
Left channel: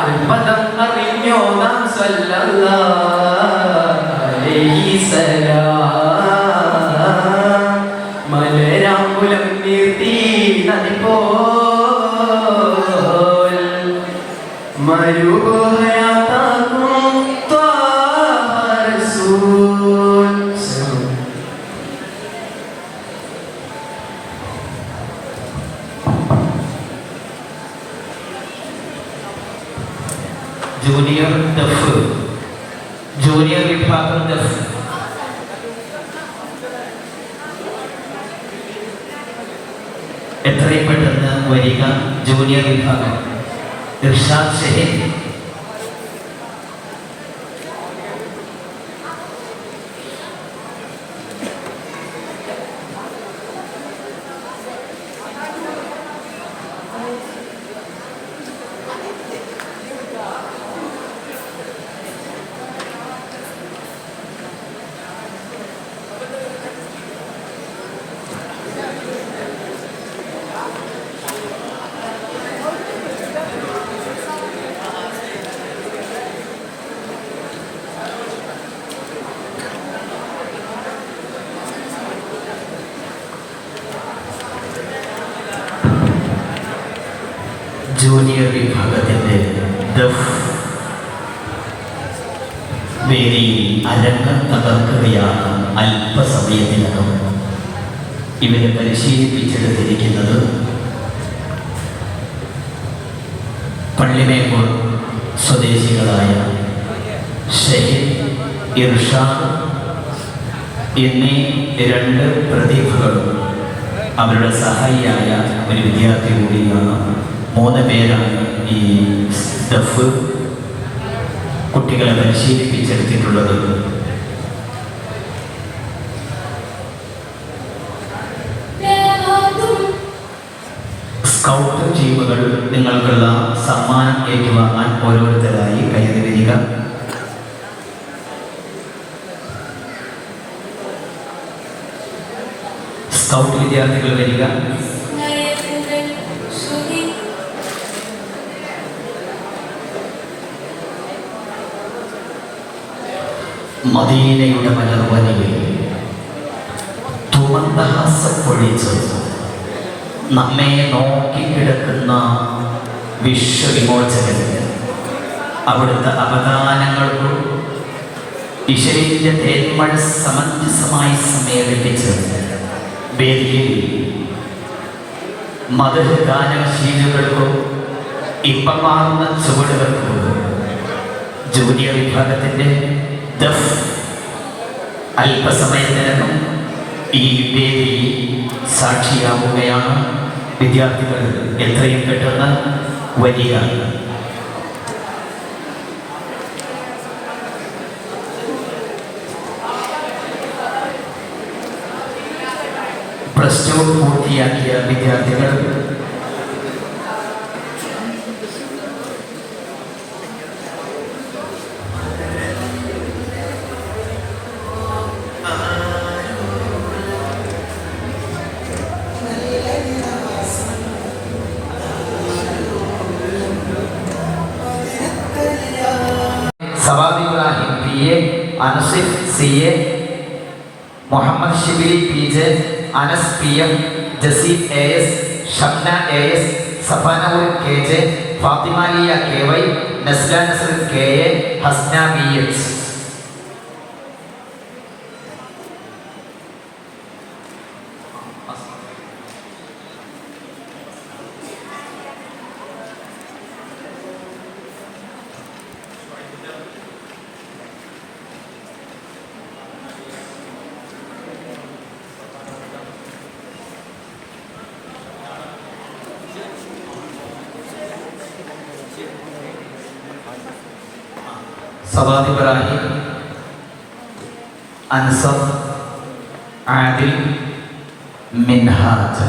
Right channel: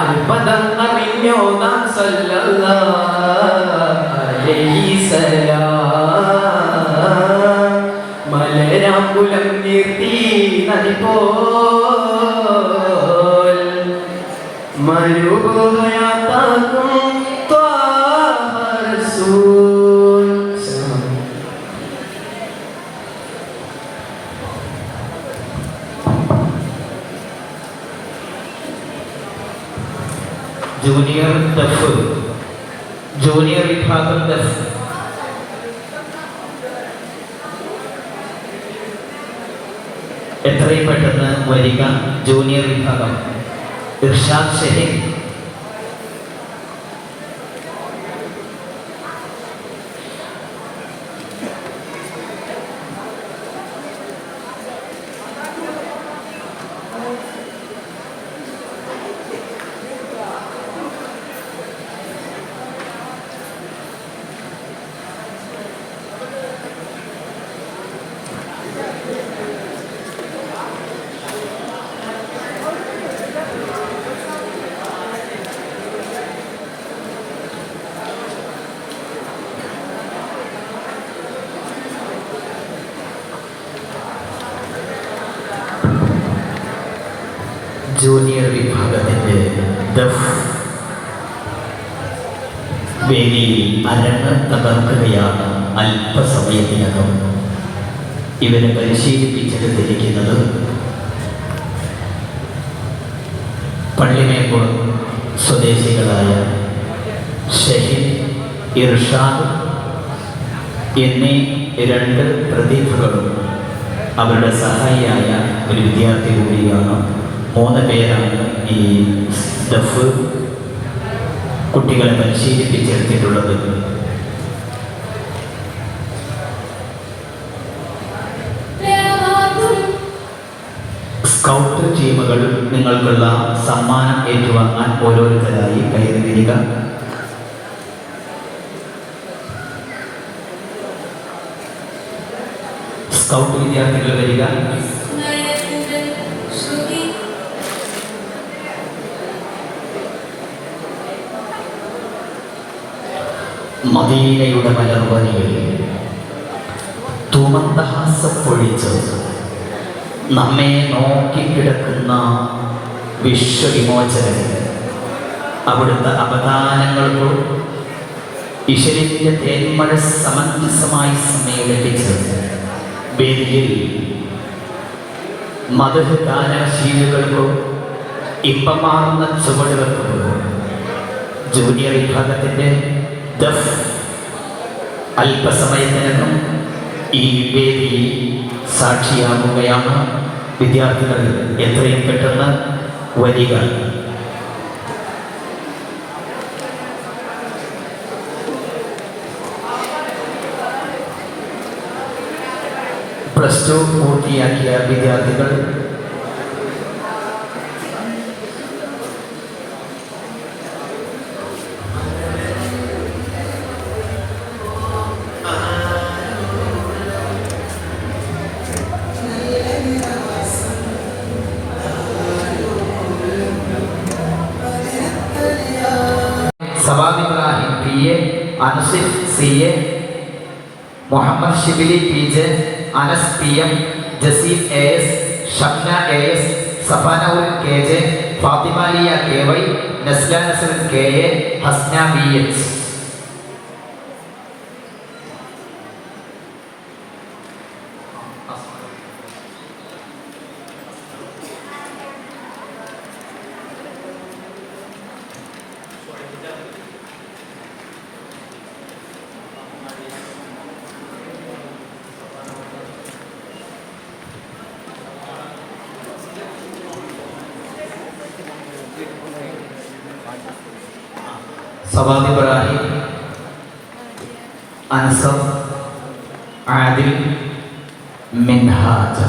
അൽബദർ അറിഞ്ഞോടാം സല്ലല്ലാഹു അലൈഹി സലാം മലരാകുലം നീർത്തി നദി പോൽ മരുഭൂയാതാക്കും ത്വാഹ റസൂൽ ജൂനിയർ ദഫ് ജൂനിയർ വിഭാഗം ദഫ് എത്രയും പെട്ടെന്ന് വരിക ജൂനിയർ വിഭാഗം ഇർഷാദ് ഷഹീൻ ജൂനിയർ വിഭാഗത്തിൻ്റെ ദഫ് വേദിയിൽ അരങ്ങ് തകർക്കുകയാണ് അല്പസമയത്തിനകം. ഇവരെ പരിശീലിപ്പിച്ചെടുത്തിരിക്കുന്നത് പള്ളിമേക്കോൾ സ്വദേശികളായ ഷഹീദ്, ഇർഷാദ് എന്നീ രണ്ട് പ്രതിഭകളും അവരുടെ സഹായിയായ ഒരു വിദ്യാർത്ഥി കൂടിയാണ്. 3 പേരാണ് ഈ ദഫ് കുട്ടികളെ പരിശീലിപ്പിച്ചെടുത്തിട്ടുള്ളത്. സ്കൗട്ട് ടീമുകൾ നിങ്ങൾക്കുള്ള സമ്മാനം ഏറ്റുവാങ്ങാൻ ഓരോരുത്തരായി കയറി വരിക. സ്കൗട്ട് വിദ്യാർത്ഥികൾ വരിക. മദീനയുടെ മലർവനിയിൽ തുമന്ദഹാസപ്പൊഴിച്ച് നമ്മെ നോക്കിക്കിടക്കുന്ന വിശ്വവിമോചകന് അവിടുത്തെ അവദാനങ്ങൾക്കോ ഈശ്വരന്റെ തേന്മഴ സമഞ്ജസമായി സമ്മേളിപ്പിച്ച് വേദിയിൽ മതഗാനശീലുകൾക്കോ ഇപ്പമാർന്ന ചുവടുകൾക്കോ ജൂനിയർ വിഭാഗത്തിൻ്റെ ദഫ് അല്പസമയത്തിനകം ഈ വേദിയിൽ സാക്ഷിയാവുകയാണ്. വിദ്യാർത്ഥികൾ എത്രയും പെട്ടെന്ന് വരിക. +2 പൂർത്തിയാക്കിയ വിദ്യാർത്ഥികൾ Savad Ibrahim PA, Ansif CA, Muhammad Shibili PJ, Anas PM, Jaseem AS, Shamna AS, സഫനൂർ KJ, Fathima Liya KY, Nasla നസ്ർ KA, Hasna BH. Savad Ibrahim, Ansar, Adil, Minhaj.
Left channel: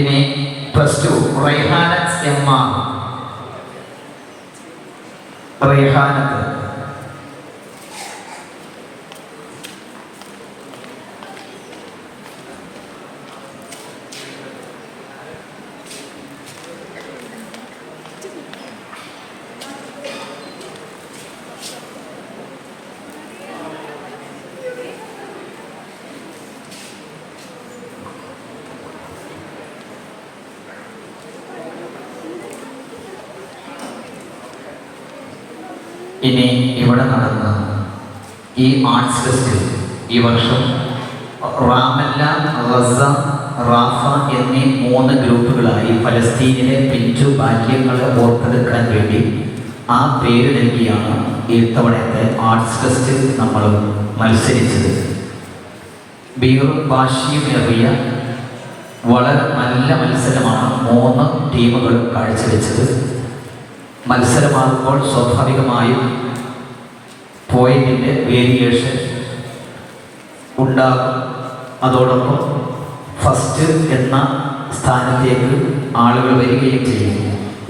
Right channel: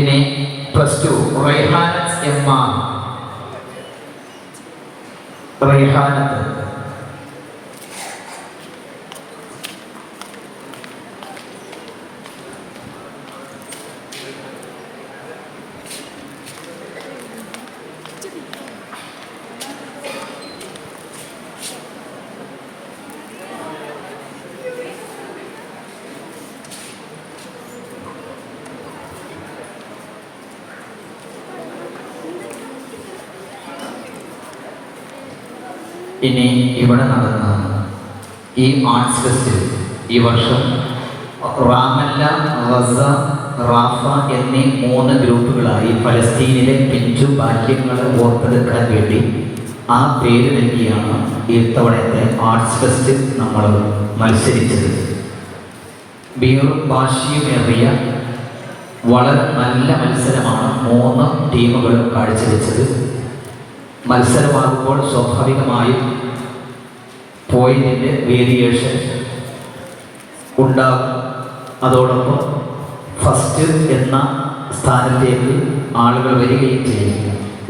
ഇനി +2 റൈഹാനത്ത് MR. റൈഹാനത്ത് ഇനി ഇവിടെ നടന്ന ഈ ആർട്സ് ഫെസ്റ്റ് ഈ വർഷം റാമല്ല, റസ, റാഫ എന്നീ 3 ഗ്രൂപ്പുകളായി ഫലസ്തീനിലെ പിഞ്ചു ബാല്യങ്ങളെ ഓർത്തെടുക്കാൻ വേണ്ടി ആ പേര് നൽകിയാണ് ഈ തവണത്തെ ആർട്സ് ഫെസ്റ്റ് നമ്മൾ മത്സരിച്ചത്. ബീറും വാശിയുമേറിയ വളരെ നല്ല മത്സരമാണ് 3 ടീമുകൾ കാഴ്ചവെച്ചത്. മത്സരമാകുമ്പോൾ സ്വാഭാവികമായും പോയിന്റിൻ്റെ വേരിയേഷൻ ഉണ്ടാകും. അതോടൊപ്പം ഫസ്റ്റ് എന്ന സ്ഥാനത്തേക്ക് ആളുകൾ വരികയും ചെയ്യും.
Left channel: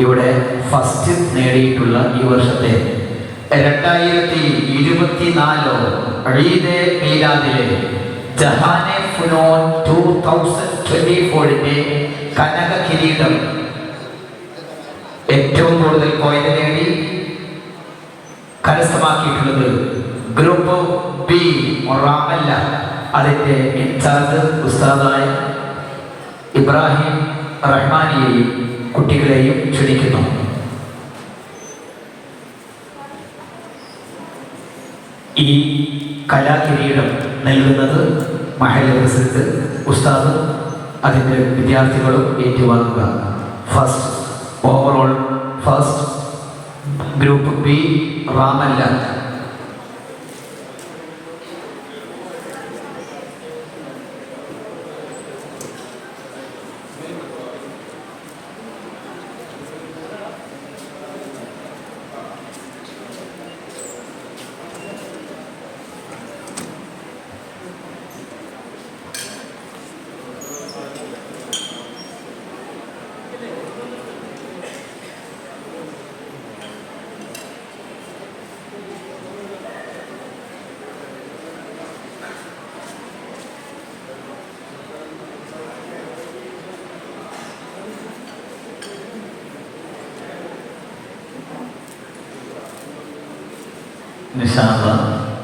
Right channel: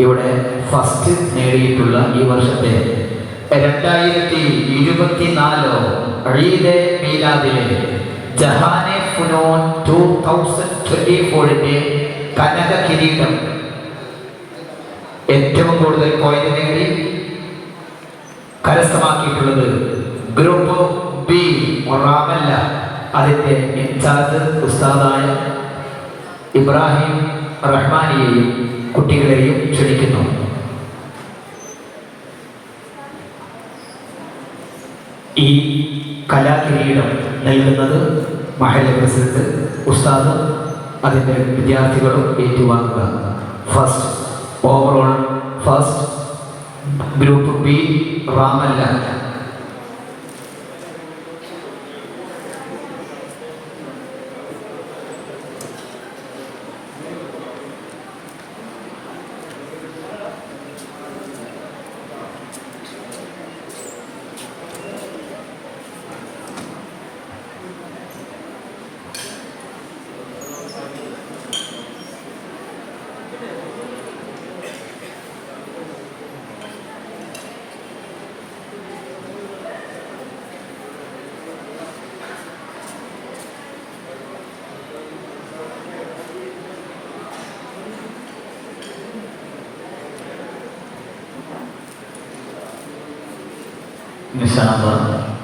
ഇവിടെ ഫസ്റ്റ് നേടിയിട്ടുള്ള ഈ വർഷത്തെ 2024 ഈദ് മീലാദിലെ ജഹാനെ ഫുനൂൻ 2024 കനക കിരീടം ഏറ്റവും കൂടുതൽ പോയിന്റ് നേടി കരസ്ഥമാക്കിയിട്ടുള്ളത് ഗ്രൂപ്പ് ബി റാമല്ല. അതിൻ്റെ ഇൻചാർജ് ഉസ്താദായ ഇബ്രാഹിം റഹ്മാനിയെയും കുട്ടികളെയും ക്ഷണിക്കുന്നു. ഈ കലാകിരീടം നൽകുന്നത് മഹല്ല് പ്രസിഡന്റ് ഉസ്താദ്, അതിൻ്റെ വിദ്യാർത്ഥികളും ഏറ്റുവാങ്ങുക. First overall first group B റാമല്ല.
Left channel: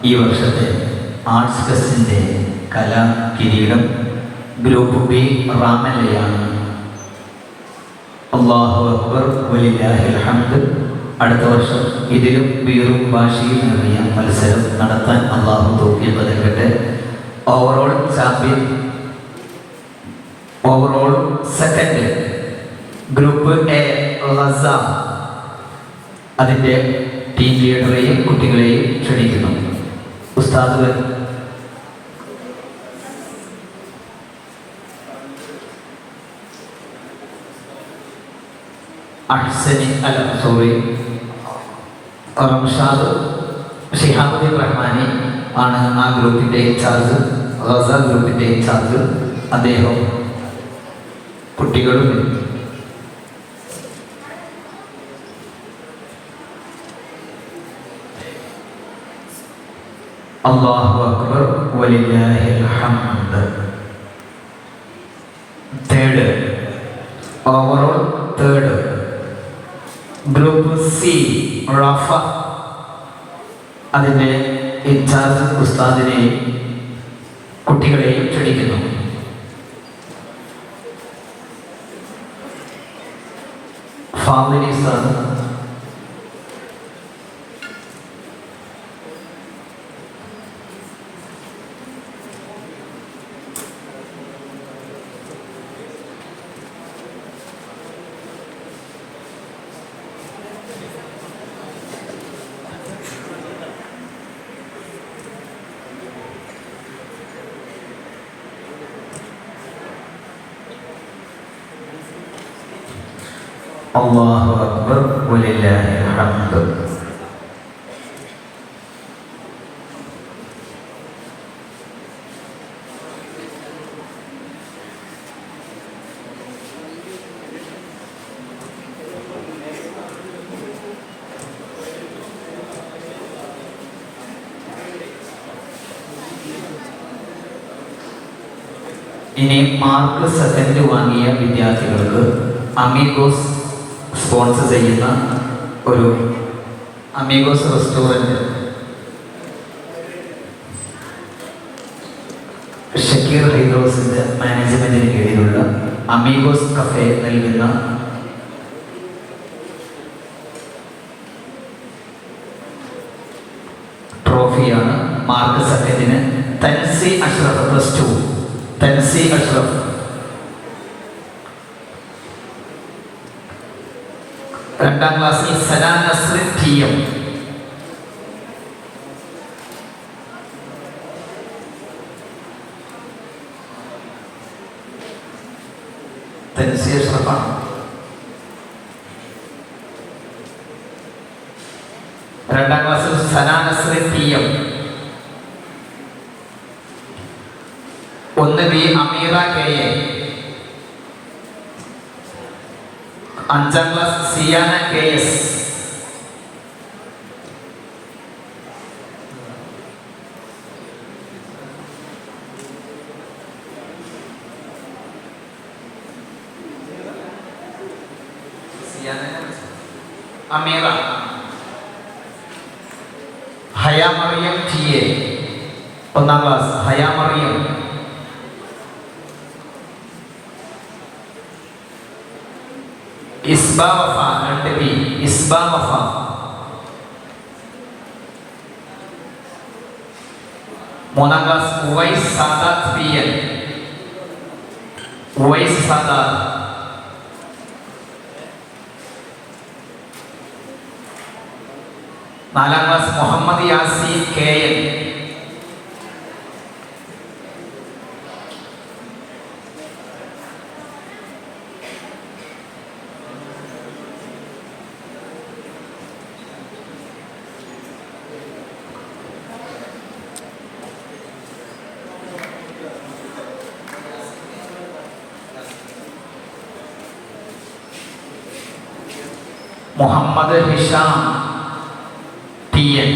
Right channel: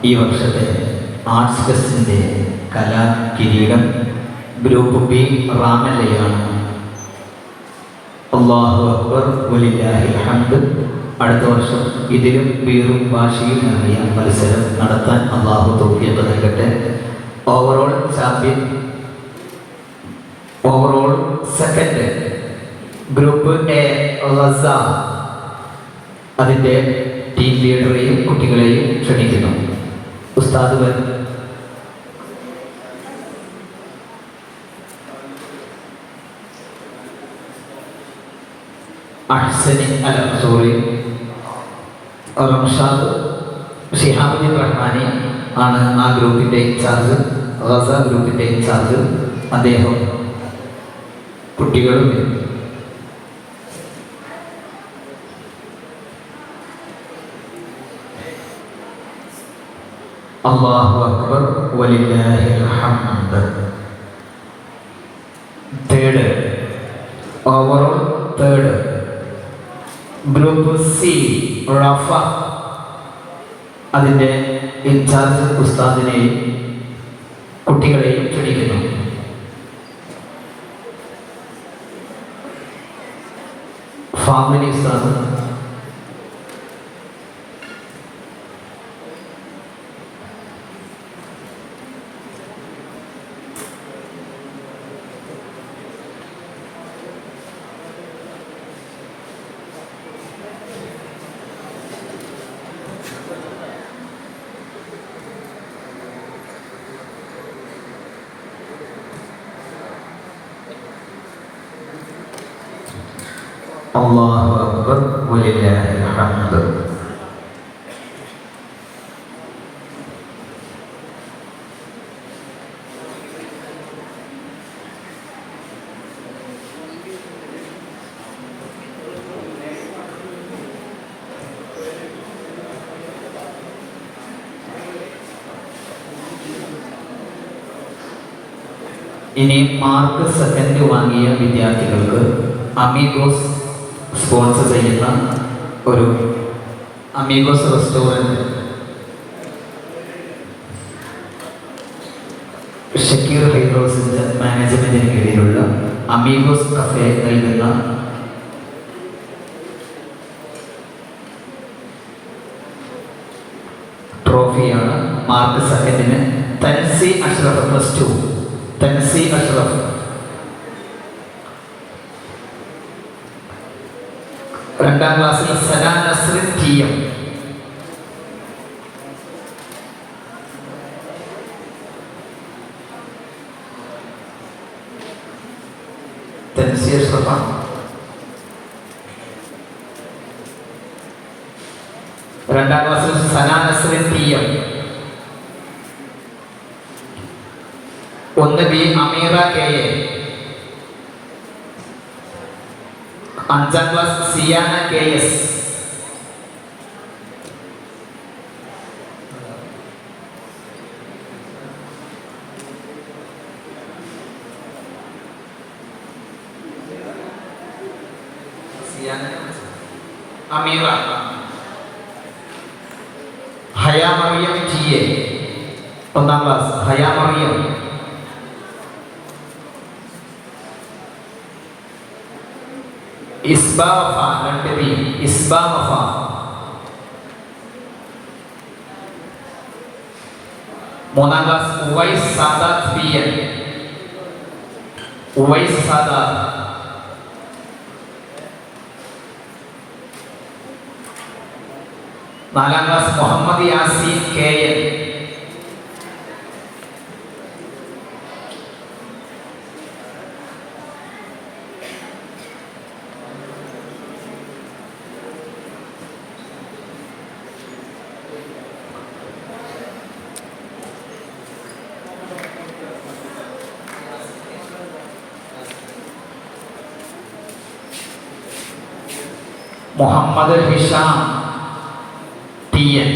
ഈ വർഷത്തെ ആർട്സ് ഫെസ്റ്റിൻ്റെ കലാ കിരീടം ഗ്രൂപ്പ് ബി റാമല്ലയാണ്. അല്ലാഹു അക്ബർ വലില്ലാഹിൽ ഹംദ്. അടുത്ത വർഷം ഇതിലും വീറും വാശിയും നിറഞ്ഞ മത്സരം നടത്താൻ അല്ലാഹു തൗഫീഖ് നൽകട്ടെ. Overall champion, overall second group A Reza. അതിൻ്റെ ടീം ലീഡറെയും കുട്ടികളെയും ക്ഷണിക്കുന്നു. ഉസ്താദ് അഹ്സനി അൽ സോറി റംഷാദ് ഷിഹാബുദ്ദീൻ റഹ്മാനി ആണ് ആ ഗ്രൂപ്പിൻ്റെ ഇൻചാർജ്, ഗസ ഗ്രൂപ്പിൻ്റെ ഇൻചാർജ്. അദ്ദേഹം കുട്ടികളും അല്ലാഹു അക്ബർ വലില്ലാഹിൽ ഹംദ്. Third overall third group C Rafa, അതിൻ്റെ ഇൻചാർജ് ഉസ്താദിനെയും കുട്ടികളെയും ക്ഷണിക്കുന്നു. ഫാമിലി ഉസ്താദ് അല്ലാഹു അക്ബർ വലില്ലാഹിൽ ഹംദ്. ഇനി മാർക്ക് സെക്കൻഡ് വാങ്ങിയ വിദ്യാർത്ഥികൾക്ക് അമീഗോസ് സ്പോൺസർ ചെയ്യുന്ന ഒരു അമീഗോസ് റെസ്റ്റോറൻറ്റ് ഷക്കീർ ഹൈദ്രോസിൻ്റെ മാനേജ്മെൻറ്റിന് കീഴിലുള്ള അമീഗോസ് കഫേ നൽകുന്ന ട്രോഫിയാണ്. മാർക്ക് സെക്കൻഡിന് തൻസി അഷ്റഫ് +2, തൻസി അഷ്റഫ്. രണ്ടാം ക്ലാസ്സിൽ സലാ നസ്രിൻ ടി.എം. തൻസി അഷ്റഫ. രണ്ടാം ക്ലാസ്സിൽ Sala Nasrin TM. 1 B Ameera KA. 5ാം class Siyana KS. 'Ameera. Haya Mariyam TA. 1ാം ക്ലാസ് ഹയാ മറിയം. ഇസ്ബാ വഫ 2 ബി ഇസ്ബാ വഫ. 3ാം ക്ലാസ് ഉവൈസ് സാദാത്ത് പി.എൻ. ഉവൈസ് സാദാത്ത്. 4ാം class Muhammad Yaseen KN. 'Muhammad Hisham TN.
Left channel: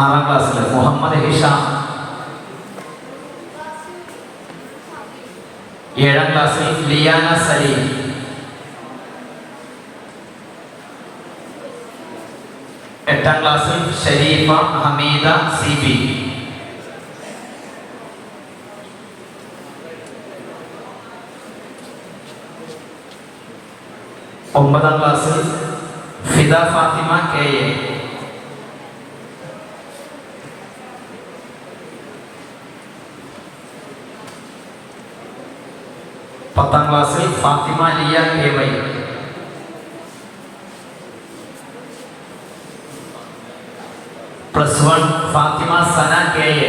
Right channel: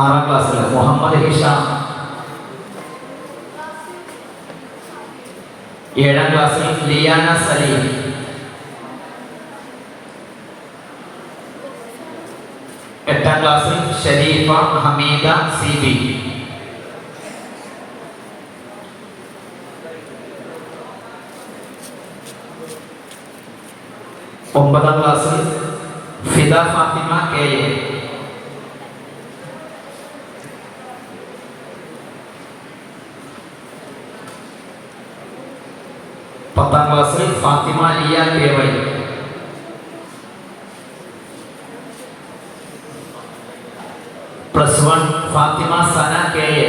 6ാം ക്ലാസ്സിൽ മുഹമ്മദ് ഹിഷാം. 7ാം ക്ലാസ്സിൽ ലിയാന സലീം. 8ാം ക്ലാസ്സിൽ ഷരീഫ ഹമീദ സി.ബി. 9ാം ക്ലാസ്സിൽ ഫിദ ഫാത്തിമ കെ.എ. 10ാം ക്ലാസ്സിൽ ഫാത്തിമ ലിയ കെ.വൈ. 1 ഫാത്തിമ സന കെ.എ.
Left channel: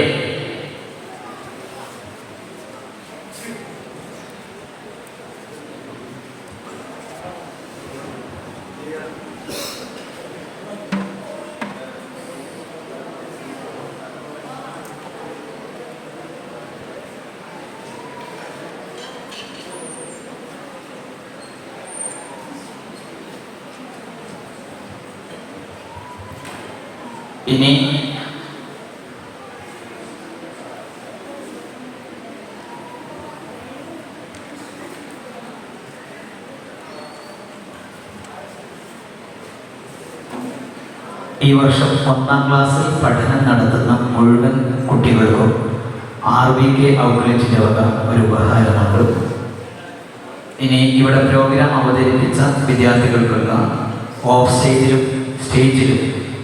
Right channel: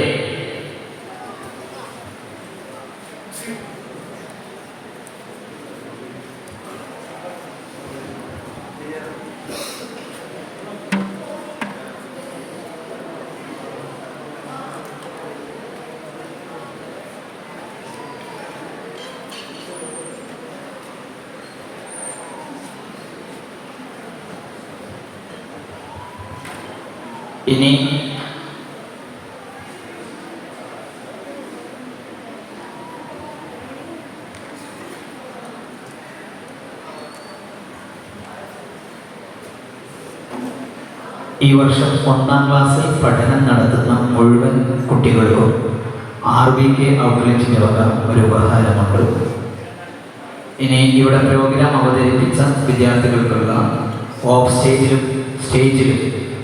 ഇനി ഈ വർഷം 1ാം ക്ലാസ്സിൽ പഠനം നടത്തുന്ന മുഴുവൻ കുട്ടികൾക്കും RBK ഔട്ട്ലെറ്റിൻ്റെ വക ഒരു ഉപഹാരം നമ്മൾ. ഇനി ഇവിടെ പ്രോഗ്രാം അവതരിപ്പിച്ച വിദ്യാർത്ഥികൾക്കുള്ള ഓഫ് സ്റ്റേജിലും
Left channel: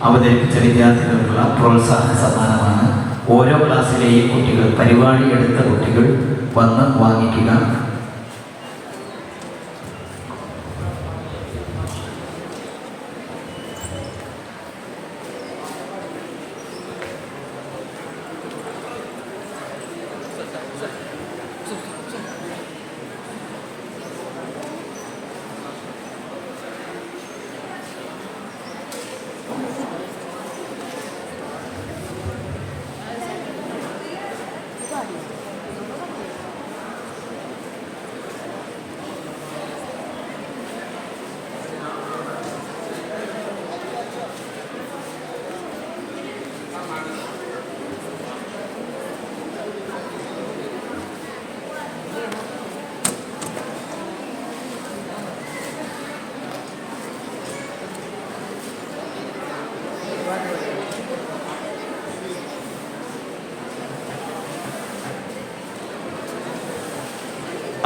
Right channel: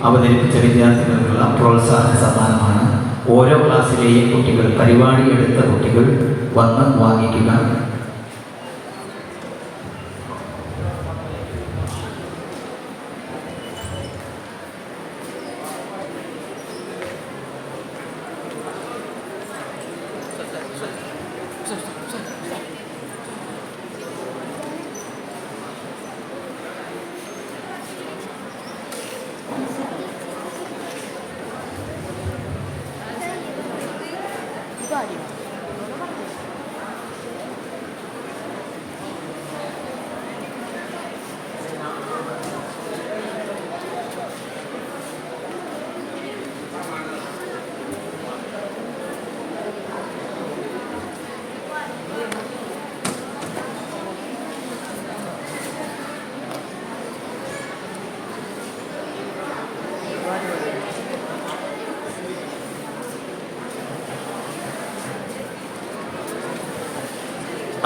അവതരിപ്പിച്ച വിദ്യാർത്ഥികൾക്കുള്ള പ്രോത്സാഹന സമ്മാനമാണ്. ഓരോ ക്ലാസ്സിലെയും കുട്ടികൾ, പരിപാടി എടുത്ത കുട്ടികൾ വന്ന് വാങ്ങിക്കുക.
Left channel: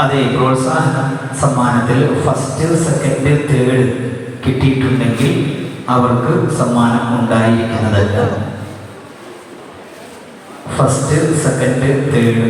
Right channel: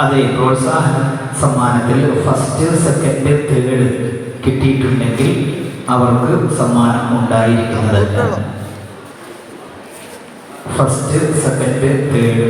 അതെ, പ്രോത്സാഹന സമ്മാനത്തിൽ ഫസ്റ്റ്, സെക്കൻഡ്, തേർഡ് കിട്ടിയിട്ടുണ്ടെങ്കിൽ അവർക്ക് സമ്മാനം ഉണ്ടായിരിക്കുന്നതല്ല. First, second, third.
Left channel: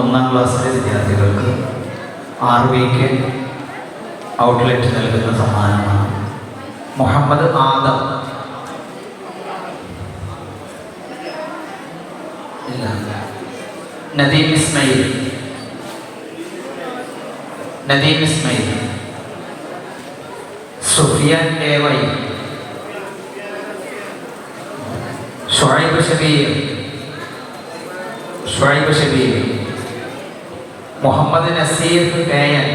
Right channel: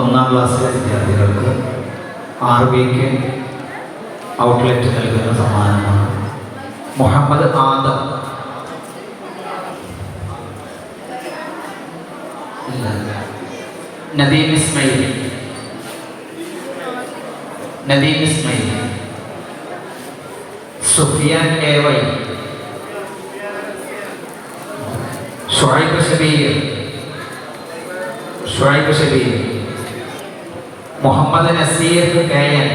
ഒന്നാം ക്ലാസ്സിലെ വിദ്യാർത്ഥികൾക്ക് RBK ഔട്ട്ലെറ്റ് നൽകുന്ന സമ്മാനമാണ്. Muhammad Adam, Nadeem Ismail, Sufiyan AY, Shuaib Shabeer, Shuaib Shabeer. Muhammad Naseer KN,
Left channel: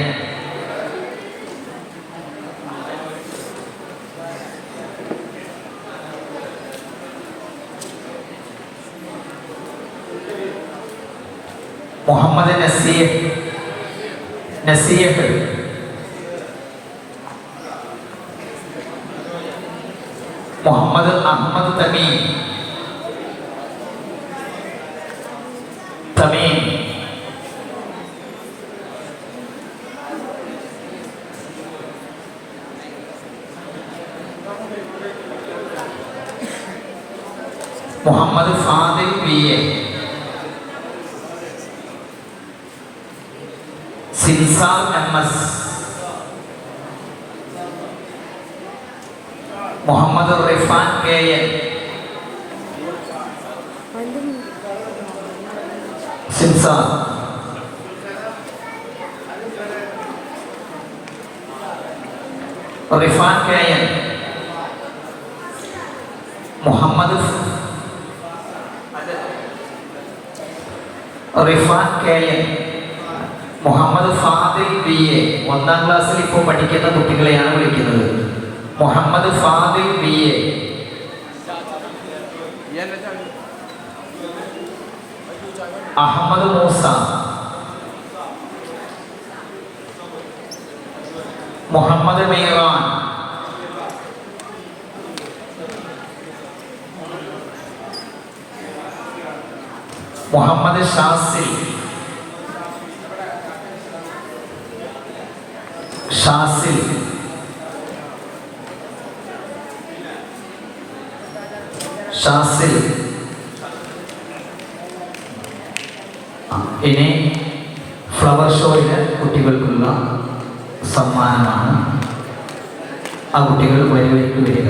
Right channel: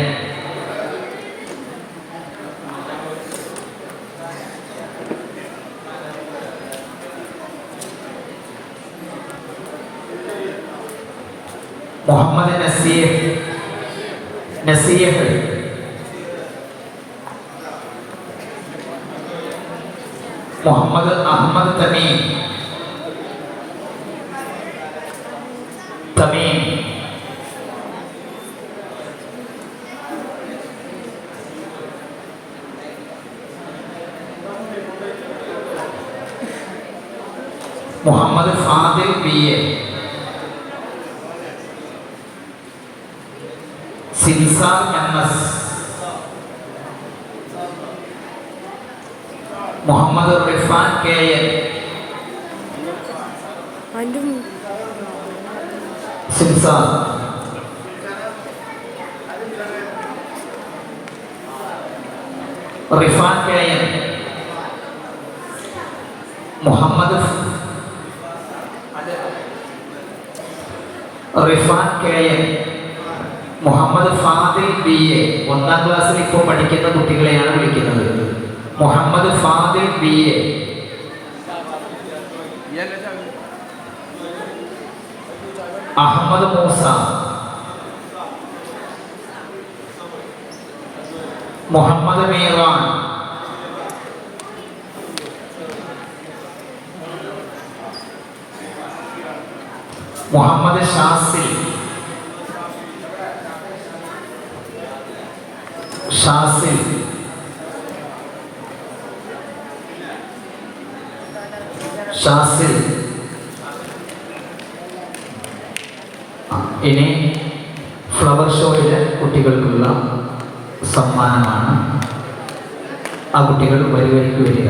Muhammad Naseer, Naseeh, Muhammad Ahmed Thameem, Thameem. Muhammad Fadil P A, Sinsar M S, Muhammad Rifan K N, Sinsar. Rifan K N, Muhammad Rifan K N, Muhammad Fadil B A. 1ാം ക്ലാസ്സിൽ ഇപ്പോൾ പഠിക്കുന്ന കുട്ടികളെയാണ് വിളിക്കുന്നത്. Muhammad Fadil B A. അഹമ്മദ് മൂസ, മുഹമ്മദ് മീറാൻ, മുഹമ്മദ് ഷാസിൽ, ഷാസിൽ, ഷാസിൽ. ഇനി ഫ്ലവർ ഷോയിലെ കുട്ടികൾക്കുള്ള സമ്മാനമാണ്. ആ കുട്ടികൾ വരിലേക്ക് വരിക.